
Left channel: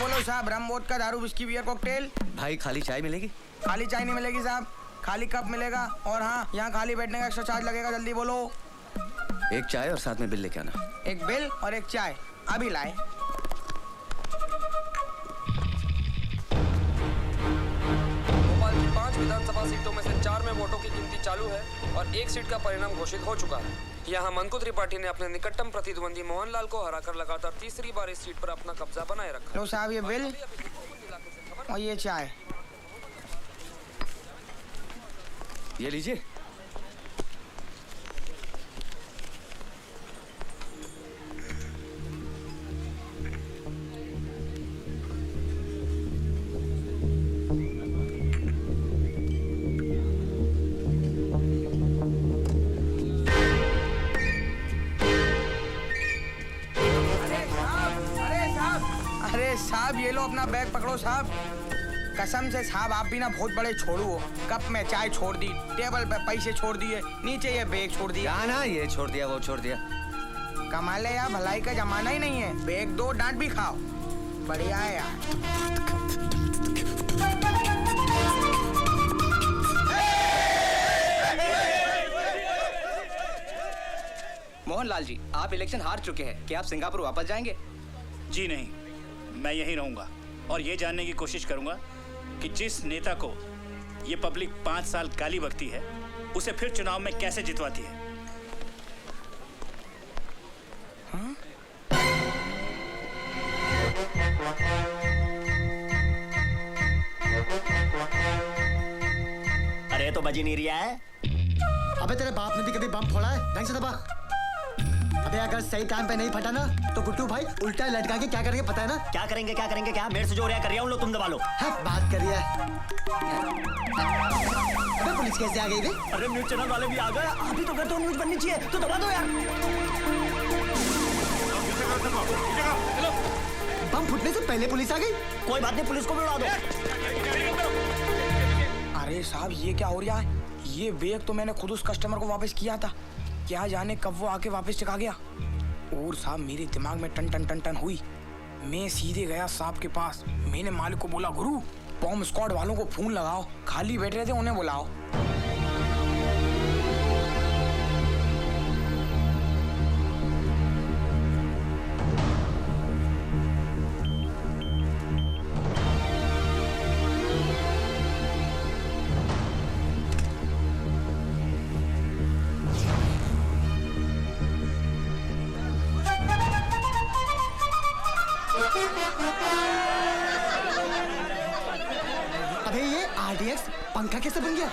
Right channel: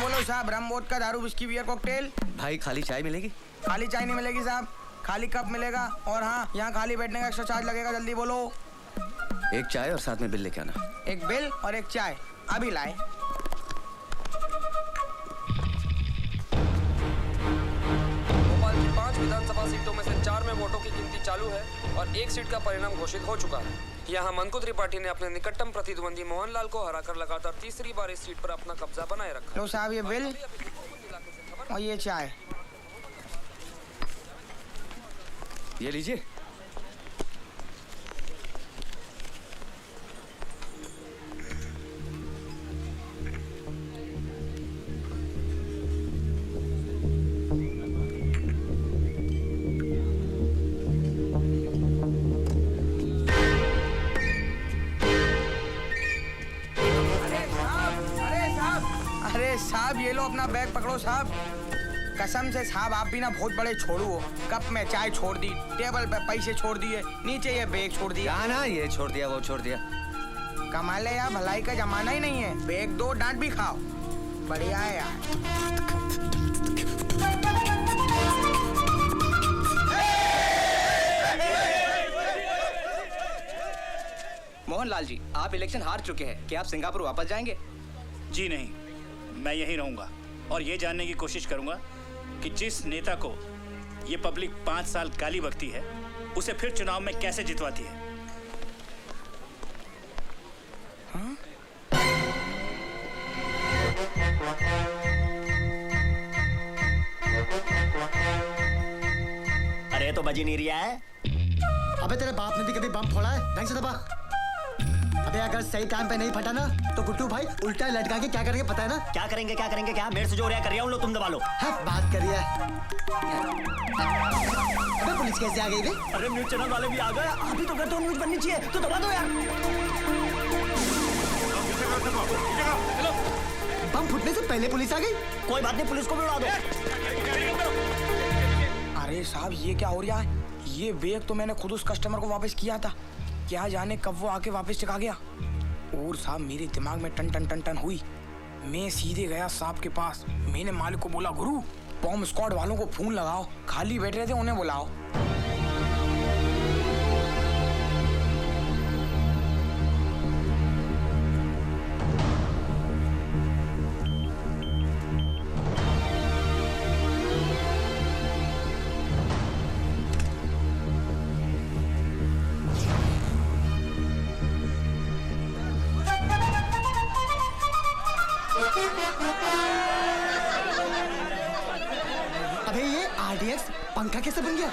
बोलो साहब, रम वोदका दारू विस्की बियर कॉकटेल। भाई खाली चाय मिलेगी? खाली चाय नहीं मिलेगी साहब, खाली कप मिलेगा। और हाँ, यहाँ खाली बैठने का एक्स्ट्रा चार्ज लगेगा, जल्दी बोलो। एक चाय और साथ में बिल लेके आना। एक बिल और एक चाय, अभी लाए। भोपाल की 5 विधानसभा सीटों में से 4 में वोटों की गिनती चालू है और एक सीट का परिणाम घोषित हो चुका है। यहाँ मंकु त्रिपाठी ने अपने निकटतम प्रतिद्वंदी मोहनलाल को हराकर लगातार तीसरी बार इस सीट पर अपना कब्जा बनाए रखा। लो साहब, ये बिल और ये चाय। ये लीजिए। साहब ये लो अपना बैग पकड़ो साहब। कसम से साहब, आप भी ना बहुत बड़े छोड़ू हो। कप में चाय छोड़ दी, टेबल पे पैसे छोड़ दिए, नीचे ये बैग छोड़ दिया। ना ये छोड़ दिया, वो छोड़ दिया। कमाल है यार, भलाई का जमाना ही नहीं है। बैग दो, डांट भी खाओ, बढ़िया है यार। मोहनलाल जी, आप इलेक्शन हार चुके हैं, क्या आप सिंगापुर वापस जाएंगे? जी नहीं, मैं यहीं रहूंगा और ये जानने की कोशिश करूंगा कि जिस नेता को ये पब्लिक 5 साल गाली बकती है, उसे फिर चुनाव में कैसे जितवाती है। अरे ये तो बजी नहीं रहा है। अबे तेरे बाप ने भी कभी बम फोड़ा है? ढंग से दबा। अबे अगर सही टाइम पे नहीं फटा ना तो गुड्डू भाई उल्टा लटका के क्या करेंगे पता है ना? क्या करेंगे क्या मेरे से जो हो रहा कर रहा हूँ, लो तुम दबा लो। हाँ, बात कर रही है। अबे पुलिस कैसे आ गई बे? अरे न्यूज चैनल वाले भी आ गए। अभी तो कहते हो न्यूज बननी चाहिए तो दबा दो यार। बम फूटने से पहले पुलिस आ गई। कोई बात नहीं, पुलिस को बुला दो। अरे साहब ये क्या हो रहा है? ये बैग तो मैंने खुद उस कस्टमर को वापस किया था, क्या जाने कब वो आके वापस चका गया। और साहब मेरे दिमाग में टन टन टन टन हुई। मैं सीधे गया साहब के पास। मैंने मालिक को बोला, गुरु बॉम्ब स्क्वाड वालों को फोन लगाओ, खाली बैठ रहे थे उन्हें बुलाओ। अबे ये RDX पंखा कैसे बन गया?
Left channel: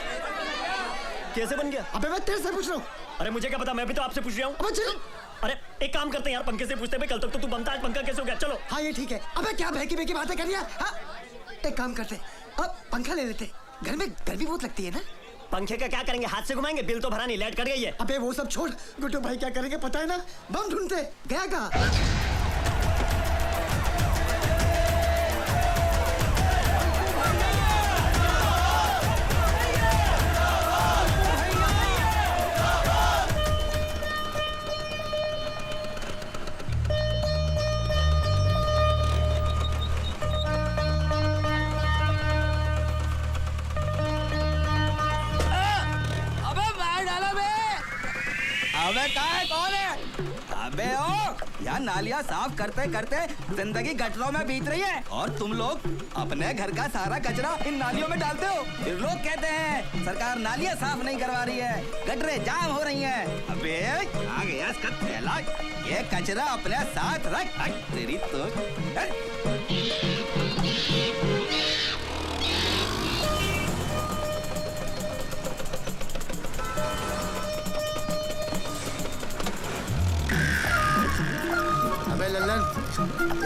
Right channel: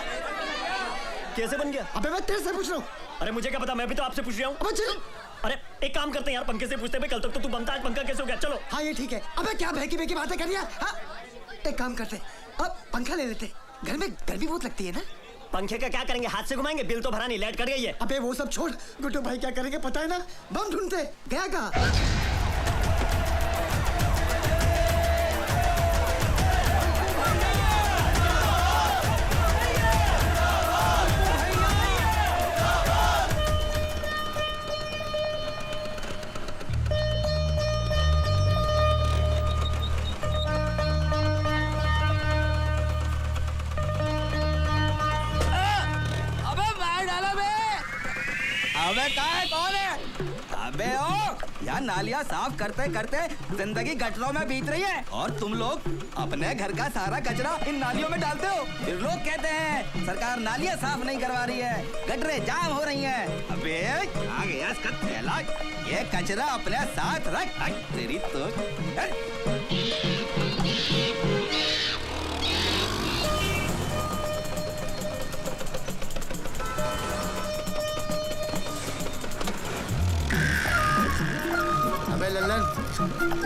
कैसे बन गया? अबे मैं तेरे से पूछ रहा हूँ। अरे मुझे क्या पता, मैं भी तो आपसे पूछ रहा हूँ। अबे चल। अरे एक काम करते हैं यार, पंखे से पूछते हैं। कल तक तो तू बनता है, पंखा कैसे हो गया? चलो। हाँ ये ठीक है। अबे क्या बहकी बातें कर रही है? हाँ? एक काम करते, अब पंखा ले लेते। घर में गर्मी बहुत लगती है ना? पंखे का क्या करेंगे? हाथ से घुमाएंगे? बिल तो भरा नहीं, लाइट कर गई है। अबे वो सब छोड़, गुड्डू भाई क्या करेंगे पता है ना? बम ढूंढते। गया कहाँ? यार नालियाँ साफ करते करते जिंदगी गटरों में बीत रही है और तुम लोग अपने घर का सारा कचरा इन नालियों में डालते हो। फिर लोग कहते हैं सरकार नालियाँ साफ नहीं करवा रही है, गटरें जाम हो रही हैं। अबे आ गया इसका थैला, ये कचरा अपने साथ रख। तेरी तो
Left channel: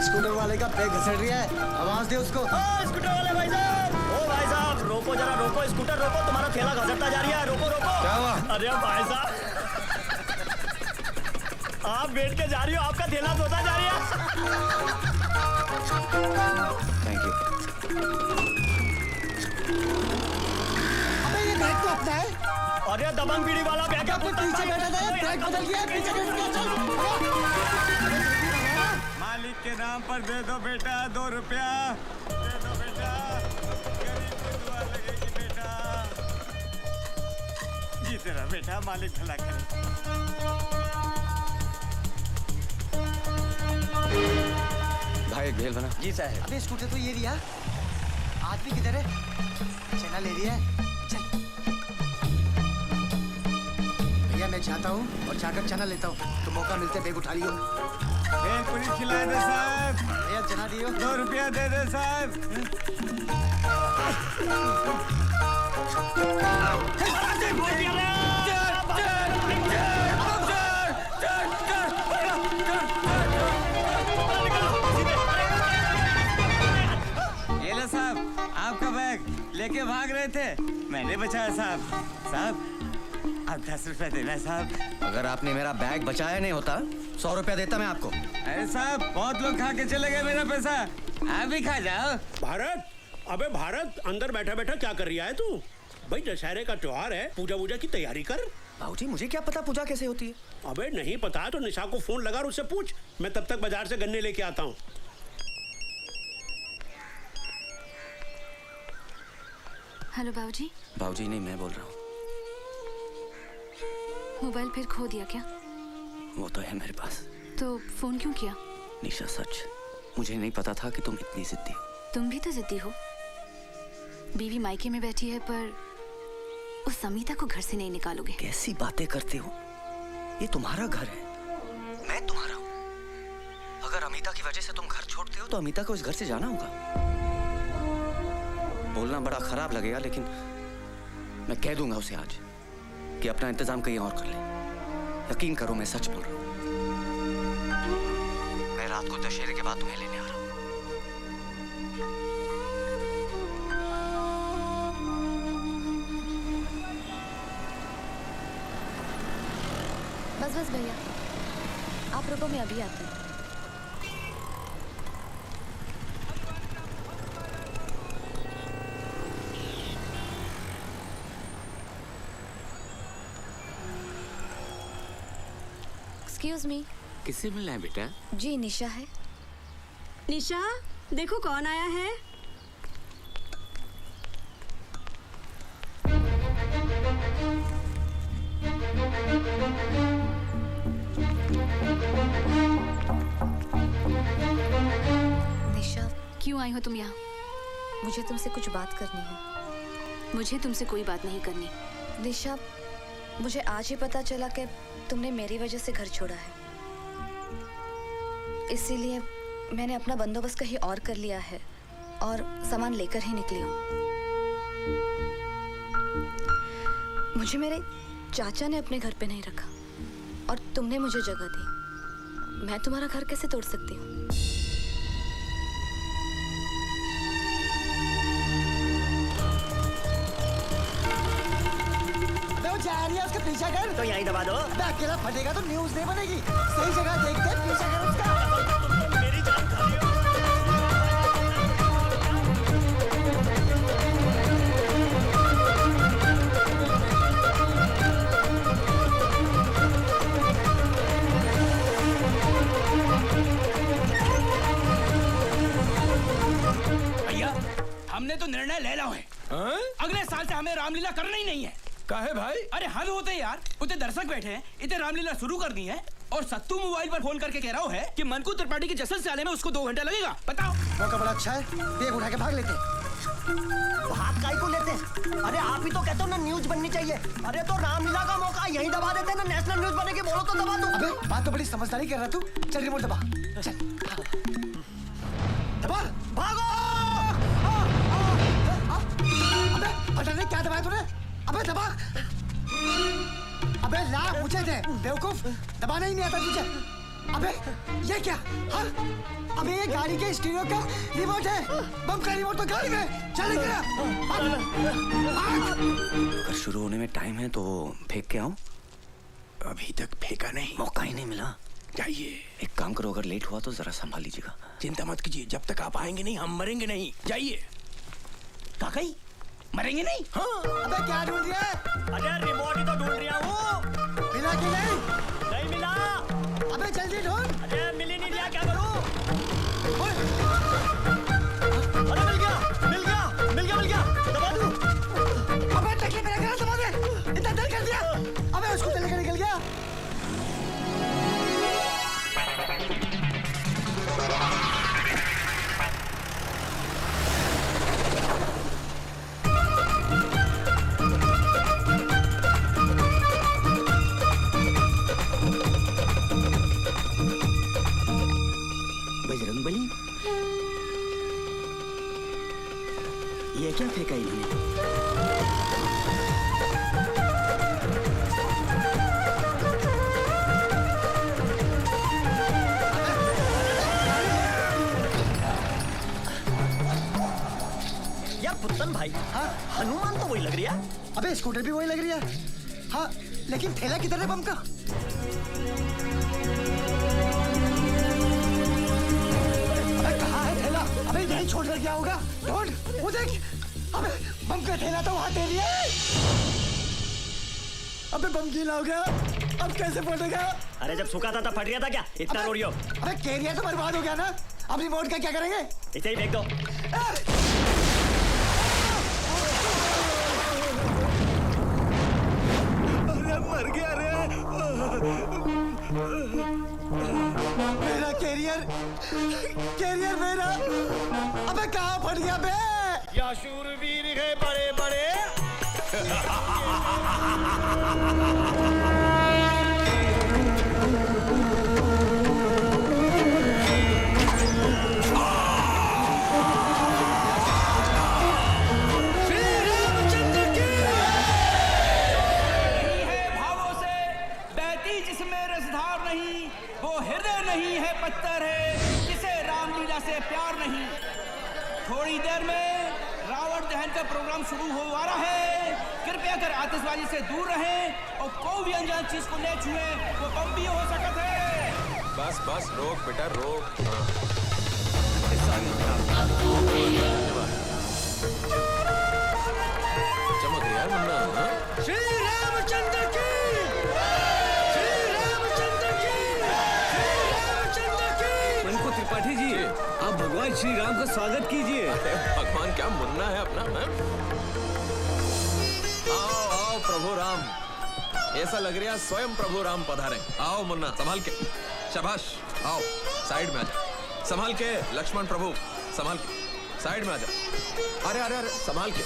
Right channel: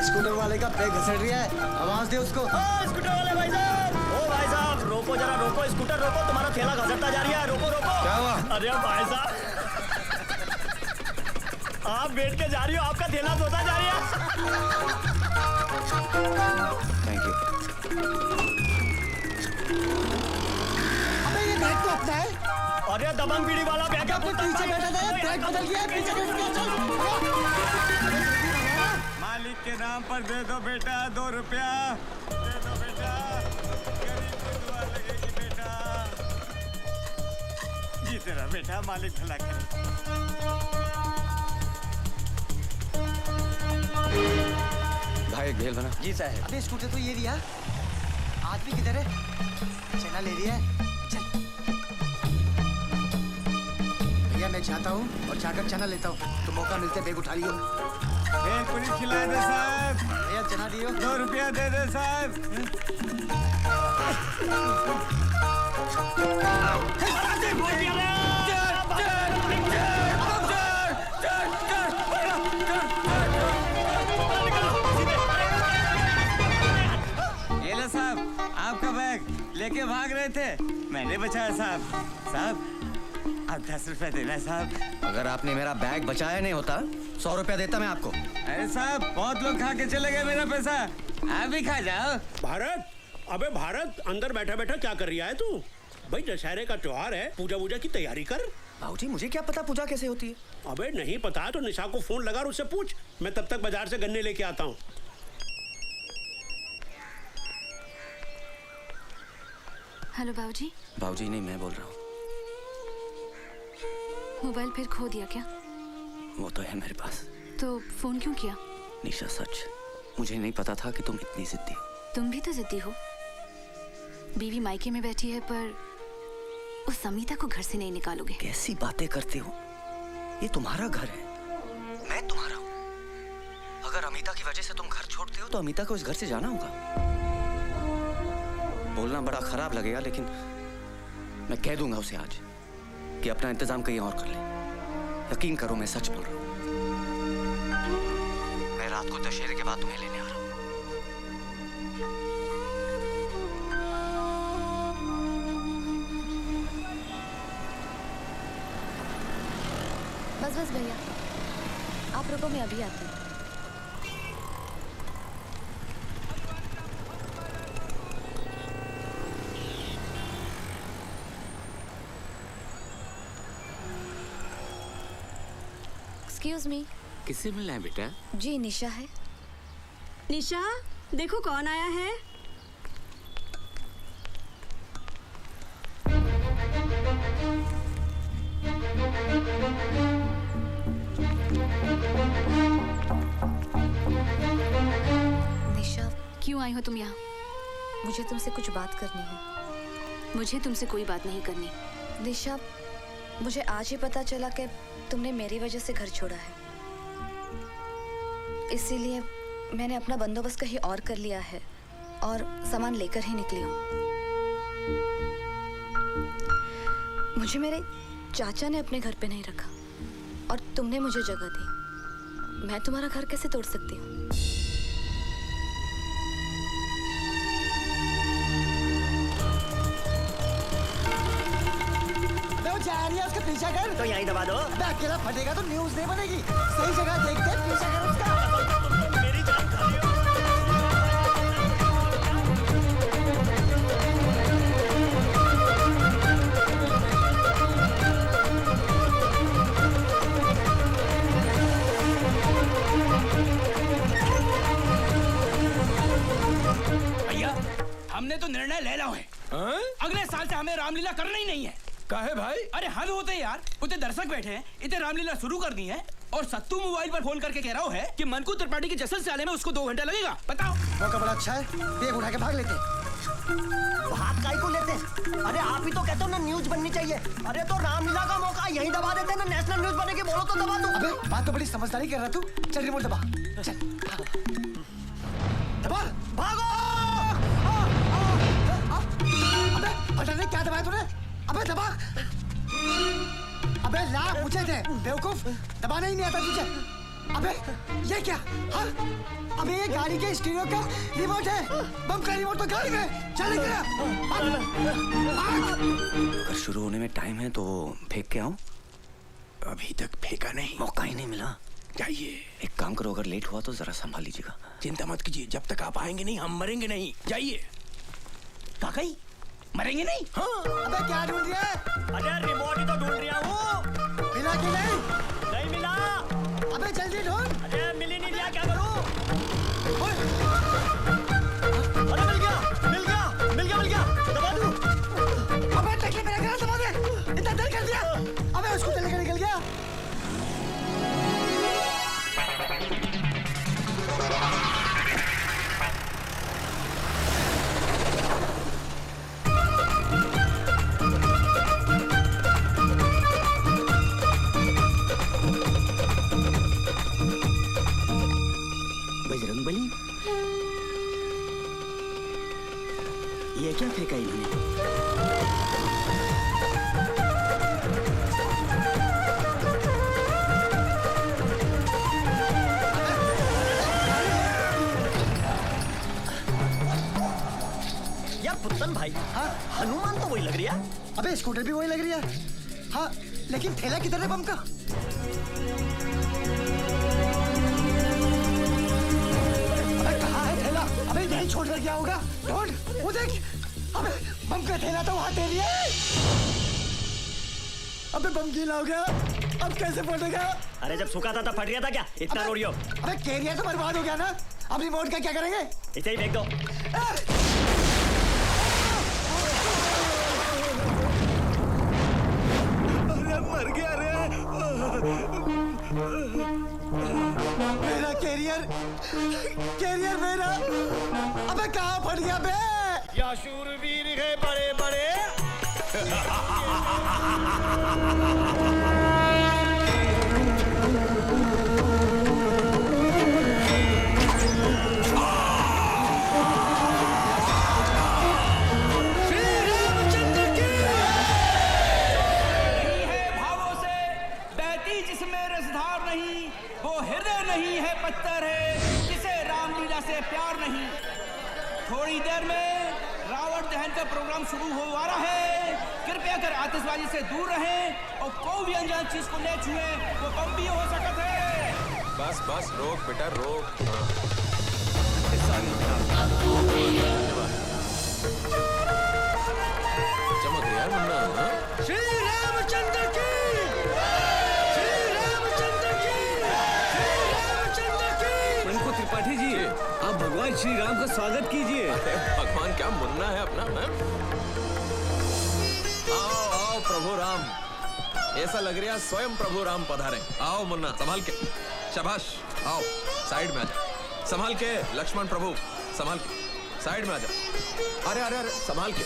स्कूटर वाले का ब्रेक घसट रहा है, आवाज दे उसको। स्कूटर वाले भाई साहब, ओ भाई साहब रोको जरा, रोको, स्कूटर रोको, तुम्हारा ठेला घसटता जा रही है, रोको रोको। क्या हुआ? अरे भाई साहब आप बैठ के जा रही हो, आपका ठेला धोता जा रही है। Thank you. अबे ये ब्रेक तो अच्छा है। अरे दबंग बीड़ी वाला बैग है, पीछे बैठा था, ब्रेक बदल गया, पीछे बैठ गया, चल। मालिक के नाम पर दे दो बेटा 2 रुपया, दे दो बेटा, बेटा जीते रहो बेटा, मालिक भला करे। भाई भेल बना। जी साहब। अबे स्कूटर तो ये लिया, आदमी किधर है? चला ले लिया। चल भैया मैं चाहता हूँ और जाकर चना लेता हूँ, तो मौका मिलते बैग उठा लियो। एक पूरी खिला दे साहब, एक चना दियो। 2 रुपया दे दे साहब। ये लो साहब आपका बैग, लेके भाग रहे थे, मैंने बचाया साहब। साहब आप 10 रुपया देना साहब। अगर आपने मेरा बैग बचाया नहीं होता 100 रुपया देता मैं आपको। अरे साहब बहुत लोग खा के चले गए मेरा पैसा, आप भी खा जाओ। भारत, अबे भारत अंदर बैठा बैठा क्या कर रहा है तू? भाई दशहरे का त्योहार है, पूजा वूजा की तैयारी कर। भाऊजी मुझे क्या पता पूजा कैसे होती है? अबे नहीं पता तो निशा को फोन लगा और उससे पूछ, मैं तब तक बाजार से गन्ने लेके आता हूँ। हेलो बाबूजी। बाबूजी नहीं, मैं बोल रहा हूँ। मोबाइल फिर खो दिया क्या? वो तो है मेरे पास। तो फोन क्यों किया? निशा सच, मुझे नहीं पता था कि तुम इतनी जिद्दी हो। तुम भी तो जिद्दी हो। बीवी मायके में बैठी है पर उस समीता को घर से नहीं निकालोगे। कैसी बातें करती हो? ये तुम्हारा घर है, मैं तुम्हारा हूँ। अगर अमिता की वजह से तुम घर छोड़ते हो तो अमिता को इस घर से जाना होगा। बोलना बड़ा खराब लगेगा, लेकिन मैं कह दूंगा उसे आज कि अपना इंतजाम कहीं और कर ले। यकीन करो, मैं सच बोल रहा हूँ। मैं रात को दशहरे के बाद तुम्हें लेने आ रहा हूँ। बस बस भैया, आप रुको, मैं अभी आती हूँ। Excuse me. किससे मिलना है बेटा? जी निशा है। निशा, देखो कौन आया है। निशा, क्यों आई हो तुम यहाँ? मुझे तुमसे कुछ बात करनी है। मुझे तुमसे कोई बात नहीं करनी। निशा, मुझे आज ही पता चला कि तुमने मेरी वजह से घर छोड़ा है, इसीलिए मैंने अपना बंदोबस्त कहीं और कर लिया है और सामान लेकर ही निकली हूँ। मुझे मेरे चाचा ने अपने घर पे नहीं रखा और तुमने मुझे जगह दी। मैं तुम्हारा घर कैसे तोड़ सकती हूँ? उसके पीछे कर तो यहीं दबा दो। अकेला फटेगा तो न्यूज़ नहीं बनेगी। सही जगह देख के पीछे कर उसका। मेरी जान खा रही हो। भैया, हमने तो निर्णय ले लिया है। अगले साल से हमें रामलीला करना ही नहीं है। काहे भाई? अरे हल होते यार, उतने दर्शक बैठे हैं, इतने रामलीला शुरू कर दी है और सत्तू मोबाइल पर फोन करके कह रहा है कि मनकू त्रिपाठी के जश्न से आने में उसको 2 घंटे लगेगा। बताओ। मौका बड़ा अच्छा है, देख उठा के भाग लेते। भाग काहे को लेते? अरे आप ही तो कहते हो ना न्यूज बननी चाहिए। अरे तो रामलीला का मौका यही दबा देते ना, नेशनल न्यूज बनेगी, बोलो तो दबा दो। अबे बात तो बड़ी समझदारी कर रहा तू। चल रिमोट दबा, चल दबा, भागो। अबे पता नहीं क्या दबाया तूने। अबे दबा। अबे लाख ऊंचे थे बेवकूफ, दबाना ही नहीं आता तुझे। अबे ये क्या? हाँ? अबे ये गाड़ी के स्टीरियो का रिमोट है। बम का रिमोट तो गाड़ी में चल गया। अगर शुरू होने में टाइम है तो फेंक के आऊं? अभी तक फेंका नहीं, मौका ही नहीं मिला। जाइए। एक काम करो, अगर लेट हुआ तो जरा संभाल लीजिएगा। चिंता मत कीजिए, जब तक आप आएंगे नहीं हम मरेंगे नहीं। जाइए। काका मरेंगे नहीं? हाँ। अबे क्या ढूंढ रहा है? अरे रिमोट ही तो ढूंढ रहा हूँ। मिला कि नहीं? नहीं मिला। अबे जल्दी ढूंढ। अरे मिल ही नहीं रहा, क्या करूँ? अरे मिल गया, मिल गया, मिल गया, मिल गया। दबा दूँ। अबे देखिए मेरा घर दबा दे। इतना देर कर दिया। अबे उसको चले गए, निकल गया। बजरंगबली, ये क्या फेंका इन्होंने? यार पुतन भाई, हाँ हनुमान तो वही लग रही है। अबे स्कूटर भी वही लग रही है। हाँ लेकिन थैला किधर है बम का? अबे नहीं छोड़ कर क्या होगा? ढूंढ, वो देख। अबे बम का थैला तो वहाँ दे रही है। अबे बम गीला हो गया, अब कैसे फटेगा? अरे जब सूखा था तब फट गया था क्या? इतना रोड़ियो। अबे केरिया तो बर्बाद हो गया ना, अब रिमोट का क्या करेंगे? इसे ही फेंक दो। अरे मर गया रे। मेरा कैरियर, कैरियर मेरा। अबे कहाँ फट गया बे? या शूरवीर है बड़े बड़े। आतिशबाजी से दूर रहें और कोई भी अनजान चीज को न छुए, तो बम भी हो सकता है। बस बस रोक बेटा रोक। चमक गया मुन्ना। श्री रामचंद्र की, श्री रामचंद्र की, श्री रामचंद्र की। प्रभु त्रिपाठी जी, आप भगवान श्री राम का स्वागत कीजिए। भगवान क्या मुन्ना है अपना। आओ आओ प्रभु राम, ऐसा लग रहा स्वयं प्रभु राम पधारे। आओ मुन्ना संभाल के, शाबाश। आओ साइड में आजा, संभाल के। लक्ष्मण प्रभु संभाल के, साइड में आजा। अरे अरे अरे संभाल के,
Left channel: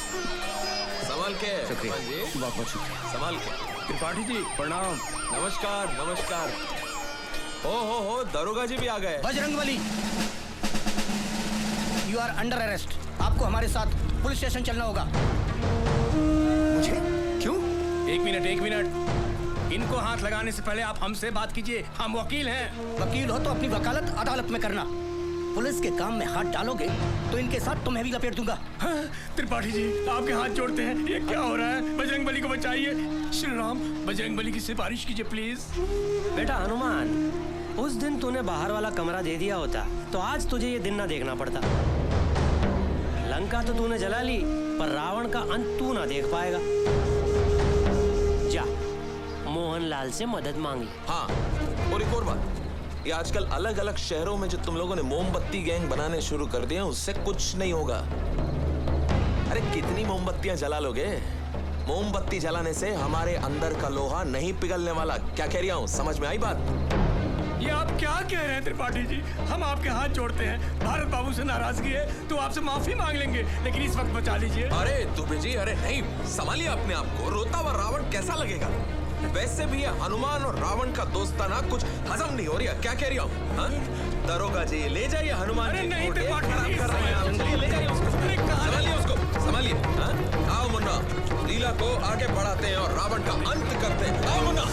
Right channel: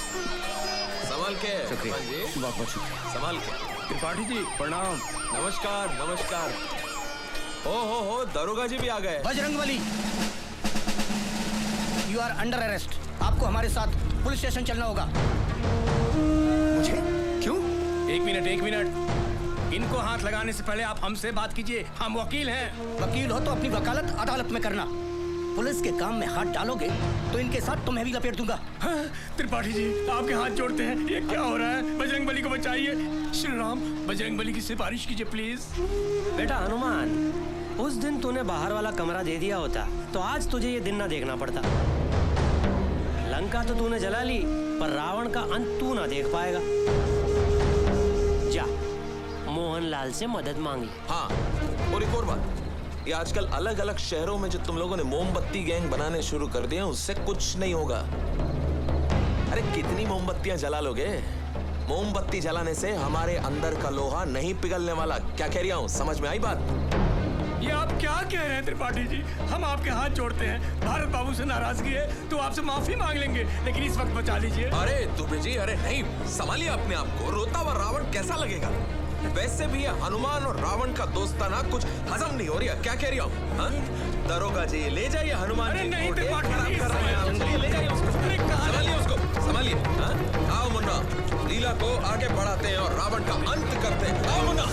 संभाल के भगवान जी, बहुत शुक्रिया। संभाल के। त्रिपाठी जी प्रणाम। नमस्कार नमस्कार। हो दरोगा जी भी आ गए। Bajrangbali, you are under arrest. आपको हमारे साथ पुलिस स्टेशन चलना होगा। क्यों? एक मिनट। इनको हाथ लगाने से पहले आप हमसे बात कीजिए, हम वकील हैं। वकील हो तो अपनी वकालत अदालत में करना। पुलिस के काम में हाथ डालोगे तो इनके साथ तुम्हें भी लपेट दूंगा। त्रिपाठी जी आपके हाथ जोड़ते हैं, ये क्या हो रहा है? बजरंगबली को बचाइए। श्री राम, बजरंगबली की सिफारिश कीजिए प्लीज। बेटा हनुमान, उस दिन तूने बाहर वाला कमरा दे दिया होता तो आज तुझे ये दिन ना देखना पड़ता। लंका तो तूने जला ली, पर रावण का अंत तू ना देख पाएगा। जा मोहनलाल से मदद मांगी। हाँ, और एक और बात, ये आजकल अलग अलग शहरों में जो तुम लोगों ने मोमबत्ती गैंग बनाने शुरू कर दिए, उससे कुछ नहीं होगा। अरे कितनी मोमबत्तियां जला लोगे? मोमबत्ती जलाने से हमारे अंदर का लोहा नहीं पिघलने वाला। क्या कह रहा हूँ, समझ में आई बात? ये आप क्या कह रहे हैं त्रिपाठी जी? हम आपके हाथ जोड़ते हैं। भारत बाबू से नाराजगी है तो आपसे माफी मांग लेंगे, लेकिन इस वक्त बचा लीजिए। अरे दुबे जी, अरे नहीं, संभालिए अपने आप को। रोता हुआ रावण कैसा लगेगा? वैसे भी ये हनुमान और रावण का दोस्ताना कुछ हजम नहीं हो रहा। क्या कह रही हो? दरोगा जी ले जाइए हनुमान जी। नहीं, संभालिए उसको, संभालिए। आओ मुन्ना, लीला को आगे बढ़ाते हैं और रावण का अंत करते हैं। आओ मुन्ना।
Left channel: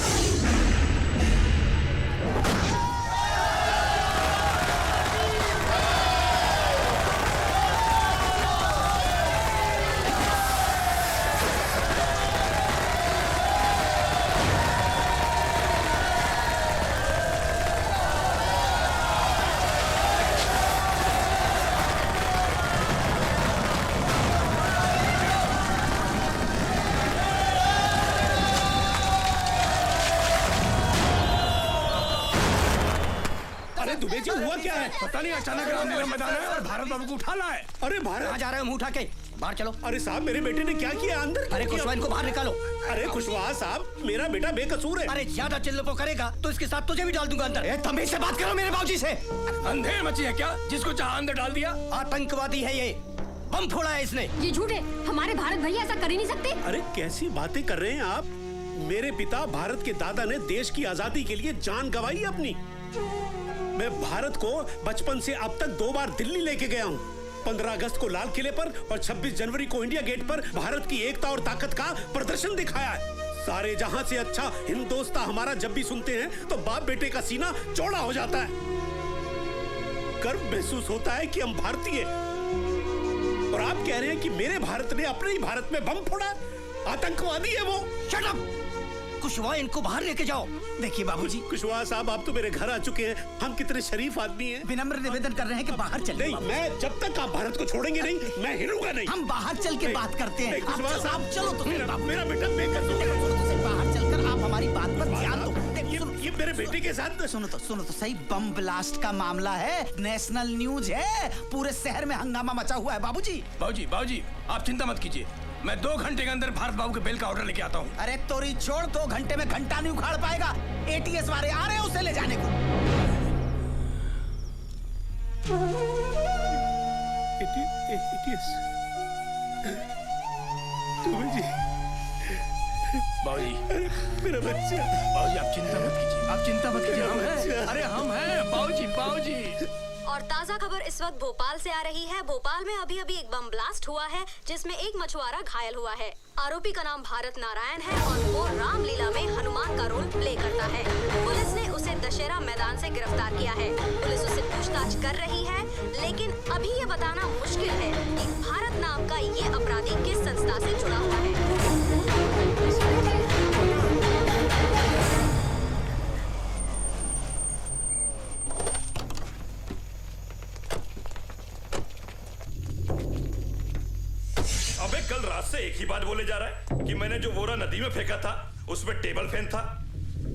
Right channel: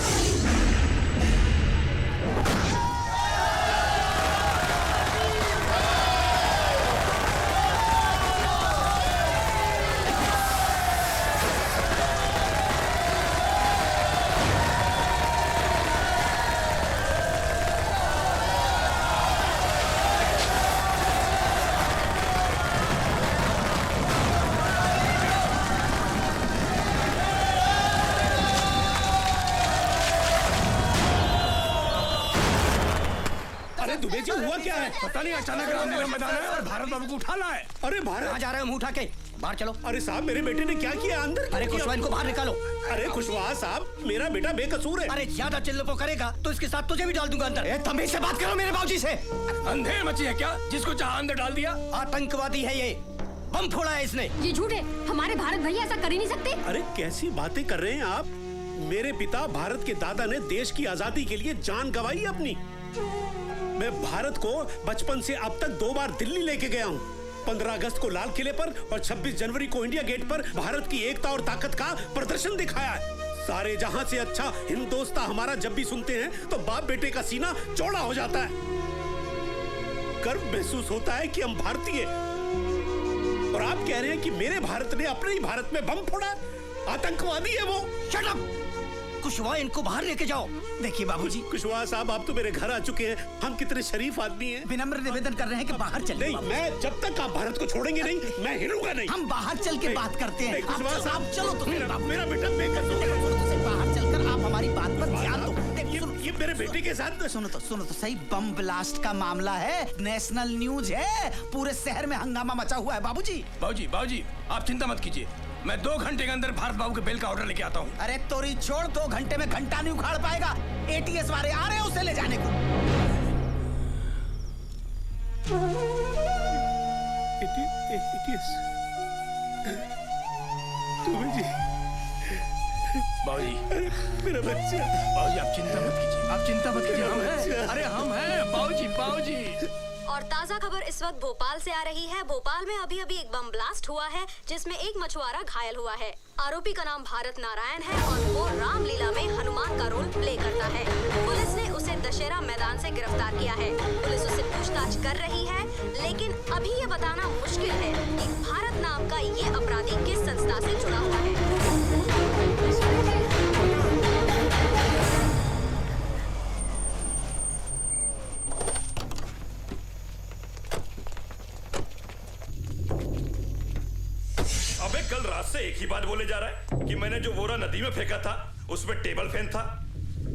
दुबे जी हुआ क्या है? पता नहीं, अचानक भारत बाबू को उठाना है। अरे कहाँ जा रहे हैं? मुंह उठा के बाहर चलो। अरे साहब, मेरे बेटे ने क्या किया? अंदर अरे खुशवा, इनको बाहर निकालो। अरे खुशवा साहब, मेरा बेटा बेकसूर है। अरे ज्यादा चिल्लपो करेगा तो इसके साथ तुझे भी डाल दूंगा अंदर। तमीज से बात करो मेरे बाबूजी से। अंधेर मची है क्या? जिसको चाहा अंदर डाल दिया। आतंकवादी है ये, बम फोड़ा है इसने। ये झूठ है, हमारे भारत भैया ऐसा कर ही नहीं सकते। अरे कैसी बातें कर रहे हैं आप? मेरे पिता भारत के दादा ने देश की आजादी के लिए जान गंवाई अपनी। मैं भारत को बचपन से अब तक 2 बार दिल्ली लेके गया हूँ। 15 अगस्त को लाल किले पर और 26 जनवरी को इंडिया गेट पर भारत की एकता और ताकत का प्रदर्शन दिखाया है। सारे जहां से अच्छा हिंदोस्ता हमारा जब भी सुनते हैं तो बाप बेटे का सीना चौड़ा हो जाता है। गर्व महसूस होता है कि हम भारतीय। और आप कह रहे हैं कि मेरे भारत ने अपने ही भारत में बम फोड़ा? आतंकवादी है वो। Shut up! कुशवाहा, इनको बाहर लेके जाओ। देखिए बाबूजी। कुशवाहा साहब, आप तो मेरे घर आ चुके हैं। हम कितने शरीफ आदमी हैं। विनम्र निवेदन कर रहे हैं कि बाहर चले। नहीं, मैं जब तक आप भारत को छोड़ेंगे नहीं, मैं हिलूंगा नहीं। हम बाहर चल के बात करते हैं। कुशवाहा साहब चलो तो मेरा बेटा बेकसूर। बाहर चलकर आप हमारी बात पर ध्यान दो। ये मेरे बेटे के साथ। सुनो तो सही, बम ब्लास्ट का मामला है, नेशनल न्यूज है, पूरे शहर में हंगामा मचा हुआ है। बाबूजी बाबूजी आप चिंता मत कीजिए, मैं 2 घंटे के अंदर भारत बाबू के बेल का ऑर्डर लेके आता हूँ। अरे तोरी छोड़, 2 घंटे में घंटा नहीं उखाड़ पाएगा। ATS वाले आ रहे हैं उसे ले जाने को। मेरा बच्चा। बाबूजी आप चिंता मत कीजिए, हम हैं। अरे हम हैं बाबूजी। और ताज़ा खबर इस वक्त भोपाल से आ रही है। भोपाल में अभी एक बम ब्लास्ट हुआ है जिसमें एक मछुआरा घायल हुआ है। आरोपी का नाम भारत नारायण है और वो रामलीला में हनुमान का रोल प्ले करता है। पुलिस ने उसे दशहरा मैदान से गिरफ्तार किया है। पुलिस उससे पूछताछ कर रही है, लेकिन अभी ये बताना मुश्किल है कि भारत नाम का ये अपराधी किस संस्था से जुड़ा हुआ है। बात बोले जा रहा है कि मैंने जो बोरा नदी में फेंका था उसमें टेबल फैन था।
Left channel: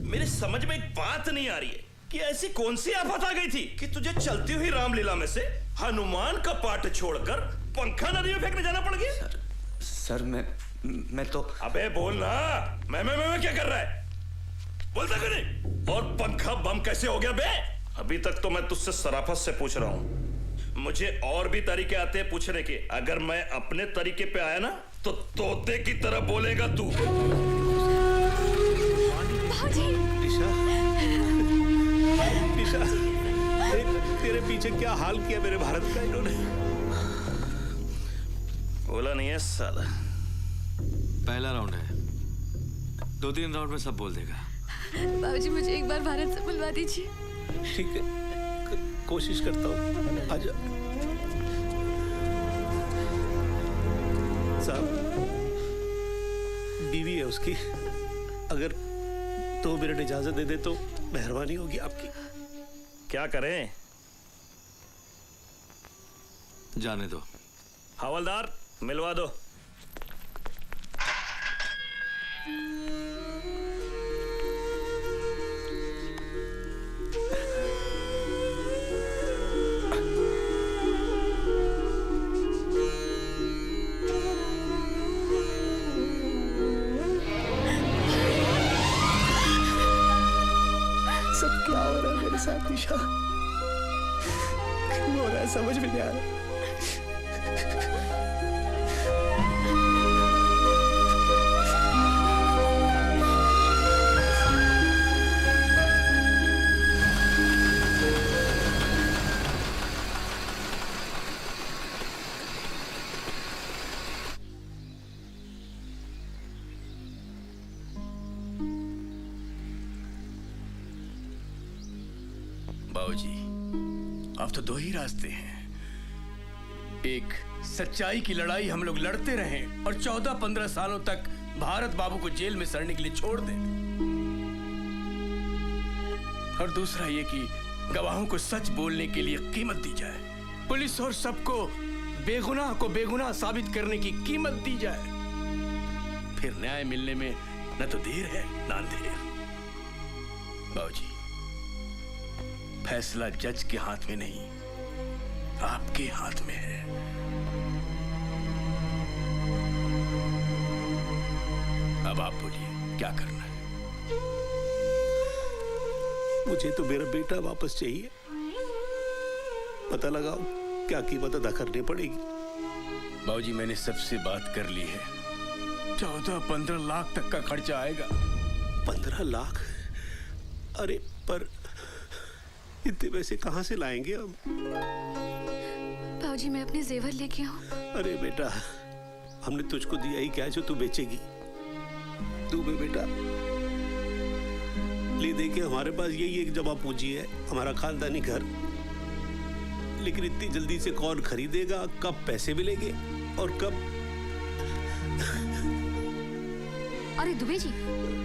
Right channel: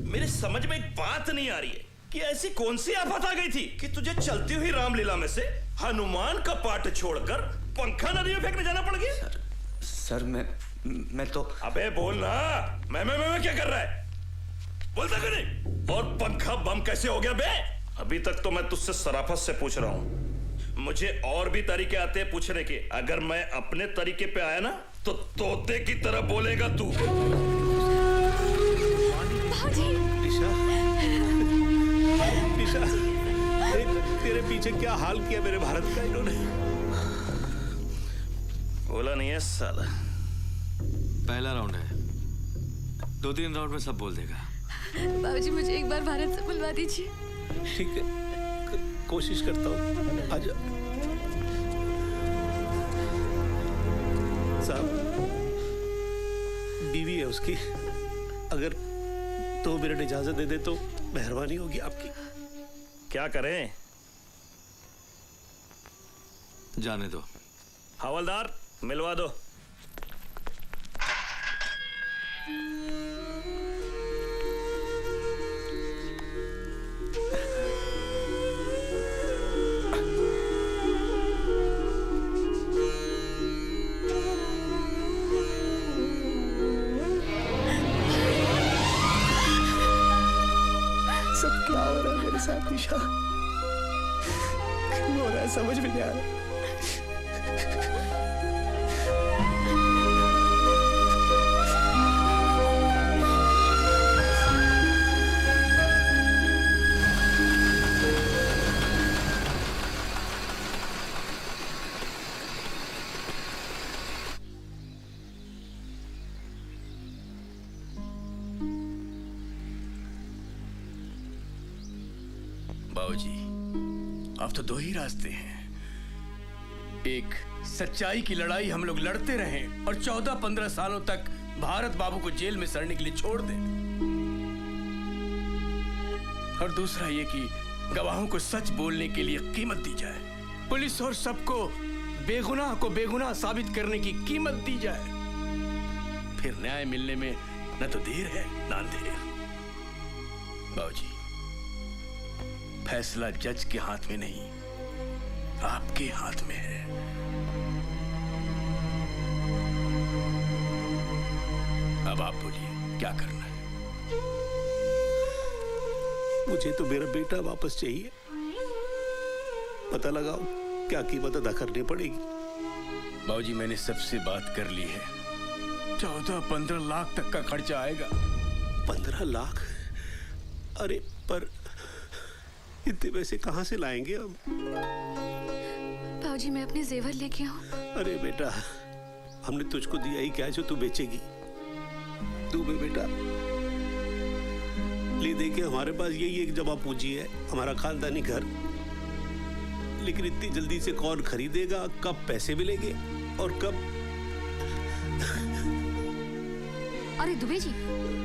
मेरे समझ में एक बात नहीं आ रही है कि ऐसी कौन सी आफत आ गई थी कि तुझे चलती हुई रामलीला में से हनुमान का पाठ छोड़कर पंखा नदी में फेंकने जाना पड़ गया। सर मैं तो अबे बोल ना, मैं क्या कर रहा है, बोलता क्यों नहीं? और पंखा बम कैसे हो गया बे? अभी तक तो मैं तुझसे सराफत से पूछ रहा हूँ, मुझे और भी तरीके आते हैं पूछने के। अगर मैं अपने तरीके पे आया ना तो तोते की तरह बोलेगा तू। निशा, तेरे पीछे क्या हाल किया मेरे भारत का इन्होंने? बोला नहीं है साला। पहला राउंड है, 2-3 राउंड में सब बोल देगा। बाबूजी मुझे एक बार भारत से बुलवा दीजिए। ठीक है, कोशिश करता हूँ, आजा। साहब, बीवी है उसकी, अगर 2 मिनट इजाजत दे दे तो मेहरबानी होगी आपकी। क्या करें? जाने दो। हवलदार मिलवा दो। सब क्या हो रहा है मेरे साथ निशा? क्यों हो रहा है समझ में नहीं आ रहा। बाबूजी, अब तो 2 ही रास्ते हैं। एक, सच्चाई की लड़ाई हम लोग लड़ते रहें और 14-15 सालों तक भारत बाबू को जेल में सड़ने के लिए छोड़ दें। और दूसरा ये कि गवाहों को सच बोलने के लिए कीमत दी जाए, पुलिस और सबको बेगुनाह को बेगुनाह साबित करने की कीमत दी जाए। फिर न्याय मिलने में न तो देर है न अंधेर। बाबूजी, फैसला जज के हाथ में नहीं, आपके हाथ में है। अब आप बोलिए, क्या करना है? मुझे तो मेरा बेटा वापस चाहिए। पता लगाओ क्या कीमत अदा करनी पड़ेगी। बाबूजी, मैंने सबसे बात कर ली है। 14-15 लाख तक का खर्चा आएगा। 15 लाख? अरे पर इतने पैसे कहाँ से लाएंगे हम? बाबूजी, मैं अपने जेवर लेके आऊं? अरे बेटा, हमने तुझको दिया ही क्या है जो तू बेचेगी? तू भी बेटा ले दे के हमारे पास यही एक जमा पूंजी है, हमारा खानदानी घर। लेकिन इतनी जल्दी से कौन खरीदेगा? कब पैसे मिलेंगे और कब? अरे दुबे जी,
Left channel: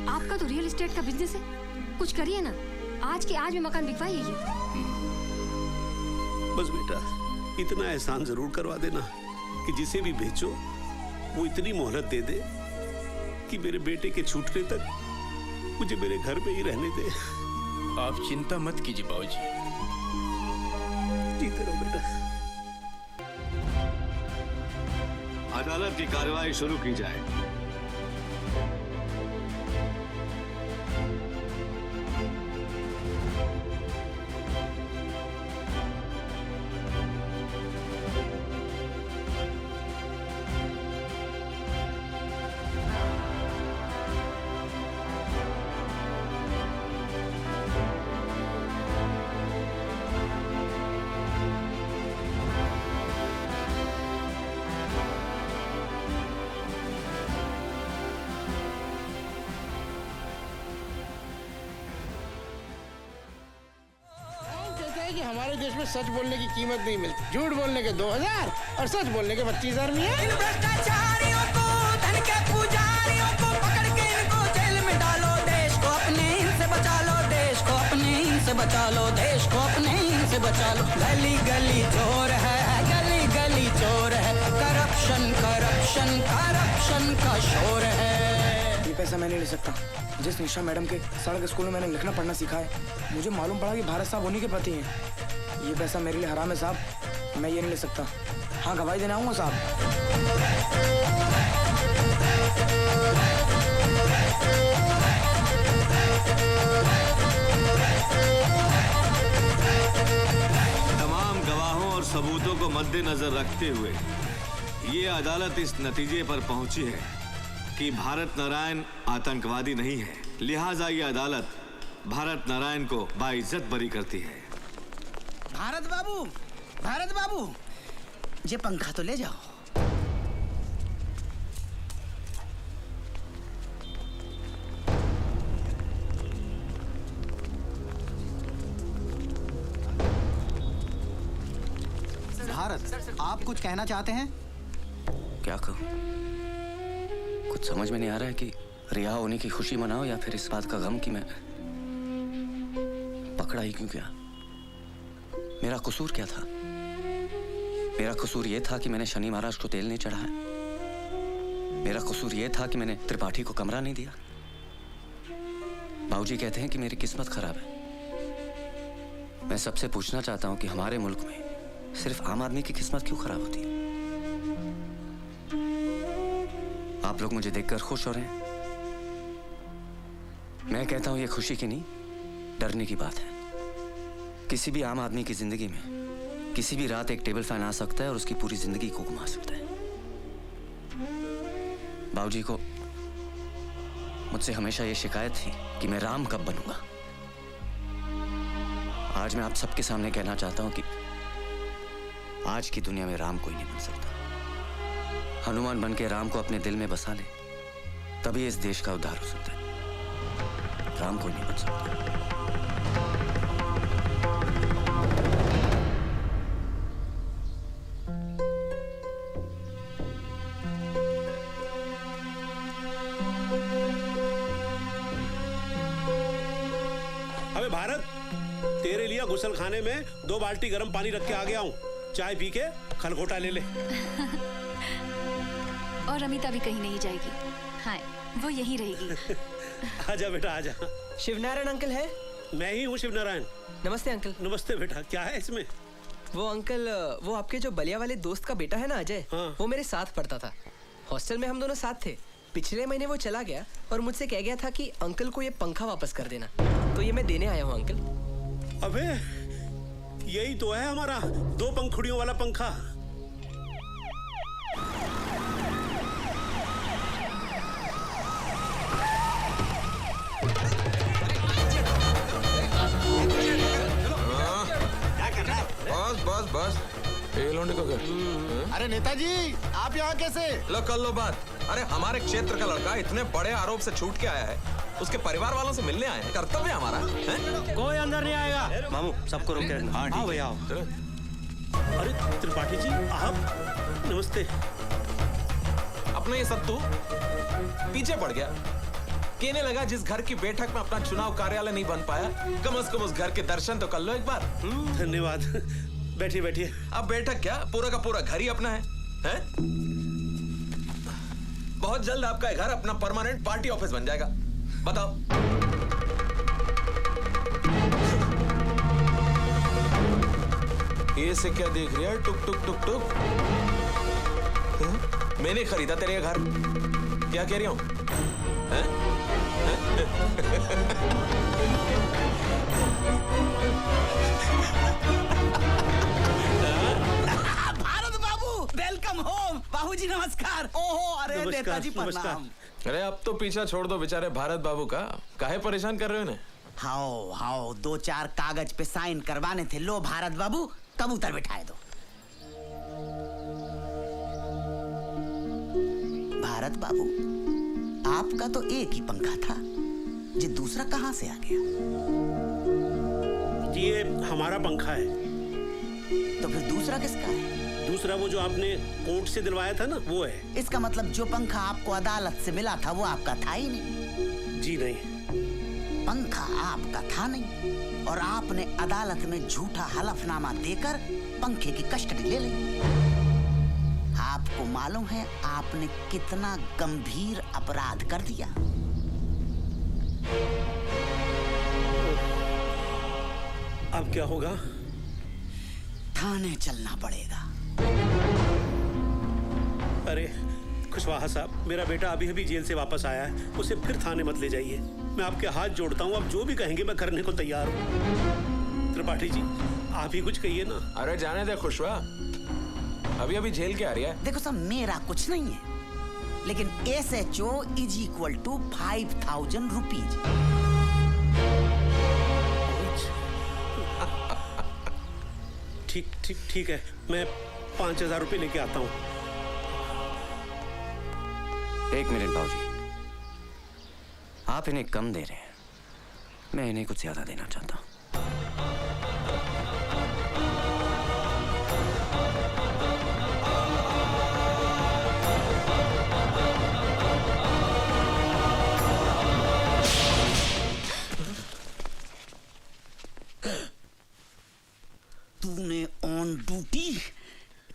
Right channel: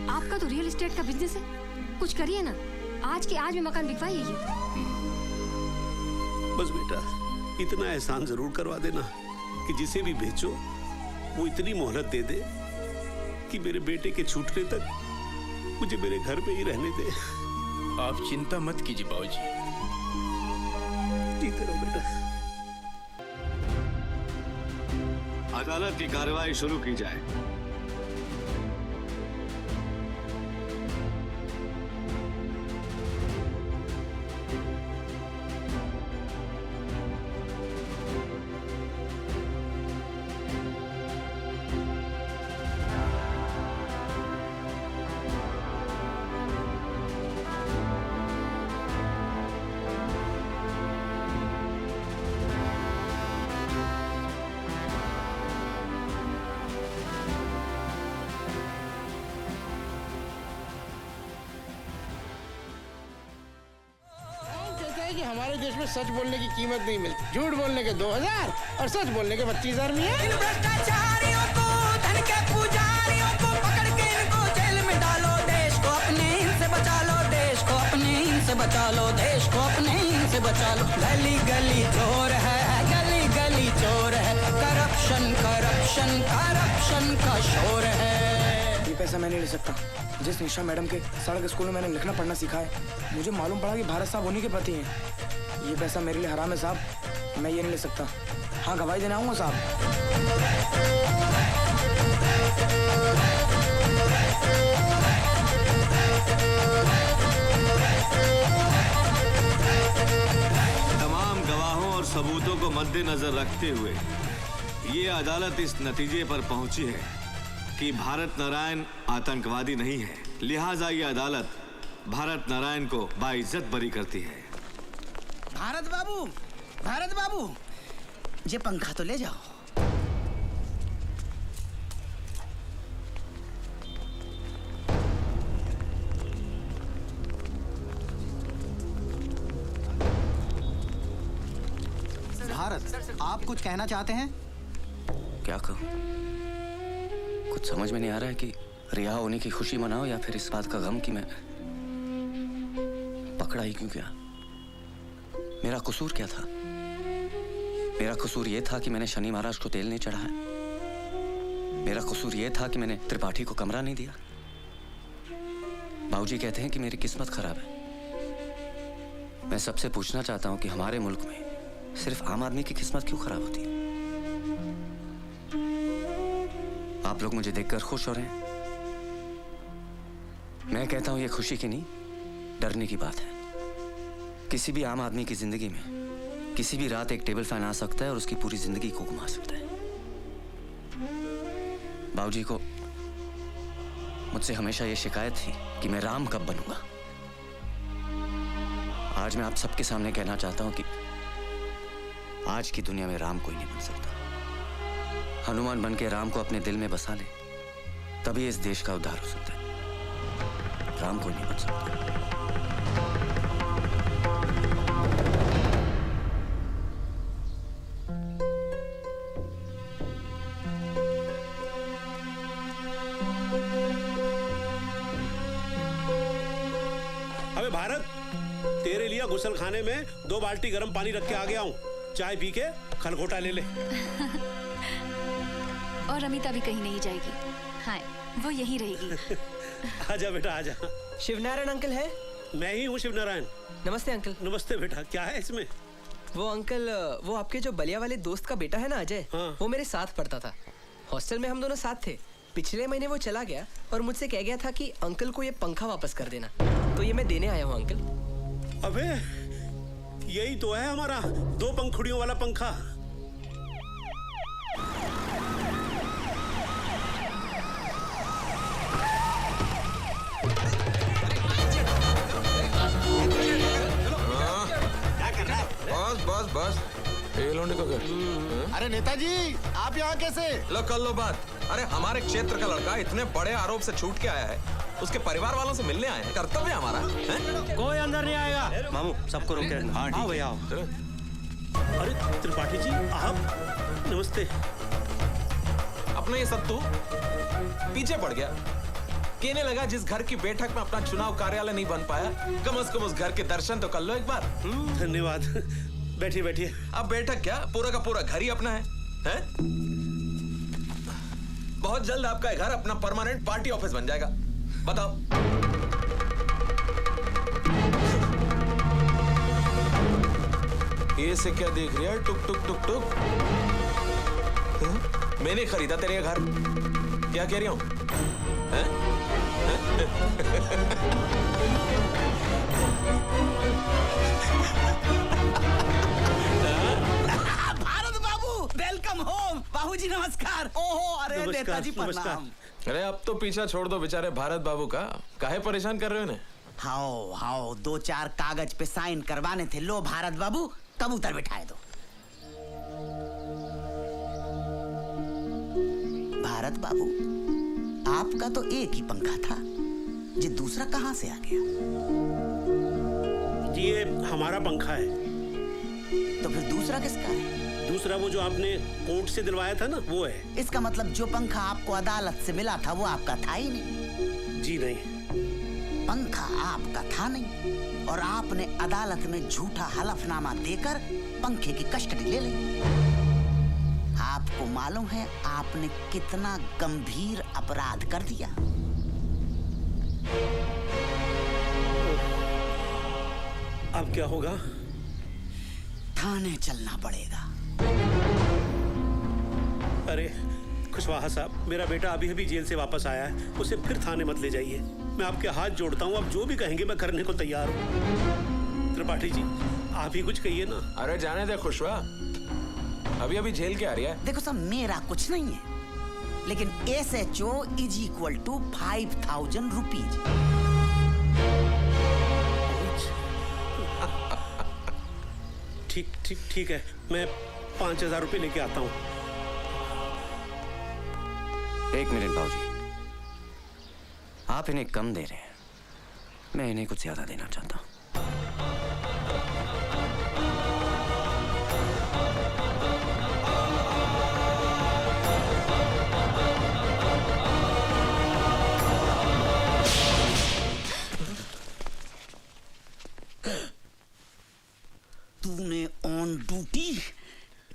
आपका तो रियल एस्टेट का बिजनेस है, कुछ करिए ना। आज के आज में मकान बिकवाइए। बस बेटा, इतना एहसान जरूर करवा देना कि जिसे भी बेचो वो इतनी मोहलत दे दे कि मेरे बेटे के छूटने तक मुझे मेरे घर में ही रहने दे। आप चिंता मत कीजिए बाबूजी। ठीक है बेटा। अदालत की कार्रवाई शुरू की जाए। कि हमारे देश में सच बोलने की कीमत नहीं मिलती। झूठ बोलने के 2000 और सच बोलने के 25,000 मिले। इन भ्रष्टाचारियों को, धन के पुजारियों को पकड़ के इनको जेल में डालो। देश को अपने से बचा लो, देश को अपने से बचा लो, देश को अपने से बचा लो। गली गली चोर है, गली गली चोर है, करप्शन करप्शन करप्शन करप्शन का शोर है। ये पैसा मैं नहीं ले सकता। जिस निशा मैडम के सड़क स्कूल में मैंने लिखना पढ़ना सीखा है, मुझे मालूम पड़ा कि भारत साहब होने के प्रति है। ये पैसा मेरे लिए हराम है साहब, मैं ये नहीं ले सकता। हाँ गवाही देना आऊंगा साहब। तमाम गवाहों और सबूतों को मद्देनजर रखते हुए ये अदालत इस नतीजे पर पहुंची है कि भारत नारायण आतंकवादी नहीं है। लिहाजा ये अदालत भारत नारायण को बाइज्जत बरी करती है। भारत बाबू, ये पंखा तो ले जाओ। भारत, आप कुछ कहना चाहते हैं? क्या कहूँ? कुछ समझ में नहीं आ रहा है कि रिहा होने की खुशी मनाओ या फिर इस बात का गम कि मैं पकड़ा ही क्यों गया। मेरा कसूर क्या था? मेरा कसूर यह था कि मैंने शनि महाराज को तेल नहीं चढ़ाया। मेरा कसूर यह था कि मैंने त्रिपाठी को कमरा नहीं दिया। बाबूजी कहते हैं कि मेरी किस्मत खराब है। मैं सबसे पूछना चाहता हूं कि हमारे मुल्क में सिर्फ आम आदमी की किस्मत क्यों खराब होती है? आप लोग मुझे देखकर खुश हो रहे हैं। मैं कहता हूं ये खुशी की नहीं, डरने की बात है। किसी भी आम आदमी की जिंदगी में किसी भी रात एक टेबल फैन आ सकता है और उसकी पूरी जिंदगी को घुमा सकता है। बाबूजी को मुझसे हमेशा ये शिकायत थी कि मैं राम कब बनूंगा। आज मैं आप सबके सामने कहना चाहता हूं कि आज की दुनिया में राम कोई नहीं बन सकता। हनुमान बन के राम को अपने दिल में बसा ले, तभी इस देश का उद्धार हो सकता है। राम कोई नहीं बन सकता। अबे भारत, तेरे लिए गुसल खाने में 2 बाल्टी गर्म पानी रख के आ गया हूँ। चाय पी के खरगोटा ले ले। और अमिता भी कहीं नहीं जाएगी। हाँ, वो यही रहेगी। आजा बेटा आजा। शिवनारायण अंकल है? मैं ही हूँ शिवनारायण। नमस्ते अंकल। नमस्ते बेटा, क्या है इसमें? वो अंकल, वो आपके जो बलिया वाले दोस्त का बेटा है ना अजय, वो मेरे साथ पढ़ता था। हॉस्टल में हम दोनों साथ थे। पिछले महीने वो चला गया और मुझसे कह गया था कि अंकल को ये पंखा वापस कर देना, तो ये मैं देने आया हूँ अंकल। अबे यही तो है हमारा 2 पंखुड़ियों वाला पंखा। बस बस बस, एक लौंडे का घर। अरे नेताजी, आप यहाँ कैसे? लो कर लो बात। अरे हमारे क्षेत्र का लड़का इतने बड़े आरोप से छूट के आया है, उसके परिवार वालों से मिलने आए हैं। कर्तव्य है हमारा। कोई अंदर नहीं आएगा। मामू सबको रोक के आओ भैया आओ। अरे त्रिपाठी जी आप, नमस्ते। अपना ये सब तू पीछे पड़ गया। कहने लगा जिस घर की बैठक में अपना चुनाव कार्यालय नहीं बन पाया, कम से कम उस घर के दर्शन तो कर लो एक बार। धन्यवाद। बैठिए बैठिए। अब बैठक क्या, पूरा का पूरा घर ही अपना है? बहुत जल्द आपका घर अपना परमानेंट पार्टी ऑफिस बन जाएगा। बताओ। ये से क्या देख रही है? टुक टुक टुक टुक। मैंने खरीदा तेरे घर, क्या कह रही हूँ? भारत बाबू, वेलकम होम। बाबूजी नमस्कार। ओहो, अरे नेताजी प्रणाम। अरे अब तो पीछा छोड़ दो बेचारे भारत बाबू का, काहे परेशान कर रहे हो? हाओ हाओ, 2-4 कागज पे साइन करवाने थे। लो भारत बाबू, कबूतर बिठाए दो। भारत बाबू, आपका तो एक ही पंखा था, ये दूसरा कहाँ से आ गया? ये हमारा पंखा है। तो फिर दूसरा किसका है? दूसरा वो जो आपने कोर्ट से दिलवाया था ना, वो है। इसका मतलब जो पंखा आपको अदालत से मिला था वो आपका था ही नहीं। जी नहीं, पंखा आपका था नहीं और आपने अदालत में झूठा हलफनामा देकर पंखे की कस्टडी ले ली। आपको आपको मालूम है आपने कितना गंभीर अपराध कर दिया? अब क्या होगा? थाने चलना पड़ेगा। अरे कुशवाहा साहब, मेरा बेटा अभी अभी जेल से वापस आया है, उसे फिर थाने मत ले जाइए। मैं आपके हाथ जोड़ता हूँ, आप जो भी कहेंगे मैं करने को तैयार हूँ। त्रिपाठी जी, आप ही कुछ कहिए ना। अरे जाने दे खुशवा, अभी अभी जेल के आ रही है। देखो साहब, मेरा कुछ नहीं है, लेकिन SHO = 5000 रुपीज। ठीक है, मैं 5000 रुपए लेके आता हूँ। 1 मिनट बाबूजी, आप इन्हें कम दे रहे हैं, मैं इन्हें कुछ ज्यादा देना चाहता हूँ। तूने ऑन ड्यूटी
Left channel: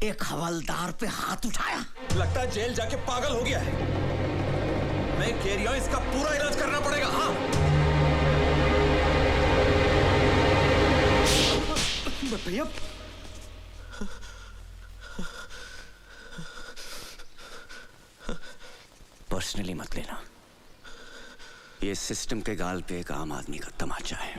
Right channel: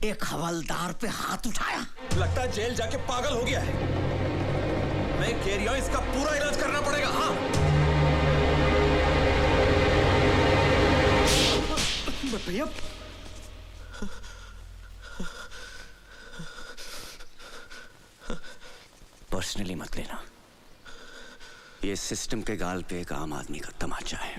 एक हवलदार पे हाथ उठाया? लगता है जेल जाके पागल हो गया है। मैं कह रही हूं इसका पूरा इलाज करना पड़ेगा। हाँ भैया, पर्सनली मत लेना, ये सिस्टम के गाल पे एक आम आदमी का तमाचा है।